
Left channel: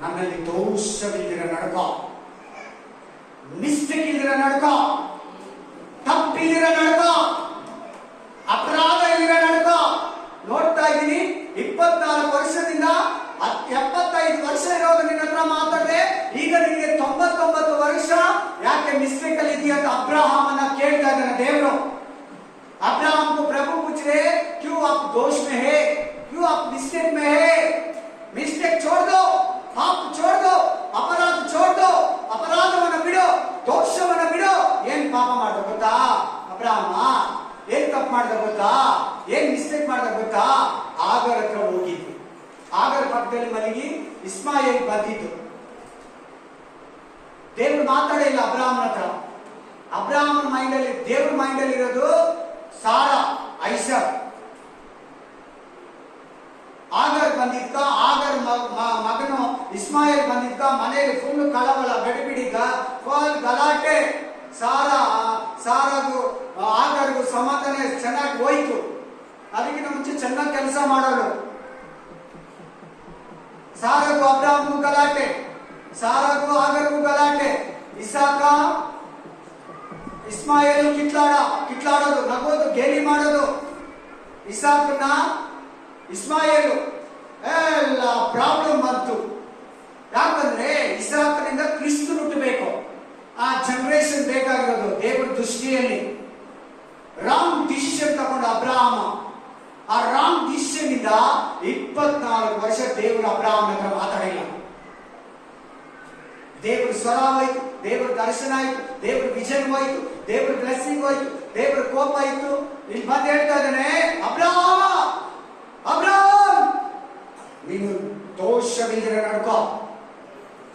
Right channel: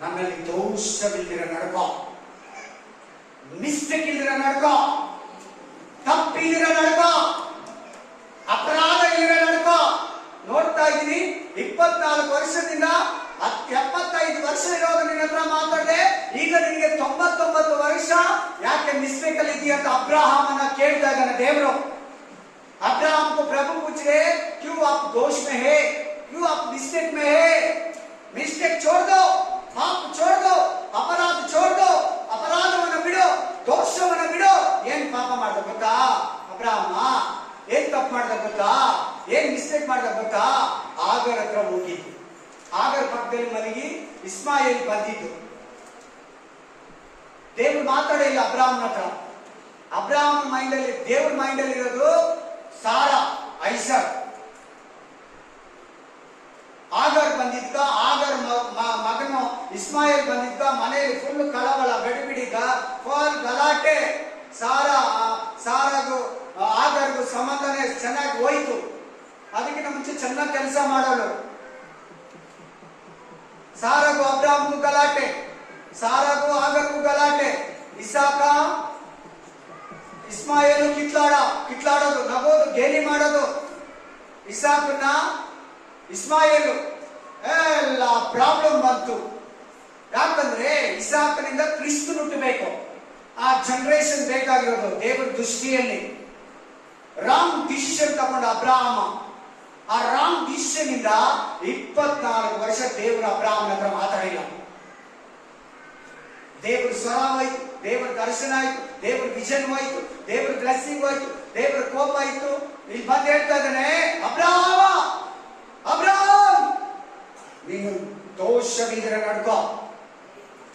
ನನ್ನಲ್ಲಿ ದೋಷವಿಲ್ಲದಿರ ನಡ್ಕ, ಮಿಸ್ಟೇಕ್ ಇಲ್ದಿರ ನಡ್ಕ, ತಪ್ಪಿದಿರ ನಡ್ಕ, ಅಪರಾಧ ಇಲ್ದಿರ ನಡ್ಕ. ನೋಡ್ತಾ ಇದ್ದೀನಿ 24 ವರ್ಷದಿಂದ 75 ವರ್ಷ ಇರೋದು ನಿನ್ನ ಹತ್ರ ಮಾತಾಡಿದೆ. ಈಗ ನಿನಗೆ 99 ವರ್ಷ, ಯಾಕೆ ಮಿಸ್ಟೇಕ್ ಅಲ್ಲಿ ಇದೆಯಾ ಅಂತ ಅಬ್ರಹಾಮನ ಕೇಳ್ತಾ ಇದ್ದಾನೆ ದೇವರು. अब्राहम को प्रभु पूछ रहे, क्यों आप दोष में है, क्यों आप मिस्टेक में है? मिस्टेक छोड़ दो, पाप छोड़ दो, अपराध छोड़ दो, अपराधವನ್ನ ಬಿಡು, ದೋಷವನ್ನ ಬಿಡು. ಏನ್ ಪಾಪ ಮಾಡ್ದ ಗೊತ್ತಾ ಅಬ್ರಾಹ್ಮ? ಏನ್ ತಪ್ಪು ಮಾಡ್ದ ಗೊತ್ತಾ? ಏನ್ ಮಿಸ್ಟೇಕ್ ಮಾಡ್ದ ಗೊತ್ತಾ? ಆಗರ ಹತ್ರ ಹೋಗಿದ್ದು, ಆಗರ ಪಕ್ಕದಲ್ಲಿ ಮಲಗಿ ಇಸ್ಮಾಯಿಲ್ ಬಂದಿದ್ದು. ದೇವ್ರು ಮಾತಾಡೇ ಇಲ್ಲ ಅಬ್ರಾಹ್ಮನ ಹತ್ರ. ಅಬ್ರಾಹ್ಮನ ಮೈಂಡ್ ಅಲ್ಲಿ, ದೇವ್ರ ಮೈಂಡ್ ಅಲ್ಲಿ ಇರೋದು ಸಾರಾ, ಐಸರ್. ಆಗರ್ ಬಂದಿದ್ಕ, ಆಗರ್ ಮಗನು ಇಸ್ಮಾಯಿಲ್ ಬಂದಿದ್ಕ, ಮನೆಯಲ್ಲಿ ಫುಲ್ ಕಳವಳ, ಗಡಿಬಿಡಿಗ, ಫುಲ್ ಗಲಾಟೆ. ಸಾರಾಗೂ ಆಗರ್ಗೂ ಸಮಾಧಾನ ಚೆನ್ನಾಗಿ ಹೋಯ್ತು. ಅದಕ್ಕಿಂತ ಮುಂಚೆ ಚೆನ್ನಾಗಿ ಕೆಲಸ ಮಾಡೋಳು. ಸಾರಾಗೂ ಅಬ್ರಾಹ್ಮಗೂ ಗಲಾಟೆ, ಸಾರಾಗೂ ಆಗರ್ಗೂ ಗಲಾಟೆ. ಇಸ್ಮಾಯೇಲು ಕಿತ್ಲಾಡೋದು, ನಗೋದು, ಗೇಲಿ ಮಾಡೋದು. ಇಸಾಕನ ಇಸ್ಮಾಯೇಲು ಎಲ್ಲ ಪ್ರಾಬ್ಲಮ್ ಬಂತು. ಯಾಕಂದ್ರೆ ಇಸಾಕನಿಂದ ಕ್ರಿಸ್ತು ಹುಟ್ಟಬೇಕು. ಆ ಜನರೇಷನ್ ಬೇಕಾಗಿರೋದು ದೇವರ ದೃಷ್ಟಿಯಲ್ಲಿ. ರಾಂಗ್ ಡಿಸಿಷನ್ ತಗೊಂಡ ಅಬ್ರಾಹಮ. ಆ ರಾಂಗ್ ಡಿಸಿಷನ್ ಇಂದ 24 ವರ್ಷ ದೇವರು ಅಬ್ರಾಹಮನ ಹತ್ರ ಮಾತಾಡಿಲ್ಲ. ದೇವರ ಸ್ವರ ಆಯ್ತು, ದೇವರ ದರ್ಶನ ಆಯ್ತು, ದೇವರ ವಿಷನ್ ಹೋಯ್ತು, ದೇವರ ಬ್ಲೆಸ್ಸಿಂಗ್ ಹೋಯ್ತು, ದೇವರ ಕೋಪ ಆಯ್ತು. ಇಲ್ಲಿ ಬಂದು ಹೇಳ್ತಾ ಇದ್ದಾನೆ, ಅಬ್ರಾಹಂ ನೀನು ದೋಷವಿದ್ರೆ ನಡ್ಕೋ.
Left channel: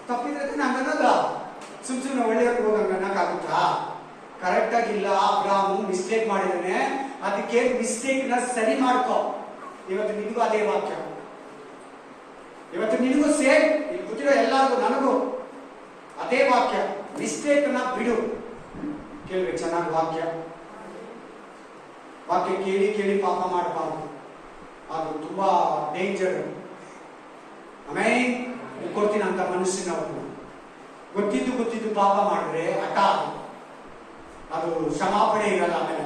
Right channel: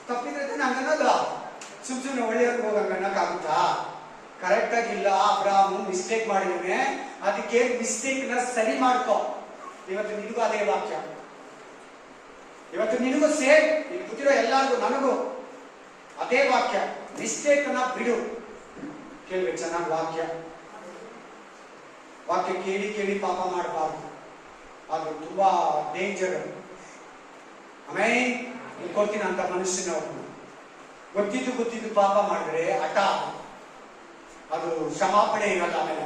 ತಪ್ಪಿದ್ರೆ ಹಂಗನ್ನೋದ ಸುಮ್ನೆ ಒಳ್ಳೆಯವ್ರಿಗೆ ಹೋಗಂಗ ಅನ್ನಕ್ಕಾಗುತ್ತಾ? ಕರೆಕ್ಟ್ ಆಗಿಲ್ಲ. ಅಬ್ರಾಹಂ ಮಿಸ್ಟೇಕ್ ಮಾಡಿದಾನೆ, ಅದಕ್ಕೆ ಮಿಸ್ಟೇಕ್ ನ ಸರಿ ಮಾಡ್ಕೋ. ಇವತ್ತು ನಿನಗೂ ಅದೇ ವಾಕ್ಯ, ಇವತ್ತು ನಿನಗೂ ಸೇಮ್, ಇಲ್ಲಿ ಕೂತಿರೋ ಎಲ್ಲರಿಗೂ ನನಗೂ ಅದೇ ವಾಕ್ಯ. ಮಿಸ್ಟೇಕ್ ನ ಬಿಡು. ಕೇಳ್ಬೇಕು ಚೆನ್ನಾಗಿ ವಾಕ್ಯ ಕೇಳಿ ಪಾಪ ಮಾಡಬಾರ್ದು. ಅದು ತುಂಬಾ ಡೇಂಜರ್. ಆಮೇಲೆ ಕೊಡ್ತೀನಿ ಅಂತ ಮನುಷ್ಯನ ಗೊತ್ತಿದ್ದು ಪಾಪ ಮಾಡಿದ್ರೆ ಹಠ, ಅದು ಕ್ಷಮಾಪಣೆ ಇರಲ್ಲ ಆಮೇಲೆ.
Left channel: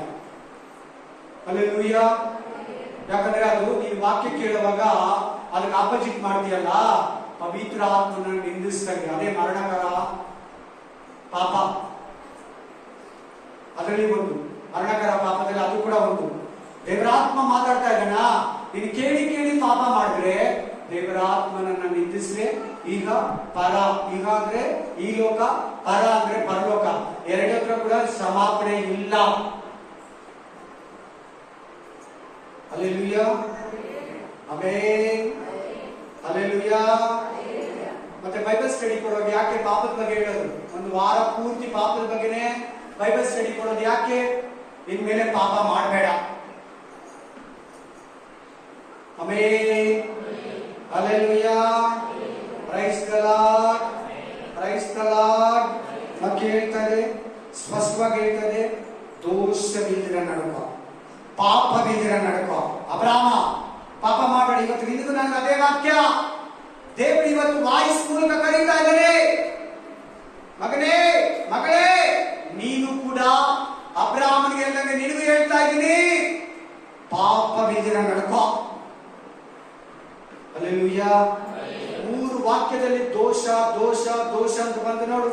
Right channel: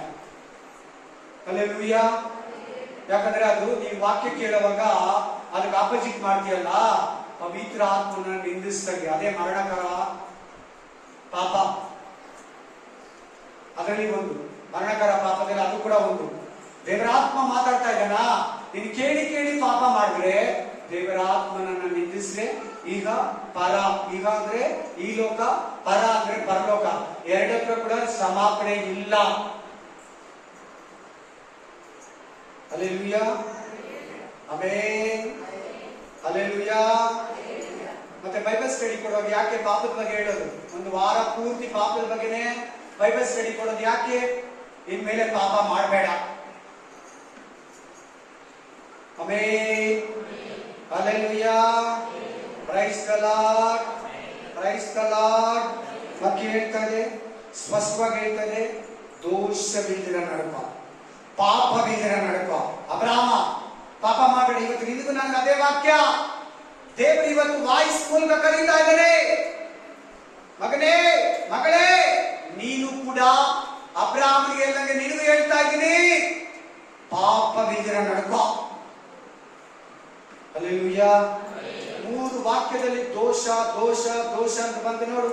ಹಲ್ಲೆಲೂಯ. ಯಾಕಂದ್ರೆ ಅದು ನೀವು ವಾಕ್ಯ ಕೇಳುವಾಗ ಅದಕ್ಕೆ ಆಪೋಸಿಟ್ ಮಾಡ್ತೀಯಲ್ಲ, ಪವಿತ್ರ ಆತ್ಮನ ನಿಂದಿಸ್ದಂಗೆ. ಅದೇ ಮರಣಕರ ಪಾಪ. ಅದರಲ್ಲಿ ಒಂದು ಮರಣಕರ ಪಾಪದಲ್ಲಿ ಅದು ಕೂಡ ಒಂದು. ದೇವರಾತ್ಮ ಮಾತಾಡ್ತಾ ಇದ್ದಾನ, ನೀನು ಕೇಳಿ ಪಾಪ ಮಾಡಿದ್ರೆ ದೇವರಾತ್ಮನನ್ನ ನಿಂದಿಸ್ರೆ ಈಗ ಪರ, ಈಗ ಅಂದ್ರೆ ಈ ಲೋಕ, ಪರ ಅಂದ್ರೆ ಪರಲೋಕ, ಎರಡಕ್ಕೂ ಕೂಡ ಕ್ಷಮಾಪಣೆ ಇಲ್ಲ. ಹಲ್ಲೆಲೂಯ. ಆಮೆನ್. ಹಲ್ಲೆಲೂಯ. ಮತ್ತೆ ಬೈಬಲ್ ಸ್ಟಡಿ ಕೊಡುವಾಗ ಯಾಕೆ ಪಾಪದ ಬಗ್ಗೆ ಹೇಳೋದು? ಒಂದು ವಾರ ಪೂರ್ತಿ ಪಾಪದ ಬಗ್ಗೆನೆ ಬೈಬಲ್ ಸ್ಟಡಿ ಕೊಡೋದು ಯಾಕೆ? ಇನ್ಮೇಲೆ ಪಾಪ ಮಾಡಬೇಡ. Amen. Hallelujah. Price the lord, price the lord. ವಾಕ್ಯ ಹೇಳ್ತದೆ, ಸ್ಪಷ್ಟವಾಗಿ ಹೇಳ್ತದೆ, ದೋಷವಿಲ್ಲದಿರ ನಡುವ, ಪಾಪವಿಲ್ಲದಿರ ನಡುವ. ಅಬ್ರಾಮ ಪಾಪ ಮಾಡಬೇಡ. ಇವತ್ತು ನಿನಗೂ ನನಗೆ ಅದೇ ವಾಕ್ಯ. ದೇವರು ಇವತ್ತು ವಾಯ್ಸ್ ಮೂಲಕ ಕರೀತಾ ಇದ್ದಾನೆ, ಮಗನೇ ಮಗಳೇ, ನೀನು ಕೂಡ ಅಬ್ರಾಹ್ಮನಿಗೆ ಹೇಳ್ದಂಗೆ ನಿನಗೂ ಹೇಳ್ತಾ ಇದ್ದೀನಿ, ಪಾಪವಿಲ್ಲದಿರ ನಡುವ. ಹಲ್ಲೆಲೂಯ. 3 ವಾಕ್ಯದಲ್ಲಿ ದೋಷ ದೋಷ ದೋಷ ಅಂತ ಬಂದು ನೋಡು.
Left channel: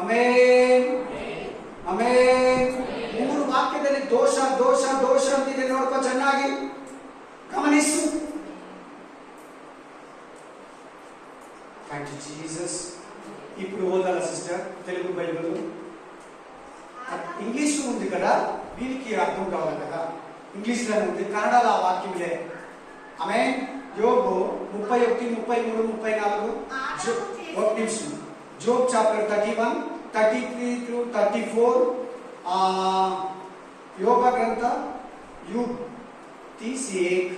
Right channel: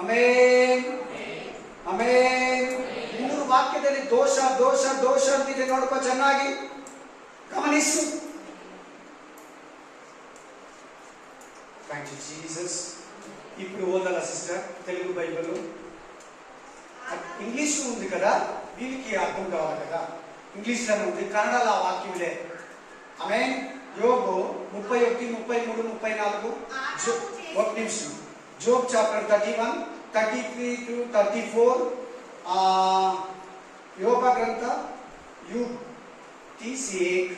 Amen, amen. 3 ವಾಕ್ಯದಲ್ಲಿ ದೋಷ ದೋಷ ದೋಷ ಅಂತಿದೆ. ನೋಡ್ಕೋ ಚೆನ್ನಾಗಿ, ಗಮನಿಸು. Thank you Jesus. ఇప్పుడు ఓదాల సిస్టర్ తెలుగు బైబిల్ ఇంగ్లీష్ ఉంది కదా, వీళ్ళకి అర్థం కావాలి కదా. ఇంగ్లీష్ లోనే ఉంది, కన్నడలో ఆ వాక్యం లే. ఆమె యోబు 31, 33, 34. ఒక నిమిషం. Job chapter 31, 33 through 34. యోబ గ్రంథ యూబ్ 31,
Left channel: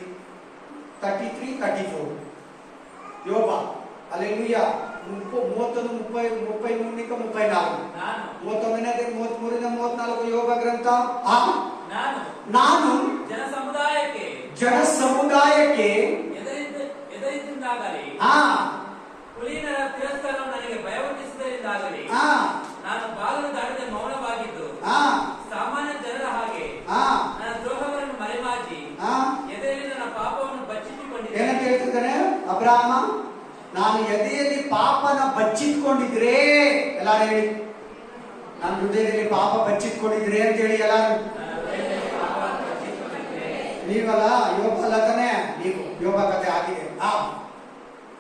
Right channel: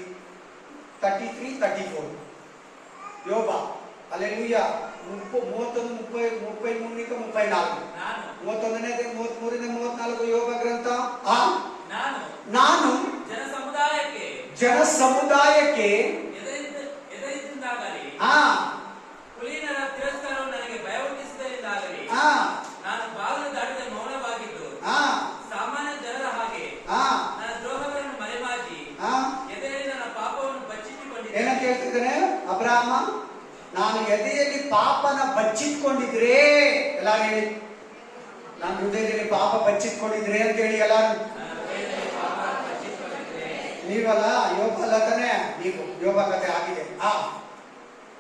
33, 34. యోబ. హల్లెలూయా. 31, 30, 33 ఇంకా 34. 31ನೇ 33ನೇ 34 ಯೋಬ ಗ್ರಂಥ. ನಾನು ಜನ ಸಮುದಾಯಕ್ಕೆ ಎದುರಿದ್ದಾಗಲಿ, ಕುಲೀನರ ತಿರಸ್ಕಾರವು ನನಗೆ ಭಯಹುಟ್ಟಿಸಿದ್ದರಿಂದಾಗಲಿ, ನಾನು ಬಾಗಿಲು ದಾಟದೆ ಮೌನವಾಗಿದ್ದು ಸಾಮಾನ್ಯ ಜನರ ಹಾಗೆ ನನ್ನ ದ್ರೋಹಗಳನ್ನು ಮರೆಮಾಚಿ ಎದೆಯಲ್ಲಿ ನನ್ನ ಪಾಪವನ್ನು ಬಚ್ಚಿಟ್ಟುಕೊಂಡಿದ್ದೆ. ಏನಂತ ಹೇಳ್ತಿದ್ದಾನೆ ಅಬ್ರಾಹ್ಮ? ನಾನು ಎದೆಯಲ್ಲಿ ಪಾಪನ ಬಚ್ಚಿಟ್ಕೊಂಡಿದ್ರೆ, ಎಲ್ಲ ಹೇಳಿ, ನಾನು ಹೃದಯದಲ್ಲಿ ಪಾಪ ಬಚ್ಚಿಟ್ಕೊಂಡಿದ್ರೆ ಅಂತ ಹೇಳಿ ಎಲ್ಲ. ನೀವಲ್ಲ, ಯೋಗ ಅಲ್ಲ ತಾನೆ, ನೀವು ಯೋಗ ಕಥೆ ಆಗಿದೆ.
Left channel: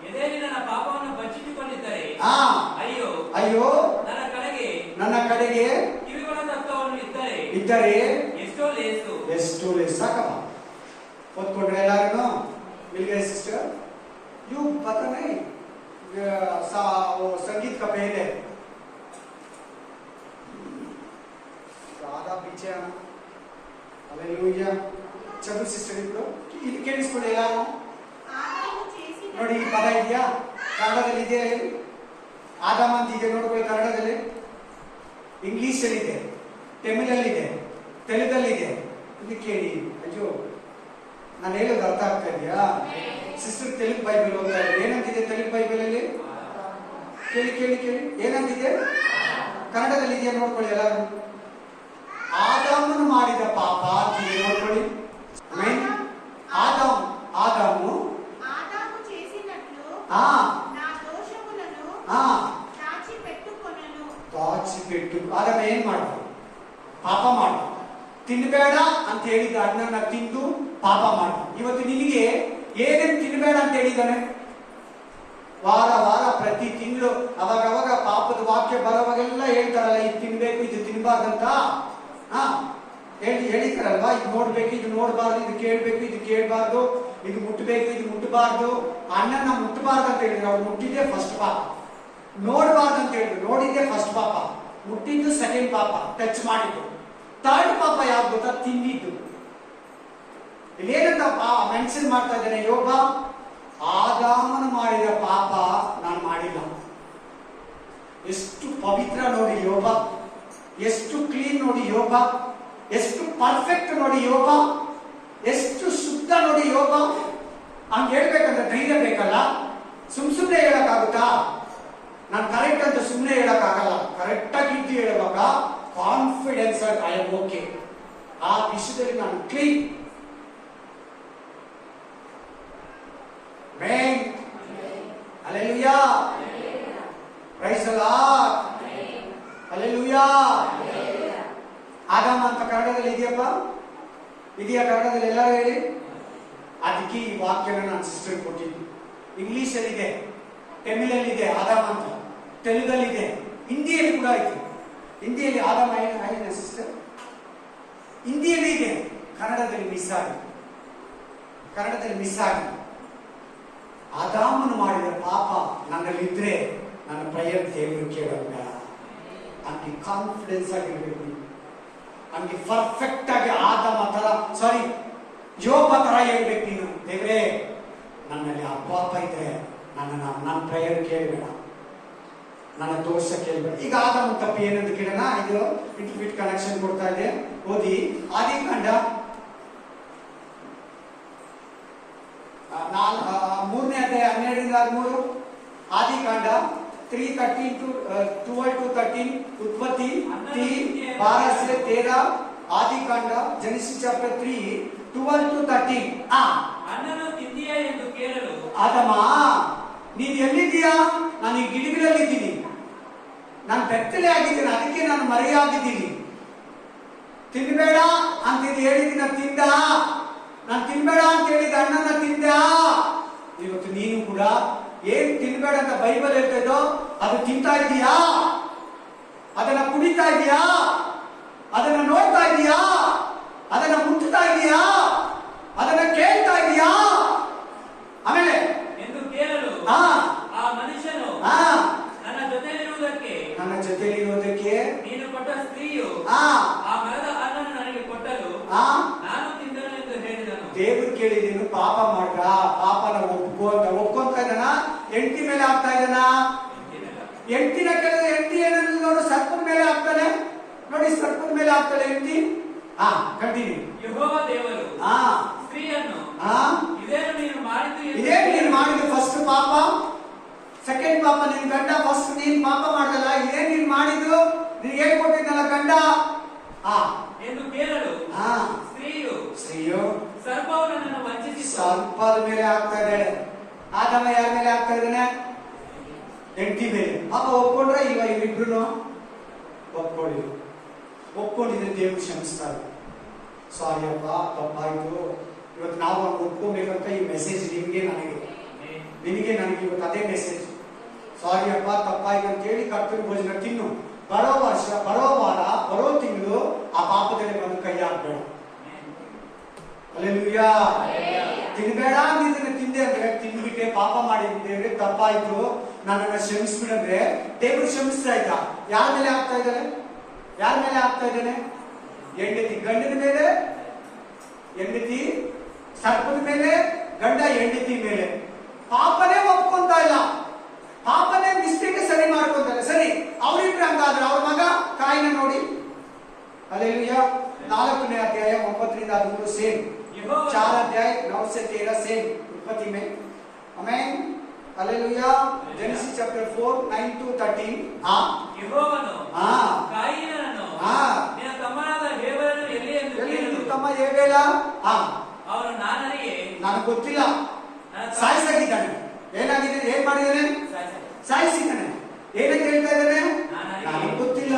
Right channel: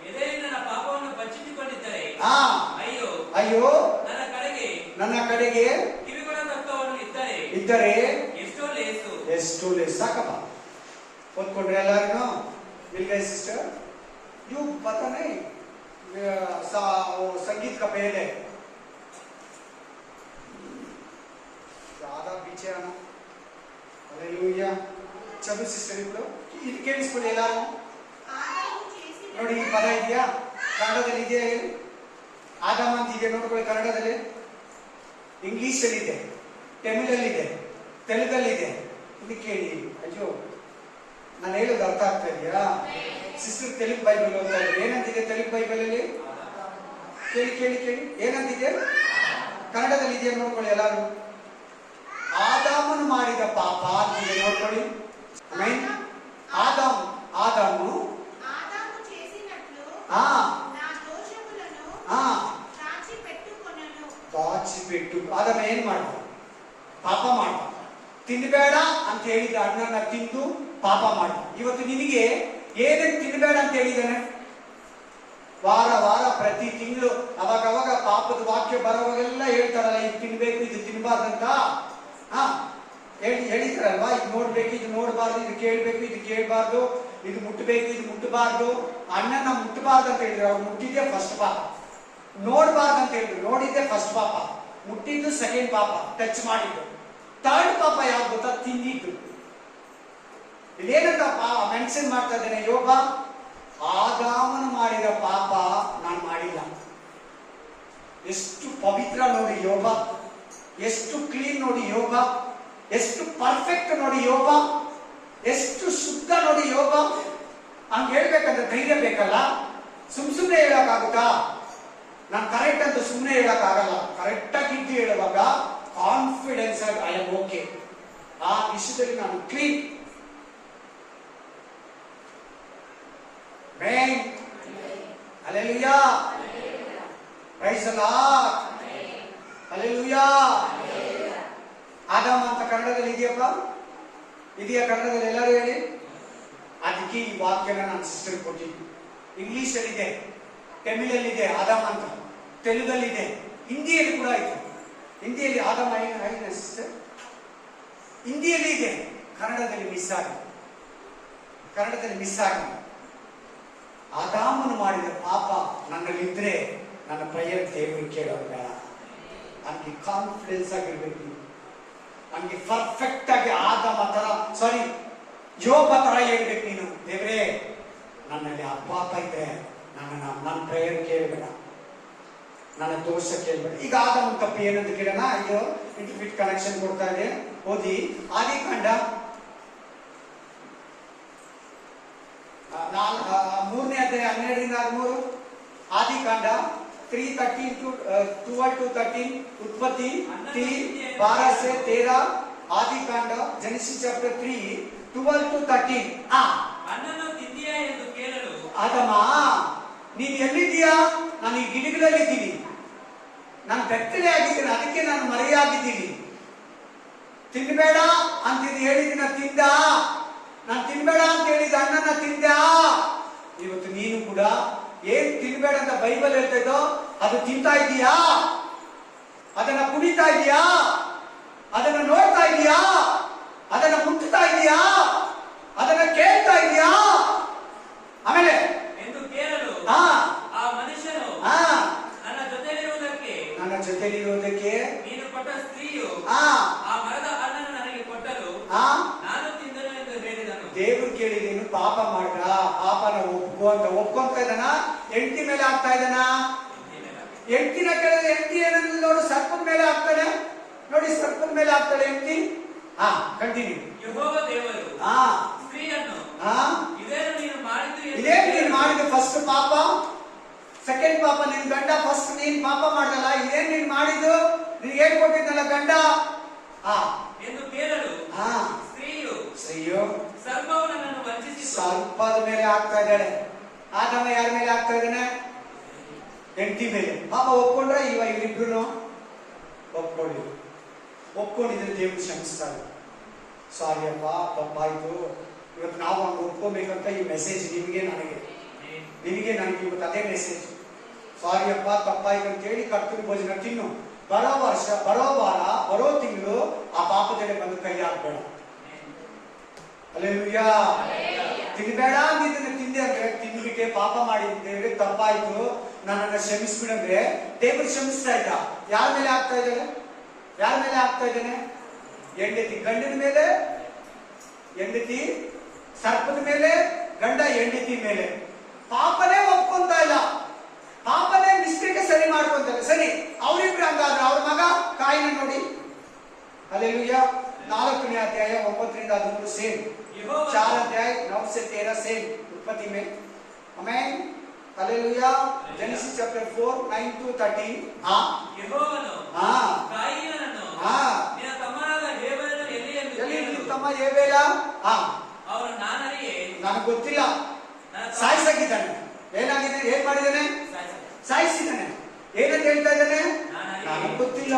ಎದೆಯಲ್ಲಿ ನನ್ನ ಪಾಪವನ್ನು ಬಚ್ಚಿಟ್ಟುಕೊಂಡಿದ್ದರೆ ಅಯ್ಯೋ ಅಯ್ಯೋ, ನನ್ನ ಕಡೆಗೆ ಕಿವಿಗೊಡತಕ್ಕವನು ಇದ್ದರೆ ಎಷ್ಟೋ ಲೇಸು. ಎಷ್ಟು ಲೇಸು. ಸಾಕಪ್ಪ, ಓದ್ಕೊಂಡ್ರೆ ಎಲ್ಲಾರು. मिल सिस्टर, यू पता नहीं संगीत का पहले आधा पीछे आना. हालेलूया. चलो सिस्टर, ఇప్పుడు ఇది ಕೇಳಿಸ್ಕೊಳ್ಳಿ ಎಲ್ಲಾರು. ನೋಡಿ, ಈ ಪದ ಇದೆಯಾ ಕನ್ನಡದಲ್ಲಿ? ಇದೆಯಾ ಹೇಳಿ? ಆದಾಮ ಅಂತ ಇದೆ ನೋಡ್ಕೊಳ್ಳಿ ಕನ್ನಡದಲ್ಲಿ. ಇಂಗ್ಲಿಷ್ ಅಲ್ಲಿ ಇದೆ, ತಮಿಳಲ್ಲಿದೆ, ತೆಲುಗಲ್ಲಿದೆ. ಇಲ್ಲಿ ಕೇಳಿ. ಅಯ್ಯೋ, ನಾನು ಹೇಳೋದು ಅರ್ಥ ಆಗ್ತಾ ಇದೆಯಾ? ಸಿಸ್ಟರ್ ತೆಲುಗು ಬೈಬಲ್ ಓದ್ತಾ ಇದ್ದಾರೆ. ಏನಂತಿದೆ ತೆಲುಗು ಬೈಬಲ್ ಅಲ್ಲಿ? ಕೇಳಿ ಕೇಳಿ ಕೇಳಿ, ಏನಂತಿದೆ? ಕನ್ನಡದಲ್ಲಿ ಇದೆಯಾ ನೋಡ್ಕೊಳ್ಳಿ ಎಲ್ಲರೂ. ಆದಾಮನು ಮಾಡಿದ ಪಾಪ ಅಂತಿದೆ ನೋಡ್ಕೊಳ್ಳಿ. ಆಮೇನ್. ಆದಾಮು ఆదాము చేసినట్లు ఆ నా దోషములను ఆ దాచిపెట్టుకొనను. దాచిపెట్టు. ಆದಾಮ ಏನ್ ಮಾಡ್ದ? ಪಾಪ ಮಾಡ್ದ. ತಿನ್ನಬೇಡ ಅಂತ ಹೇಳಿದ ಹಣ್ಣನ್ನ ತಿಂದು ಪಾಪ ಮಾಡ್ದ. ಇವತ್ತು ನಿನಗೆ ಏನೇನು ತಿನ್ನಬೇಡ ಅಂತ ಹೇಳಿದಾನೆ? ವಾರ ವಾರ ಪ್ರತಿ ತಿಂಗಳು ಅವಾಗ ಪಾಪದ ವಾಕ್ಯ ಬರೋವಾಗೆಲ್ಲ ಹೇಳ್ತಾರಲ್ಲ, ಇದು ತಿನ್ಬೇಕು ಇದು ತಿನ್ಬಾರ್ದಂತ ಹೇಳಿತಾರಲ್ವಾ. ಇದು ನೋಡ್ಬೇಕು ಇದು ನೋಡ್ಬಾರ್ದು, ಇದು ಕೇಳ್ಬೇಕು ಇದು ಕೇಳ್ಬಾರ್ದು, ಇದು ಮುಟ್ಟಬೇಕು ಇದು ಮುಟ್ಟಬಾರ್ದು. ಅಣ್ಣನ ಮುಟ್ಟಬಾರ್ದು ಅಂತ ಹೇಳಿದ್ರು, ಅವ್ರು ಮುಟ್ಟಿದ್ದೆ ಫಸ್ಟ್ ಪಾಪ. ನೋಡ್ಬಾರ್ದು ಅಂತ ಹೇಳಿದ್ರು, ನೋಡಿದ್ದೆ ಫಸ್ಟ್ ಪಾಪ. ಮುಟ್ಟಿದ್ದು ಸೆಕೆಂಡ್ ಪಾಪ, ಟಚ್ ಮಾಡಿದ್ದು. ಥರ್ಡ್ ಪಾಪ ಯಾವ್ದು ಗೊತ್ತಾ? ತಿಂದಿದ್ದು. ಇಲ್ಲೇನಂತ ಮೆನ್ಷನ್ ಮಾಡ್ತಾ ಇದ್ದೇನೆ ಯೋಗ, ಆದಾಮನು ಮಾಡಿದ ಪಾಪ ನಾನು ಮಾಡಿಲ್ಲ. ಎಷ್ಟು ಪವಿತ್ರ ನೋಡಿ ಯೋಗ, ಎಷ್ಟು ಕ್ಲೀನ್ ನೋಡಿ ಯೋಗ, ಎಷ್ಟು ಪರ್ಫೆಕ್ಟ್ ನೋಡಿ ಯೋಗ, ಎಷ್ಟು ಶುದ್ಧ ನೋಡಿ ಯೋಗ. ಹಂಗೆ ಹೇಳ್ಬೇಕಂದ್ರೆ ಧೈರ್ಯ ಬೇಕಲ್ಲ. ಸುಮ್ನೆ ಹೇಳಕ್ಕಾಗುತ್ತಾ? ನಾನು ಕರೆಕ್ಟ್ ಅಂತ ಸುಮ್ಮನೆ ಹೇಳಕ್ಕಾಗಲ್ಲ. ಕರೆಕ್ಟ್ ಆಗಿ ಇದ್ದು ಹೇಳುವಾಗ ಕಾನ್ಫಿಡೆನ್ಸ್ ಆಗಿ ಐ ಆಮ್ ಓಕೆ, ಆ ವಿಷಯದಲ್ಲಿ ನಾನು ಕ್ಲೀನ್. ಮೇನ್ hallelujah, praise the Lord, hallelujah. ಆದಾಮ ಅಂತ ಕನ್ನಡದಲ್ಲಿ ಇದೆಯಪ್ಪ? ಇದೆಯಾ ಕನ್ನಡದಲ್ಲಿ? ಎಲ್ಲರೂ ಹೇಳಿ. ಅದಕ್ಕೆ ಈ ವಾಕ್ಯನ ನಾನು ಸಿಸ್ಟರ್ ಕೊಟ್ಟಿದ್ದು. ಇಂಗ್ಲಿಷ್ ಅಲ್ಲಿ ಇದೆ, ತಮಿಳಲ್ಲಿ ಇದೆ ಆದಾಮ ಅಂತ, ತೆಲುಗಲ್ಲಿ ಇದೆ, ಹಿಂದಿಯಲ್ಲಿ ಕೂಡ ಇದೆ. ಹಿಂದಿಯಲ್ಲಿ ಆದಾಮ ಆಗಿದೆ ಸಿಸ್ಟರ್, ಹಿಂದಿಯಲ್ಲಿ ಇದೆ, ಕನ್ನಡದಲ್ಲಿ ಮಿಸ್ ಆಗಿದೆ. ಕನ್ನಡದಲ್ಲಿ ಮಿಸ್ ಆಗಿದೆ. ಆದಾಮನು ಮಾಡಿದ ಪಾಪ ನನ್ನಲ್ಲಿದ್ರೆ ನನ್ನ ಪ್ರೇಯರ್ ದೇವರು ಕೇಳೋಲ್ಲ. ನನಗೆ ಕಾನ್ಫಿಡೆನ್ಸ್ ಆಗಿರ್ಬೇಕು, ನನಗೆ ಪರ್ಫೆಕ್ಟ್ ಆಗಿ ಆದಾಮ ತರ ಸಾರಿ ಯೋಬ ತರ ಹೇಳ್ಬೇಕು ನೀನು. ದೇವ್ರೇ ನನ್ನಲ್ಲಿ ಆ ಪಾಪ ಇದ್ರೆ ನನ್ನ ಪ್ರೇಯರ್ ಕೇಳಬೇಡ, ನನ್ನ ದೋಷ ಕೇಳಬೇಡ. ಈಗ ಆದಾಮ ತಪ್ಪು ಏನಂತ ಕೇಳೋಣ. ಇದು ಇಂಟರ್ಫಿಟ್ ಕನೆಕ್ಷನ್ ಕೊಡ್ತಾ ಇದೆ, ಓದಿ. ಆದಿಕಾಂಡ 3ನೇ ಅಧ್ಯಾಯ 12-13. ಆದಿಕಾಂಡ 3:12-13. उत्पत्ति 3:12-13. ಆದಿಕಾಂಡ ಜೆನೆಸಿಸ್ ಚಾಪ್ಟರ್ 3:12-13. ಹಣ್ಣನ್ನು ತಿಂದಿಯಾ ಎಂದು ಕೇಳಲು ಆದಮ ನೀನು ಎಲ್ಲಿದ್ದೀಯಾ? ನಾನು ಈ ಗಿಡಗಳಲ್ಲಿದ್ದೀನಿ, ನಾನು ಬೆತ್ತಲೆ ಆಗಿದ್ದೀನಿ, ಅದಕ್ಕೆ ನಾನು ಮರೆಯಾಗಿದ್ದೀನಿ. ತಿನ್ಬೇಡ ಅಂತ ಹೇಳಿದಿನ ತಿಂದ, ನಾನು ತಿನ್ಬೇಡ ಅಂತ ಹೇಳಿದ ಹಣ್ಣನ್ನ ತಿಂದ. ಇವತ್ತು ನೀನು ಕೂಡ ಏನ್ ತಿನ್ಬೇಡ ಅಂತ ಬೈಬಲ್ ಹೇಳ್ತಾ ಇದ್ದೋ ಅದು ತಿಂತಾ ಇದೀಯಾ? ಅದನ್ನ ಕುಡಿತಾ ಇದೀಯಾ? ಅದನ್ನ ನೋಡ್ತಾ ಇದೀಯಾ? ಅದನ್ನ ಮುಟ್ತಾ ಇದೀಯಾ? ಅದನ್ನ ಕೇಳ್ತಾ ಇದೀಯಾ? ಆಮೇಲೆ ಎಂದು ಕೇಳಲು ಆ ಮನುಷ್ಯನು ನನ್ನ ಜೊತೆಯಲ್ಲಿರುವುದಕ್ಕೆ ನೀನು ಕೊಟ್ಟ ಸ್ತ್ರೀಯು ಆ ಮರದ ಹಣ್ಣನ್ನು ನನಗೆ ಕೊಟ್ಟಲು ನಾನು ತಿಂದೆನು ಎಂದು ಹೇಳಿದನು. ದೇವರು ಕೇಳಿ ನೀನು ಪಾಪ ಮಾಡ್ರ, ಪಾಪನ ಒಪ್ಕೊಂತ ಇದ್ದಾನ, ಹೆಂಡತಿ ಮೇಲೆ ಆಗ್ತಾ ಇದ್ದಾನ. ಹೆಂಡತಿನ ಕೇಳಿದ್ರೆ ಹೆಂಡತಿ ಏನಂದ್ರೆ ನೋಡು ಸರ್ಪದ ಮೇಲೆ ಆಗ್ತಾನೆ. ನೋಡಿ ಸರ್ಪದ ಮೇಲೆ ಆಗ್ತಾಳೆ ಹೆಂಡತಿ. ಕಂಟಿನ್ಯೂ. ಯೆಹೋವ ದೇವರು ಸ್ತ್ರೀಯನ್ನು ಇದೇನು ನೀನು ಮಾಡಿದ್ದು ಫಸ್ಟ್ ಪಾಪ, ಸೆಕೆಂಡ್ ಪಾಪ ನಿನ್ ಗಂಡ. ಫಸ್ಟ್ ನೀನ್ ಪಾಪ ಮಾಡ್ದಲ್ಲ, ಇದೇನ್ ನೀನ್ ಮಾಡಿದ್ದು? ನಿನ್ಗೆ ಏನ್ ಕೊಟ್ಟಿದ್ದಲ್ಲ ಗಂಡ ಎಂದು ಕೇಳಲು ಸ್ತ್ರೀಯು ಸರ್ಪವು ನನ್ನನ್ನು ವಂಚಿಸಿತು. ಸರ್ಪದ ಮೇಲೆ ಆಗ್ತಾ ಇದ್ದಾಳೆ. ಆದಮ ಯಾರ ಮೇಲೆ ಆಗ್ತಾ ಇದ್ದಾನೆ? ಹೆಂಡತಿ ಮೇಲೆ. ಪಾಪ ಒಪ್ಕೊಂಡ್ರೆ ಇವರಿಬ್ರು ಒಪ್ಕೊಂಡಿದ್ರೆ ದೇವರು ಕ್ಷಮಿಸ್ತಾರೆ. ಸಾರಿ ಅಪ್ಪ ತಪ್ಪಾಯ್ತು. ಇವತ್ತು ನಾವು ಹಂಗೆ ಒಪ್ಕೋಬೇಕಂತ ಈ ಮೆಸೇಜ್ ನಿಮಗೆ ನನಗೆ ಇವತ್ತು ಅದೇ ಮೆಸೇಜ್. ಸಾರಿ ಅಪ್ಪ ತಪ್ಪಾಯ್ತು ಅಂತ ಹೇಳಿ ಕರ್ತನ ಭೋಜನ ತಿನ್ನು. ಬರೋ ವರ್ಷ, ಬರೋ ವಾರ, ಬರೋ ತಿಂಗಳು ಆ ಪಾಪದಲ್ಲಿ ಬಂದು ಕೈ ಹಾಕ್ಬೇಡ. ಹಲ್ಲೆಲೂಯಾ. ತಿನ್ಬೇಡ ಅಂದಿದ್ದನ್ನ ತಿಂದೆ ಅಂದ್ರೆ ತಿಂದ್ಬಿಟ್ಟೆ ಪಾಪ ಮಾಡಿದ್ದೇವೆ, ತಪ್ಪಾಯ್ತು, ನನ್ನನ್ನ ಕ್ಷಮಿಸ್ಬಿಡಂದ್ರೆ ದೇವರು ಕ್ಷಮಿಸ್ತಾ ಇದ್ದ. ಯಾರ ಮೇಲೆ ಆಗ್ತಾ ಇದ್ದಾನೆ? ಯಾರ ಮೇಲೆ ಆಗ್ತಾ ಇದ್ದಾನೆ? ಹೆಂಡತಿ ಗಂಡನ ಮೇಲೆ, ಹೆಂಡತಿ ಸರ್ಪದ ಮೇಲೆ, ಗಂಡ ಹೆಂಡತಿ ಮೇಲೆ. ಪಾಪನೇ ಒಪ್ಕೊಂತ ಇಲ್ಲ, ಪಾಪನೇ ಮಿಸ್ಟೇಕ್ ಸರಿ ಮಾಡ್ಕೊಂತಾರೆ. ಸರಿ, ಅವರಿಬ್ರು ಹಂಗಾದ್ರೆ ಅವ್ರ ಮಗ ಕಾಯಿನ ನೋಡಿ. ಹಲ್ಲೆಲೂಯಾ. 4ನೇ ಅಧ್ಯಾಯ 9-13 ಸೇಮ್. 4 अध्याय 9 से 13 सेम उत्पत्ति में. आमेन. Hallelujah. Genesis chapter 4, 9 to 13. ಯೆಹೋವನು ಕಾಯಿನನನ್ನು ಆ ನಿನ್ನ ತಮ್ಮನಾದ ಹೇಬೆಲನು ಎಲ್ಲಿ ಎಂದು ಎಲ್ಲಿ ನಿನ್ನ ಕೇಳಲು, ತಮ್ಮ ಹೇಬೇಲ? ಅವನು ನಾನರಿಯೇ, ನನಗೆ ಗೊತ್ತಿಲ್ಲ. ನನ್ನ ತಮ್ಮ ಸಾಯಿಸಾಕಿದ್ದಾನೆ. ಏನಾಗಿದೆ? ಏನ್ ಮಾಡಿದ್ದಾನೆ? ಸಾಯಿಸಿದ್ದಾನೆ. ಏನಂತ ಹೇಳ್ತಾ ಇದ್ದಾನೆ? ನನಗೆ ಗೊತ್ತಿಲ್ಲ.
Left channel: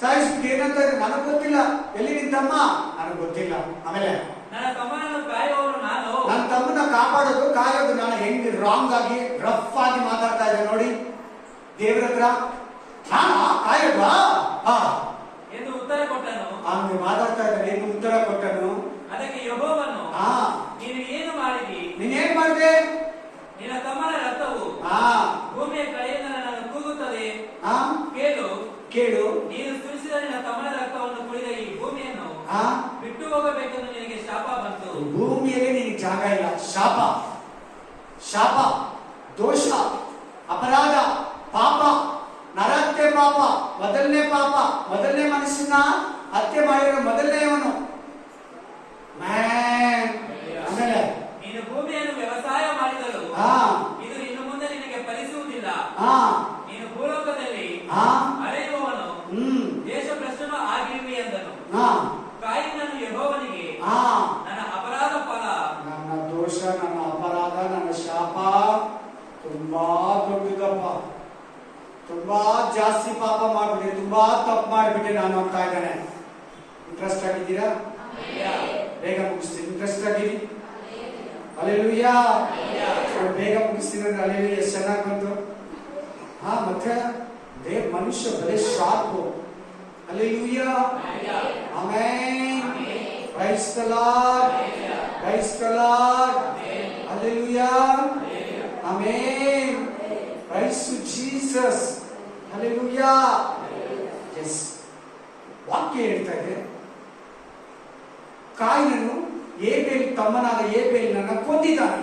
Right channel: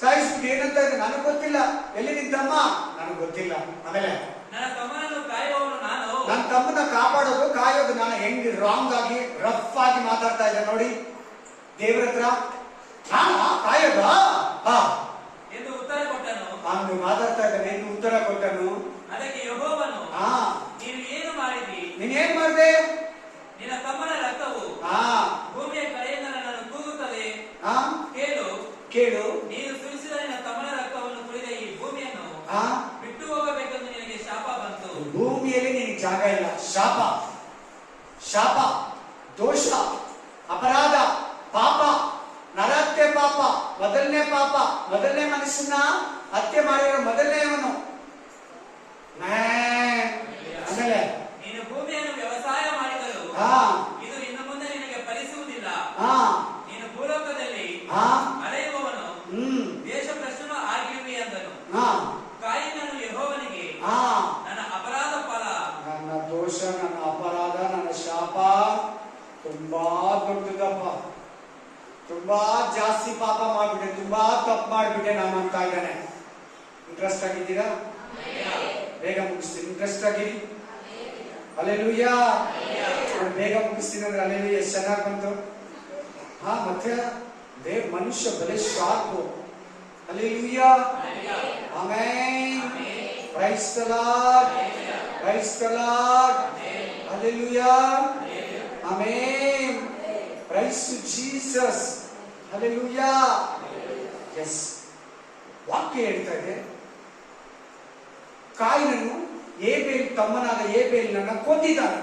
ಸಾಯಿಸ್ಬಿಟ್ಟು ಏನಂತ ಇದ್ದಾನೆ? ನನಗೆ ಗೊತ್ತಿಲ್ಲ. ಎಲ್ಲಿ ನಿನ್ ತಮ್ಮ? ನನಗೆ ಗೊತ್ತಿಲ್ಲ. ಆಮೇಲೆ ನನ್ನ ತಮ್ಮನನ್ನು ಕಾಯುವವನು ನಾನು. ನನ್ನ ತಮ್ಮನ ಕಾಪಾಡೋದು ಕಾಯೋದು ನಾನು ಹೆಂಗ್ ರಾಂಗ್ ಆಗಿ ರಫ್ ಆಗಿ ಮಾತಾಡ್ತಾ ಇದ್ದೆ ನೋಡಿ ದೇವರ ಹತ್ರ. ಕಾಯೋದು ಎಂದು ಉತ್ತರ ಕೊಟ್ಟನು. ಅವನು ಮಾತಾಡ್ತಾ ಇದ್ದಾನೆ. ಏನು ಉತ್ತರ ಕೊಟ್ಟನು? ಅದಕ್ಕೆ ಯೆಹೋವನು, ನೀನು ಏನು ಮಾಡಿದಿ? ನೀನೇನ್ ಮಾಡಿದೆ? ನಿನ್ನ ತಮ್ಮನ ರಕ್ತವು ಭೂಮಿಯ ಕಡೆಯಿಂದ ನನ್ನನ್ನು ಕೂಗುತ್ತದೆ. ಕೇಳು ಕೇಳು, ನೀನು ಸುರಿಸಿದ ನಿನ್ನ ತಮ್ಮನ ರಕ್ತವನ್ನು ಕುಡಿದ ಈ ಭೂಮಿಯನ್ನು ಬಿಟ್ಟು ಹೋಗಬೇಕೆಂದು ನಿನಗೆ ಶಾಪ ಬಂತು. ಭೂಮಿಯಲ್ಲಿ ನಿನಗೆ ಜಾಗ ಇಲ್ಲ. ಶಾಪ, ಶಾಪ, ದೋಷ, ಅಪರಾಧ, ಪಾಪ, ನರಹತ್ಯೆ ಪಾಪ, ಮೊದಲನೇ ಪಾಪ, ಮೊದಲನೇ ಮನುಷ್ಯನ ಹತ್ಯೆ ಮಾಡಿರೋ ಮೊದಲನೇವನು. ಆಮೇಲೆ ನೀನು ಭೂಮಿಯನ್ನು ವ್ಯವಸಾಯ ಮಾಡಿದರು ಇದು ಇನ್ನು ಮುಂದೆ ನಿನಗೆ ಫಲಿಸುವುದಿಲ್ಲ. ನೀನು ಭೂಲೋಕದಲ್ಲಿ ಅಲೆಯುವವನು ದೇಶ ಭ್ರಷ್ಟನು ಆಗಿರುವಿ ಎಂದನು. ಕಾಯಿನನು ಯೆಹೋವನಿಗೆ, ನನ್ನ ಅಪರಾಧ ಫಲ, ನನ್ನ ದೋಷ, ನನ್ನ ಅಪರಾಧ, ನನ್ನ ಶಾಪ ತುಂಬಾ ದೊಡ್ಡದಪ್ಪ. ತುಂಬಾ ಜಾಸ್ತಿ ಪಾಪ ಮಾಡ್ಬಿಟ್ಟೆ, ತುಂಬಾ ತಪ್ಪು ಮಾಡ್ಬಿಟ್ಟೆ ನಾನು ಅಂತ ಇದ್ದಾನೆ. ಇಂಟ್ರೆಸ್ಟ್ ಆಗಿದ್ದೀರಾ? ಬೇಗ ಮುಗಿಸ್ತೀನಿ. ಇಂಟ್ರೆಸ್ಟ್ ಆಗಿರಿ. ಹಲ್ಲೆಲೂಯಾ. ಬೇಗ ಮುಗಿಸ್ತೀನಿ ಅಂದ್ರೆ ಹಲ್ಲೆಲೂಯಾ. ಚೆನ್ನಾಗಿ ಬಂತು. ಮತ್ತೆ ಮನುಷ್ಯ ಬಲೆ sharp. Hallelujah. Amen. Praise the lord. Praise the Lord. Hallelujah. Amen. Praise to Jesus. Hallelujah. Yes, ವಾಕ್ಯ ಹೇಳ್ತಾ ಇದೆ, ಕಾಯಿನನು ಏಬೇಲ್ ತಮ್ಮನಾದ ಏಬೇಲನನ್ನ ಕೊಂದಿದ್ದಾನೆ.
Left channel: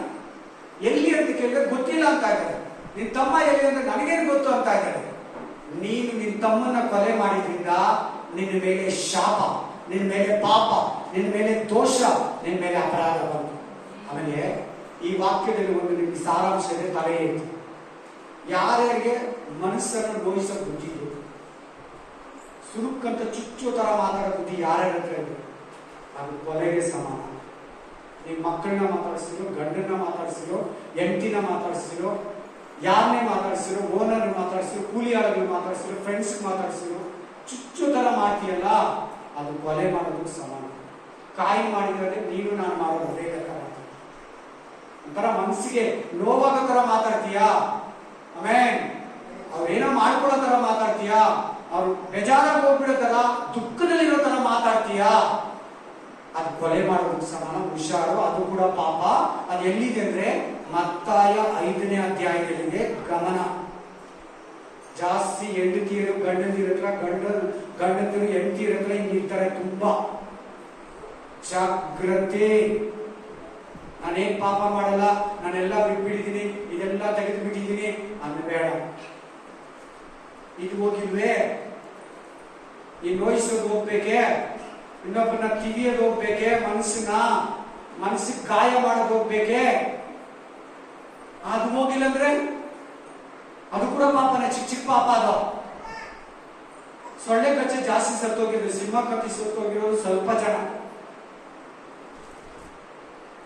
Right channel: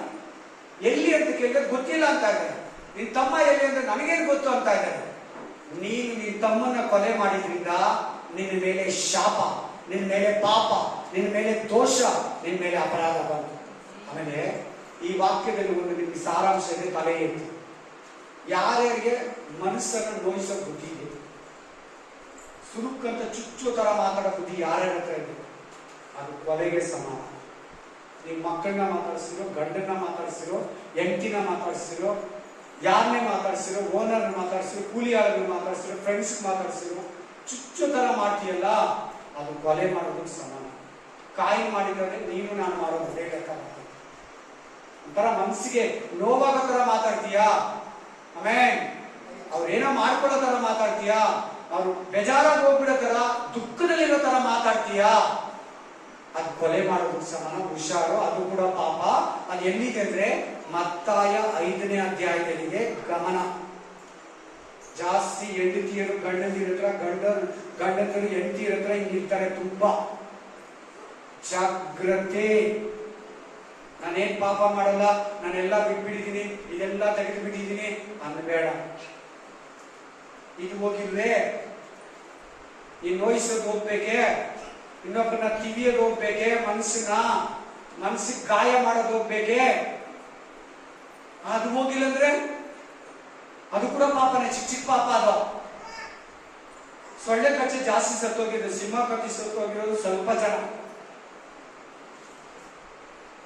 ಎಲ್ಲಿ ಅಂತ ಕೇಳಿದ್ರೆ ಗೊತ್ತಿಲ್ಲ ಅಂತ ಇದ್ದಾರೆ. ನಿನ್ ತಮ್ಮ ಎಲ್ಲಿ ಅಂದ್ರೆ ನನಗೇನು ಗೊತ್ತು ಅಂತ ಇದ್ದಾರೆ. ನೀನು ನಿನ್ ತಮ್ಮನ ಕೊಲೆ ಮಾಡಿದ್ರಿಂದ ನಿನ್ನ ಮೇಲೆ ಶಾಪ, ನಿನ್ನ ಮೇಲೆ ಪಾಪ, ನಿನ್ನ ಮೇಲೆ ದೋಷ, ನಿನ್ನ ಮೇಲೆ ಅಪರಾಧ ಬಂತು. ಆಮೇಲೆ ಈ ವಾಕ್ಯದಲ್ಲಿ ಒಂದು ನಿಮ್ಗೆ ಸಾರಾಂಶ ಇದೆ. ತಲೆ ಎತ್ತಿ. ಯಾರ್ಯಾರಿಗೆ ಮನಸ್ಸನ್ನು ನೋಯಿಸೋ ಬುದ್ಧಿ ಇದೆ, ಸುರುಕ್ಕಂತ ಚುಚ್ಚು ತರ ಮಾತಾಡೋ ಬುದ್ಧಿ ಯಾರ್ಯಾರ ಹತ್ರ ಇದೆ, ಅದು ಕೊಲೆಗೆ ಸಮಾನ. ನೀವು ಮಕ್ಕಳನ್ನ ಮಾತಾಡಿಸಿರೋ, ಗಂಡನ್ನ ಮಾತಾಡಿಸಿರೋ, ಹೆಂಡತಿನ ಮಾತಾಡಿಸಿರೋ, ಯಾರನ್ನೇ ಮಾತಾಡಿಸಿರೋ, ಓನರ್ ಮಾತಾಡಿಸಿರೋ, ಕೂಲಿ ಆಳುಗಳನ್ನ ಮಾತಾಡಿಸಿರೋ, ಫ್ರೆಂಡ್ಸ್ ಮಾತಾಡಿಸಿರೋ, ಚುಚ್ಚು ತರ ಮಾಡ್ತೀಯಲ್ಲ, ಅದು ಕೊಲೆ ಮಾಡೋದಕ್ಕೆ ಸಮಾನ. ಕಾಯಿ ಮಾಡಿದ್ರೆ ನೀನು ನಾನು ಮಾಡೋದು ಬೇಗ ತರ ಒಂಥರ ಮನಸ್ಸಿಗೆ ನೋವಾಗೋ ತರ ಮಾತಾಡ್ತೀಯಾ. ಆಮೇನ್. ಅವ್ರೇನೋ ಮಾಡ್ಕೊಳ್ಳೋ ತರ ಮಾತಾಡ್ತೀಯಾ, ಅವ್ರು ಬೇಜಾರಾಗಿ ಹೋಗ್ಬಿಡೋ ತರ, ದುಃಖದಲ್ಲಿರೋ ತರ ಮಾತಾಡ್ತೀಯಾ, ಅದು ಕೊಲೆ ಮಾಡೋದಕ್ಕೆ ಸಮಾನ. ಹುಷಾರು, ಅದು ಕೂಡ ಪಾಪ. ಅದು ಎಲ್ಲಿದೆ ಅಂದ್ರೆ ಮತ್ತಾಯ 5ನೇ ಅಧ್ಯಾಯದಲ್ಲಿದೆ. ಗಮನ. ಜಾಸ್ತಿ ಹೆಂಡತಿಯರು ಗಂಡಂದಿರ ಹತ್ರ, ಗಂಡಂದಿರು ಹೆಂಡತಿಯರ ಹತ್ರ ಹಿಂಗಿರ್ತಾರೆ. ತುಂಬಾ ಜಾಗ್ರತೆ. ನಾನೇನ್ ಪಾಪ ಮಾಡಲ್ಲ, ನಾನೆಲ್ಲ ಬಿಟ್ಬಿಟ್ಟಿದ್ದೀನಿ, ಇದೆಲ್ಲ ತೆಗೆದು ಬಿಟ್ಟಿದ್ದೀನಿ ಅನ್ಬೇಡ. ಇದು ಹೋಗಿಲ್ವೇ, ಈ ನೋಯಿಸೋದು ಹೋಗ್ಬೇಕೆ, ಇನ್ನೊಬ್ಬನ ಕಿವಿಯೋದು ಹೋಗ್ಬೇಕೆ, ಮನಸ್ಸಿಗೆ ಗಾಯ ಮಾಡೋದು ಹೋಗ್ಬೇಕೆ, ಅದು ಹೋಗಿಲ್ಲ ಅಂದ್ರೆ ಅದು ಕೂಡ ಪಾಪನೇ. ಚಿಕ್ಕ ಚಿಕ್ಕ ಪಾಪ ಅದು. ಸೊಳ್ಳೆ ಕಚ್ಚೆ ಜಾಸ್ತಿ ಸತ್ತೋಗಿರೋದು, ಸಿಂಹ ಕತ್ತಿ ಸತ್ತೋಗಿರೋದು ಸ್ವಲ್ಪ ಜನ.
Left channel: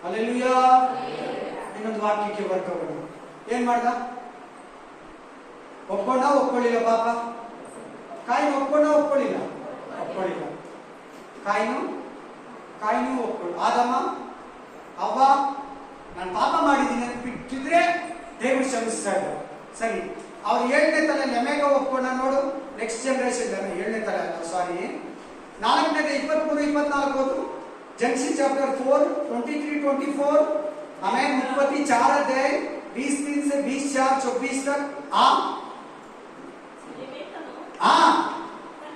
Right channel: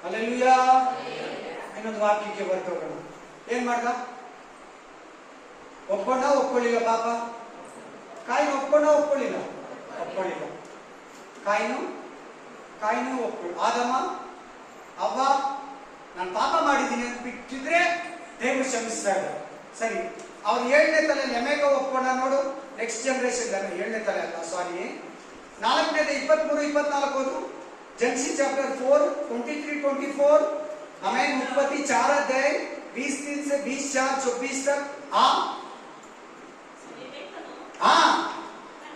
ಹಲ್ಲೆಲೂಯಾ. ಇನ್ನೊಂದು ವಾಕ್ಯಕ್ಕೆ ಬರ್ತೋಗೋಣ. ಏನ್ ಮಾಡ್ದ? ಒಪ್ಕೊಳ್ಳಿಲ್ಲ ಪಾಪ. ಕಾಯಿನ ಒಪ್ಕೊಳ್ಳಿಲ್ಲ. ಕಾಯಿನು ಒಪ್ಕೊಳ್ಳಿ. ಆದಮ ಅವ್ವ ನಾನು ಪಾಪ ಮಾಡಿದ್ದೀನಿ ಅಂತ ಬಿಟ್ಟಿದ್ರೆ ದೇವರು ಕ್ಷಮಿಸ್ತಾ ಇದ್ದಾರೆ. ಸರಿ, ಅವ್ರು 7ನೇ ತಲೆ ಲೆಮೆಗ ಒಪ್ಕೊಂಡ ನೋಡು. ನೆಕ್ಸ್ಟ್ ಜನರೇಷನ್ 7ನೇ ತಲೆ ಅಲ್ಲ, ಸಾರಿ, 4ನೇದು 23-24 ಓದು. Genesis chapter 4, 23-24. हमें उत्पत्ति 4 अध्याय 20-3 से 20-4-24 तक.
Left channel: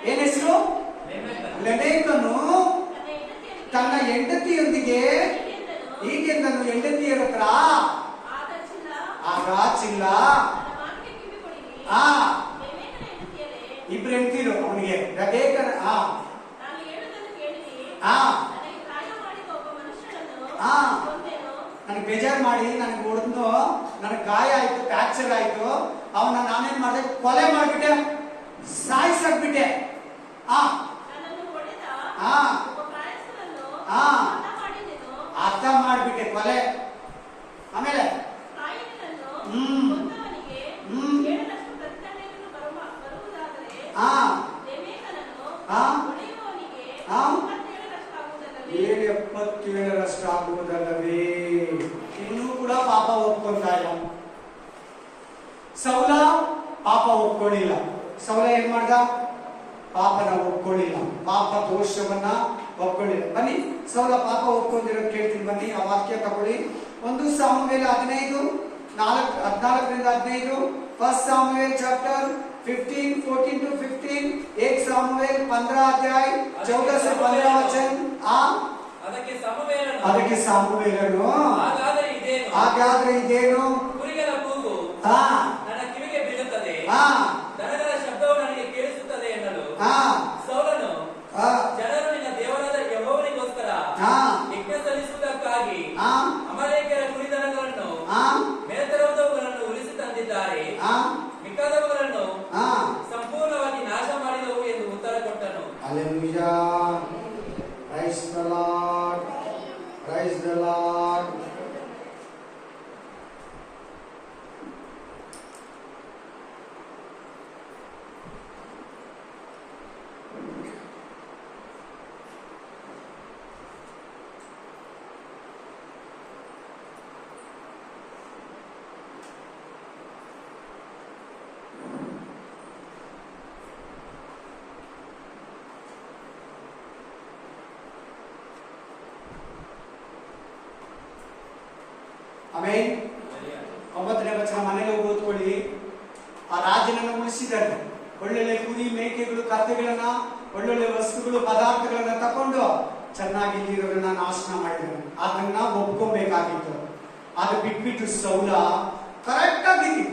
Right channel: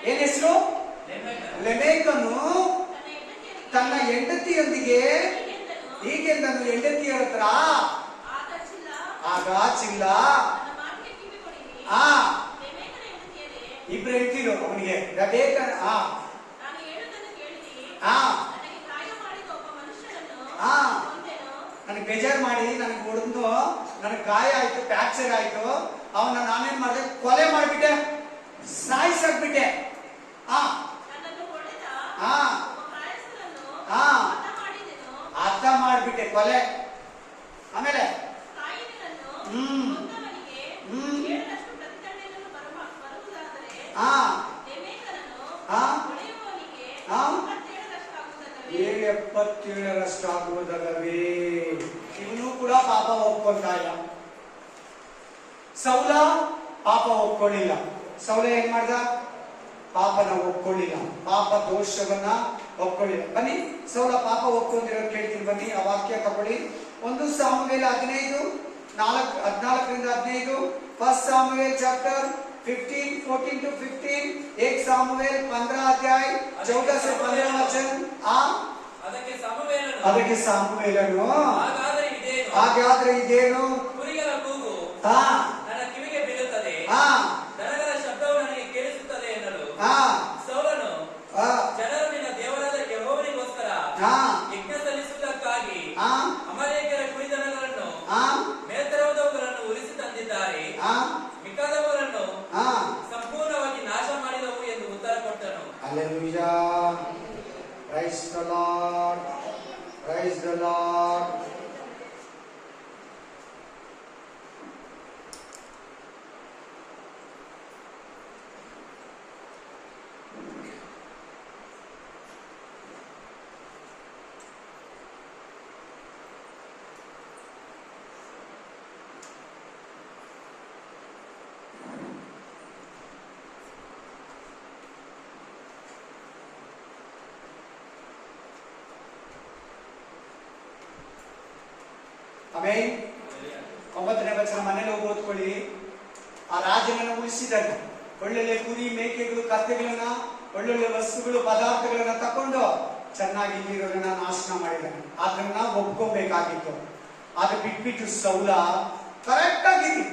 ಏನ್ ಹೆಸರು? ಲೆಮೆಕನು ತನ್ನ ಹೆಂಡತಿಯೊಂದಿಗೆ ಹೀಗೆಂದನು, ಹೆಂಡತಿಯರ ಹತ್ರ ಆಗ ಚಿಲ್ಲ. ಇಬ್ರು ಹೆಂಡತಿರು ಅವನಿಗೆ. ರೆಬೆಕ್ಕನ ನನಗೆ ಬೇಜಾರು ಮಾಡಿ ನನಗೆ ಹೊಡೆದು ನನಗೆ ಗಾಯ ಆಯ್ತು, ಫ್ರಾಕ್ಚರ್ ಆಯ್ತು, ಅವನ್ನ ನಾನೇನ್ ಮಾಡಿದೆ, ಕೊಲೆ ಮಾಡ್ಬಿಟ್ಟೆ, ಸಾಯಿಸಾಕ್ಬಿಟ್ಟೆ. ಆ ಆ ಆ ಅರ್ಥ ಮಾಡ್ಬಿಟ್ಟೆ, ಕೊಲೆ. ಆಮೇಲೆ ಆ ಆ 77ರಷ್ಟು ಆಗುವುದಲ್ಲವೇ? ಇವನು ಕೂಡ ಪಾಪ ಒಪ್ಕೊಂತ ಇಲ್ಲ. ಸೌಲ ಪಾಪ ಒಪ್ಕೊಳ್ಳಿಲ್ಲ. ಸೌಲ ಏನ್ ಮಾಡ್ದ? ಪಾಪನ ಒಪ್ಕೊಳ್ಳಿಲ್ಲ, ಪಾಪ ದೋಷವನ್ನ ಒಪ್ಕೊಳ್ಳಿಲ್ಲ. ಬನ್ನಿ, ಸೌಲ ಪಾಪ ಒಪ್ಕೊಂಡಿರೋದು ಕೇಳ್ತೀನಿ, ಬನ್ನಿ. ಆ ವಾಕ್ಯ ತಗೊಳ್ಳಿ. 1 ಸಾಮುವೇಲ 14:15. First ಸಾಮುವೇಲ್ chapter 15:14-15. 1 ಸಾಮುವೇಲ್ 15 ಅಧ್ಯಾಯ 14 से 15 ವಚನ. ಅದಕ್ಕೆ ಸಾಮುವೇಲನು ಹಾಗಾದ್ರೆ ಇದೇನು? ಕುರಿಗಳ ಕೂಗು ನನ್ನ ಕಿವಿಗೆ ಬೀಳುತ್ತದೆ, ದನಗಳ ಶಬ್ದವು ನನಗೆ ಕೇಳಿಸುತ್ತದೆ ಎನ್ನಲು ಸೌಲನು ಜನರು ನಿನ್ನ ದೇವರಾದ ಯೆಹೋವನಿಗೋಸ್ಕರ ಯಜ್ಞ ಸಲ್ಲಿಸುವುದಕ್ಕಾಗಿ ಅಮಲೇಕ್ಯರ ಕುರಿದನಗಳನ್ನು ಮೇಲ್ತರವಾದವುಗಳನ್ನು ಉಳಿಸಿ ತಂದಿದ್ದಾರೆ, ಮಿಕ್ಕಾದವುಗಳನ್ನು ಸಂಪೂರ್ಣವಾಗಿ ನಾಶ ಮಾಡಿದವು ಎಂದು ಉತ್ತರ ಕೊಟ್ಟನು. Hallelujah. Praise the lord, price the lord. ಆಮೇಲೆ 9ನೇ ವಚನ ಮನೇಲಿ ಹೋಗಿ ಓದ್ಕೊಳ್ಳಿ. ಆ ರಾಜನನ್ನು ಉಳಿಸಿದ್ದಾರೆ. ಒಳ್ಳೊಳ್ಳೆ ಕುರಿ, ಮೇಕೆಗಳು, ಕತ್ತೆಗಳನ್ನ, ಒಳ್ಳೊಳ್ಳೆ ವಸ್ತುಗಳು, ಪದಾರ್ಥಗಳನ್ನ ತಕೊಂಡು ಚೆನ್ನಾಗಿ ಇಲ್ಲಿರೋರನ್ನ ನಾಶನ ಮಾಡಿದ್ದಾರೆ. ಅದನ್ನ ಒಪ್ಕೋಬೇಕಾಗಿತ್ತು. ಅದು ಬಿಟ್ಬಿಟ್ಟು ಸೌಲ ಕರೆಕ್ಟ್ ಆಗಿದ್ದೀನಿ,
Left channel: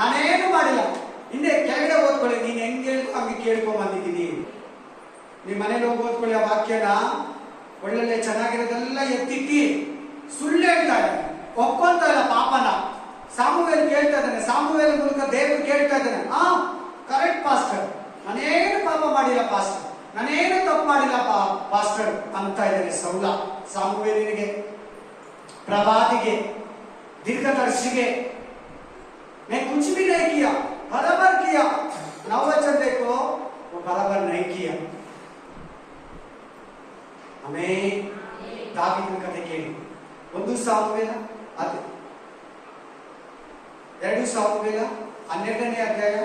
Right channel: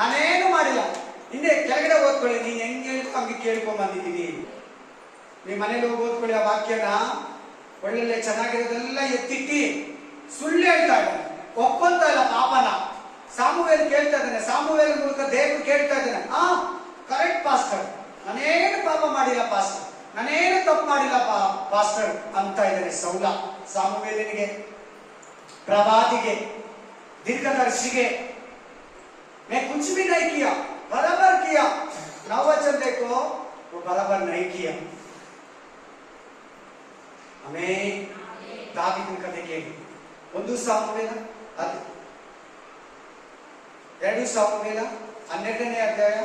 ನಾನೇನು ಮಾಡಿಲ್ಲ. ಹಿಂದೆ ಕೆಳಗಡೆ ಓದ್ಕೊಳ್ಳಿ. ನೀನ್ ಹೆಂಗ್ ಹೇಳ್ತು ಹಂಗೆ ಕೇಳ್ಕೊಂಡ್ ಬಂದಿದ್ದೀನಿ. ನೀವ್ ಮನೇಲಿ ಹೋಗಿ ಓದ್ಕೊಳ್ಳಿ ಆ ವಾಕ್ಯನ. ಒಳ್ಳೊಳ್ಳೆ ಚೆನ್ನಾಗಿರೋದೆಲ್ಲ ಎತ್ತಿಟ್ಟಿ ಸುಳ್ಳು ಹೇಳ್ತಾ ಇದ್ದಾನೆ, ಒಪ್ಕೊಂತ ಇಲ್ಲ ಪಾಪನ. ಸಾಮುವೇಲ್ ಕೇಳ್ತಾ ಇದ್ದಾನೆ, ಸಾಮುವೇಲ್ ಮೂಲಕ ದೇವರು ಕೇಳ್ತಾ ಇದ್ದಾನೆ, ಕರೆಕ್ಟ್ ಪಾಸ್ಟರ್, ನಾನೇನು ಪಾಪ ಮಾಡಿಲ್ಲ ಪಾಸ್ಟರ್, ನಾನೇನು ತಪ್ಪು ಮಾಡಿಲ್ಲ ಪಾಸ್ಟರ್ ಅಂತ ಇದ್ದಾನೆ ಸೌಲ. ಸಾಮುವೇಲನಿಗೆ, ಪ್ರವಾದಿಗೆ, दीर्घदर्शी मैं कुछ भी नहीं किया, बराबर किया। 9 वचन देखो, वो बराबर नहीं किया। हमें दावीदನ ಕಥೆ ಕೇಳಿ. 1 ಸಾಮುವೇಲ 2 ಸಾಮುವೇಲ 12ನೇ ಅಧ್ಯಾಯ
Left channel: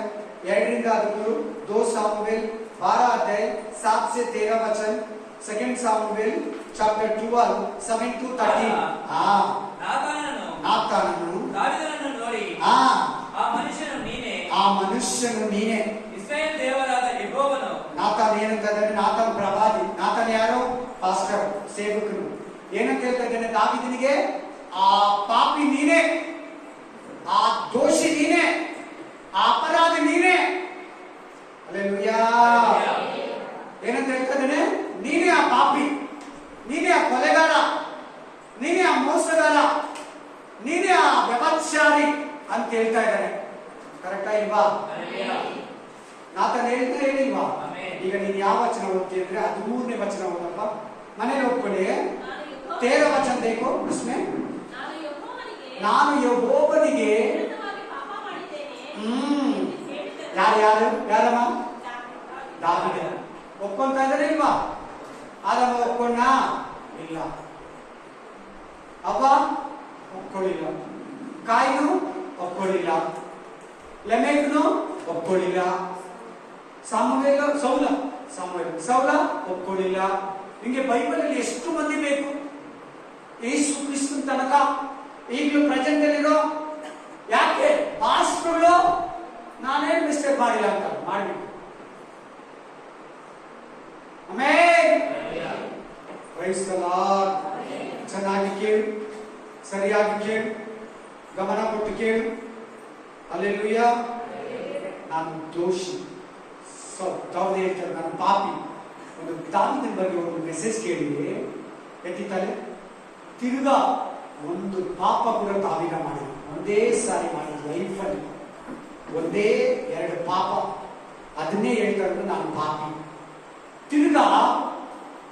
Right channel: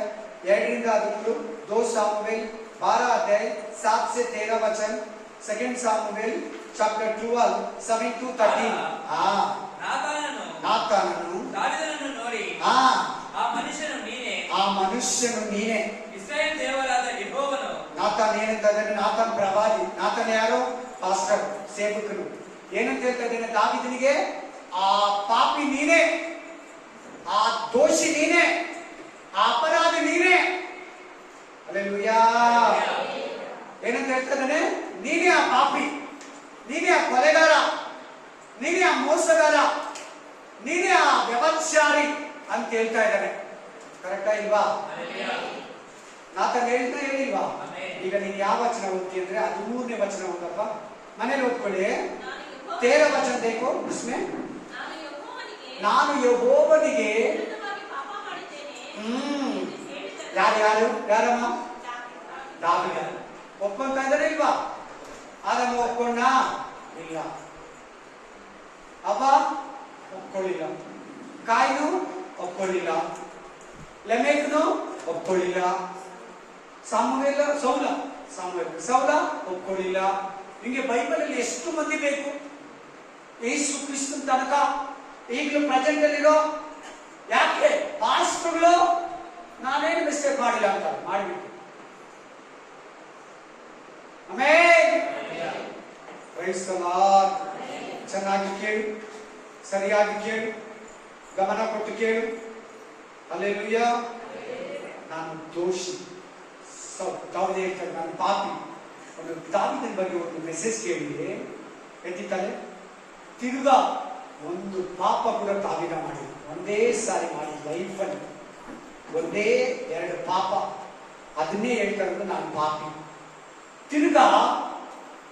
2ರಿಂದ 13, 2 ಸಾಮುವೇಲ್ 12 ಅಧ್ಯಾಯ 7 से 13 वचन, 2 ಸಾಮುವೇಲ್ chapter 12 7 to 13. ನಾತಾನನು ದಾವೀದನನ್ನು ನೋಡಿ, ಆ ಮನುಷ್ಯನು ನೀನೇ, ಇಸ್ರಾಯೇಲ್ ದೇವರಾದ ಯೆಹೋವನು. ನಾತಾನ್ ಏನಂತ ಇದ್ದಾನೆ? ನಾತಾನ್ ಪ್ರವಾದಿ. ನಾತಾನ್ ಯಾರು? ಪಾಸ್ಟರ್, ಸೇವಕರು. ಏನಂತ ಹೇಳ್ತಾ ಇದ್ದಾನೆ ದಾವೀದನಿಗೆ? ಆ ಪಾಪಿ ನೀನೇ, ಆ ದೋಷಿ ನೀನೇ, ಆ ಅಪರಾಧಿ ನೀನೇ. ಹಲ್ಲೆಲೂಯಾ. ಏನಂತ ಹೇಳ್ತಾ ಇದ್ದಾನೆ? ನೀನೇ ಆ ಪಾಪಿ, ನೀನೇ ಆ ಕೊಲೆಗಾರ, ನೀನೇ ಆ ಮೋಸಗಾರ, ನೀನೇ ಆ ವ್ಯಭಚಾರಿ ಅಂತ ಹೇಳ್ತಾ ಇದ್ದಾನೆ. ಕರೆಕ್ಟಾ ಇಲ್ವಾ? ನಾತನ್ ಹೇಳಿಲ್ವಾ? ಈಗ ನೀನ್ ಯಾವ ವಚನ ಓದ್ತಿ ಅಂದ್ರೆ 13ನೇ ವಚನ ಓದಪ್ಪ, ಮನೇಲಿ ಓದ್ಕೊಳ್ಳಿ. 13 ವಚನ देखो, इसमें ನಾನು ಯೆಹೋವನಿಗೆ ಯಾರಮ್ಮ? ದಾವೀದ. ಒಪ್ಕೊಂತ ಇದ್ದಾರೆ ಇಲ್ವಾ? ಆದಮ ಒಪ್ಕೊಂಡ? ಇಲ್ಲ. ಅವ್ವ ಒಪ್ಕೊಳ್ಳಿಲ್ಲ, ಕಾಯಿನು ಒಪ್ಕೊಳ್ಳಿಲ್ಲ, ಲೆಮೆಕ್ನು ಒಪ್ಕೊಳ್ಳಿಲ್ಲ, ಸೌಲ ಒಪ್ಕೊಳ್ಳಿಲ್ಲ. ನಿಂಗೆ ಬೈಬಲ್ ಅಲ್ಲಿ ಎಷ್ಟು ಮಂದಿ ಬೇಕು? ಯೇಸು ಕ್ರಿಸ್ತನ ತನಕ ಈಗಲೂ ಪ್ರೆಸೆಂಟ್ ಅಲ್ಲಿರೋ. ಯಾಕೆ ಪಾಸ್ಟರ್ಗಳು ನಾನೇನು ಮಿಸ್ಟೇಕ್ ಮಾಡಿಲ್ಲ ಅಂತ ಮಾಡ್ಬಿಟ್ಟು. ಆಮೇಲೆ ಪ್ರೈಸ್ ದಿ ಲಾರ್ಡ್. ಚೆನ್ನಾಗಿ ಕೇಳು, ಸರಿಯಾಗಿ ಕೇಳು, ಗಮನ ಕೊಟ್ಟು ಕೇಳು. ಹಲ್ಲೆಲೂಯಾ. ನಾನು ದೋಷಿ, ದಾವೀದ ಹೇಳ್ತಾರೆ ನಾನು ಪಾಪಿ. ಒಂದು ದಾವೀದನ ಬಗ್ಗೆ ಒಂದು ಮೆಸೇಜ್ ಕೇಳಿ ಎತ್ತಿತಾರೆ. ತಿರುಗಾ ಒಂದು ಪಾಪ ಕೂಡ ತಾವಿನ ಮಾಡಿಲ್ಲ. ಒಂದೇ ಸಾರಿ ಮಾಡಿ ಲೈಫಲ್ಲಿ ಒಂದೇ 2 ಪಾಪ. ಅದನ್ನೇ ಹೇಳ್ತಾರೆ ನಾನು ಪಾಪಿ. ತಿರ್ಗಾ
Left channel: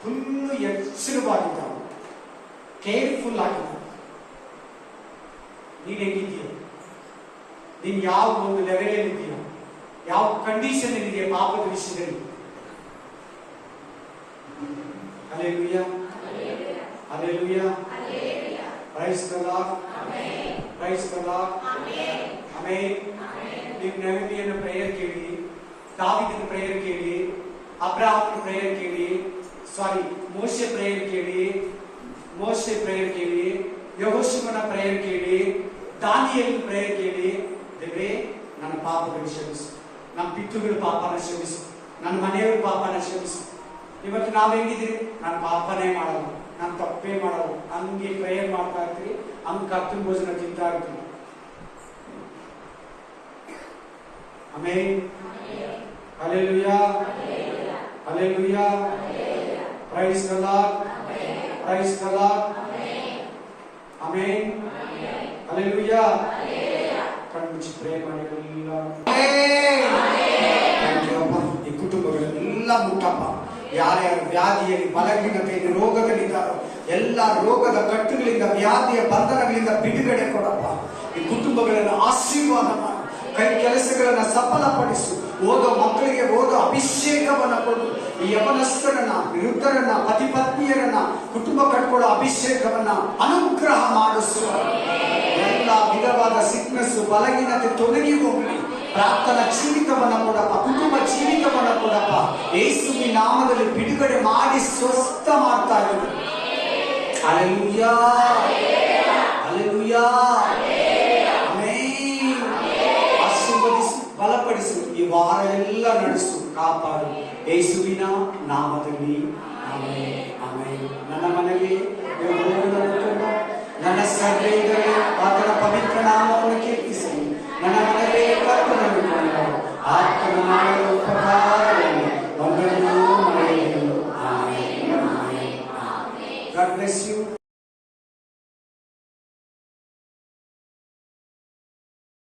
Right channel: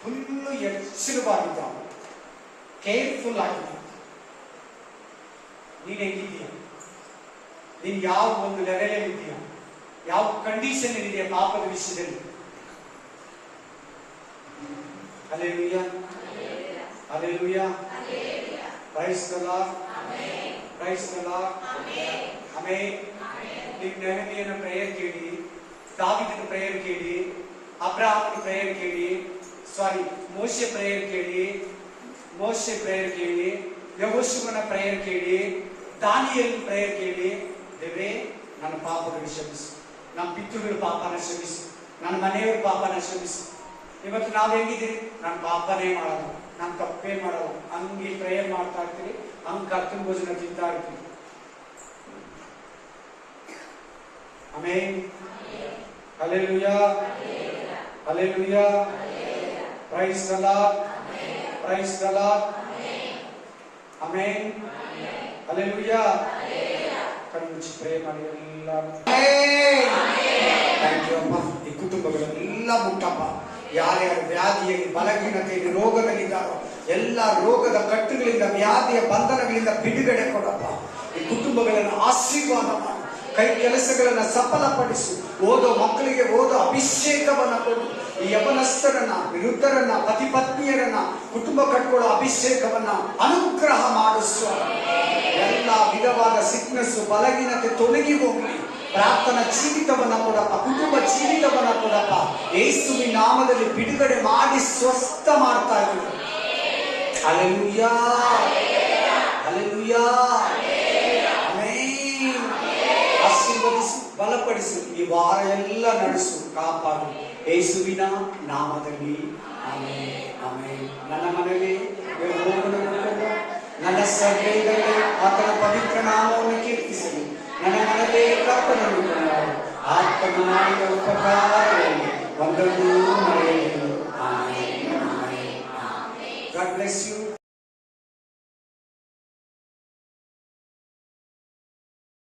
ಫುಲ್ಲು ಎಚ್ಚರವಾಗಿದ್ದ, ಕೇರ್ಫುಲ್ ಆಗಿದ್ದ. ನೀನ್ ಹೆಂಗಿದೀಯ? ನೀನ್ ಯಾವ ಒಂದು ಲೆವೆಲ್ ಇದೆಯಾ? ಯಾವ ಕಂಡೀಷನ್ ಇದೆಯಾ ಪಾಪದ ವಿಷಯದಲ್ಲಿ? Hallelujah, hallelujah, praise the lord, praise the lord, amen. ನೀವು ನೆಹಮಿಯನ ಪ್ರೇಯರ್ ಕೇಳಿ, ದಾವೀದನ ಪ್ರೇಯರ್ ಕೇಳಿ, ಅಬ್ರಹಾಮನ ಪ್ರೇಯರ್ ಕೇಳಿ, ಮೋಶೆ ಪ್ರೇಯರ್ ಕೇಳಿ, ಯೆಹೋಶುವನ ಪ್ರೇಯರ್ ಕೇಳಿ, ದಾನಿಯೇಲನ ಪ್ರೇಯರ್ ಕೇಳಿ. ದೇವರೇ, ನನ್ನ ಪಾಪಗಳನ್ನು ಕ್ಷಮಿಸು, ನಮ್ಮ ಪಿತೃಗಳ ಪಾಪನ ಕ್ಷಮಿಸು, ನನ್ನ ಮನೆಯವರ ಪಾಪನ ಕ್ಷಮಿಸು. ಇವತ್ತು ನಾವ್ ಹೆಂಗಿದ್ದೀರಿ? ನಾನು ಪಾಪನೇ ಮಾಡೋದು, ನಾನು ತಪ್ಪೇ ಮಾಡೋದು, ಹಂಗೆ ಪ್ರೇಯರ್ ಮಾಡ್ತಾ ಇರ್ತೀವಿ, ಹಂಗೆ ಕರ್ತನ ಭೋಜನ ತಿಂತಾ ಇರ್ತೀವಿ. Amen, hallelujah, hallelujah, praise the lord, praise the lord, amen, hallelujah. ಕಣ್ಣು ಪ್ರೇ ಮಾಡಿ ಎಲ್ಲ ಥ್ಯಾಂಕ್ ಯು ಅಪ್ಪ. ಈ ಕುಟುಂಬಗಳೆಲ್ಲ ಮುಟ್ಟಪ್ಪ. ಯಾರ್ಯಾರ ವ್ಯಾಧಿಯಲ್ಲಿ, ಬಲಹೀನತೆಯಲ್ಲಿ, ರೋಗದಲ್ಲಿದ್ದಾರೋ ಎಲ್ಲ ರೋಗದ ಕಟ್ಟುಗಳಿಂದ, ವ್ಯಾಧಿಯ ಬಂಧನಗಳಿಂದ ಬಿಡುಗಡೆ ಕೊಡಪ್ಪ. ಈ ಕುಟುಂಬಗಳನ್ನು ಆಶೀರ್ವಾದ ಮಾಡು, ಕೈ ಕೆಲಸಗಳನ್ನ ಸಫಲಪಡಿಸು. ಓದೋ ಮಕ್ಕಳಿಗೆ ಓದೋ ಅಭಿಷೇಕವನ್ನ ಕೊಡು. ಈ ಯವನಸ್ಥರನ್ನ, ವೃದ್ಧರನ್ನ, ಪತಿ ಪತ್ನಿಯರನ್ನ, ಕುಟುಂಬ ಕಟ್ಕೊಳ್ಳೋ ಅಭಿಷೇಕವನ್ನ ಅನುಗ್ರಹ ಮಾಡಿಸು. ಎಲ್ಲ ವಿಧವಾದ ಸಿಕ್ನೆಸ್, ಬಲಹೀನತೆ ತೊಲಗಿ ಹೋಗಲಿ. ಪ್ರಾರ್ಥನಾ ಜೀವಿತವನ್ನ ಕೊಡಪ್ಪ, ಕುಟುಂಬ ಜೀವಿತವನ್ನ ಕೊಡಪ್ಪ. ಯೇಸುವಿನ ನಾಮದಲ್ಲಿ ಬಿಡುಗಡೆ ಮಾಡಿ ಸ್ವಸ್ಥ ಮಾಡ್ತಾ ಇದ್ದೀವಿ. Hallelujah, hallelujah, amen. ಆಶೀರ್ವದಿಸು, ಬಲಪಡಿಸು, ಈ ವಾರ ಎಲ್ಲ ನಡೆಸು, ಕಾಪಾಡು. ಯೇಸುವಿನ ನಾಮದಲ್ಲಿ ಆಮೆನ್, ಆಮೆನ್. ನನ್ನ ಮನೆಗೆ ನನ್ನ ಸಭೆಯಲ್ಲಿ ಆತನ ಪವಿತ್ರ ನಾಮವನ್ನು ಕೀರ್ತಿಸಲಿ. ನನ್ನ ಮನವೇ ಕರ್ತನನ್ನು ಕೊಂಡಾಡು. ಆತ್ಮನ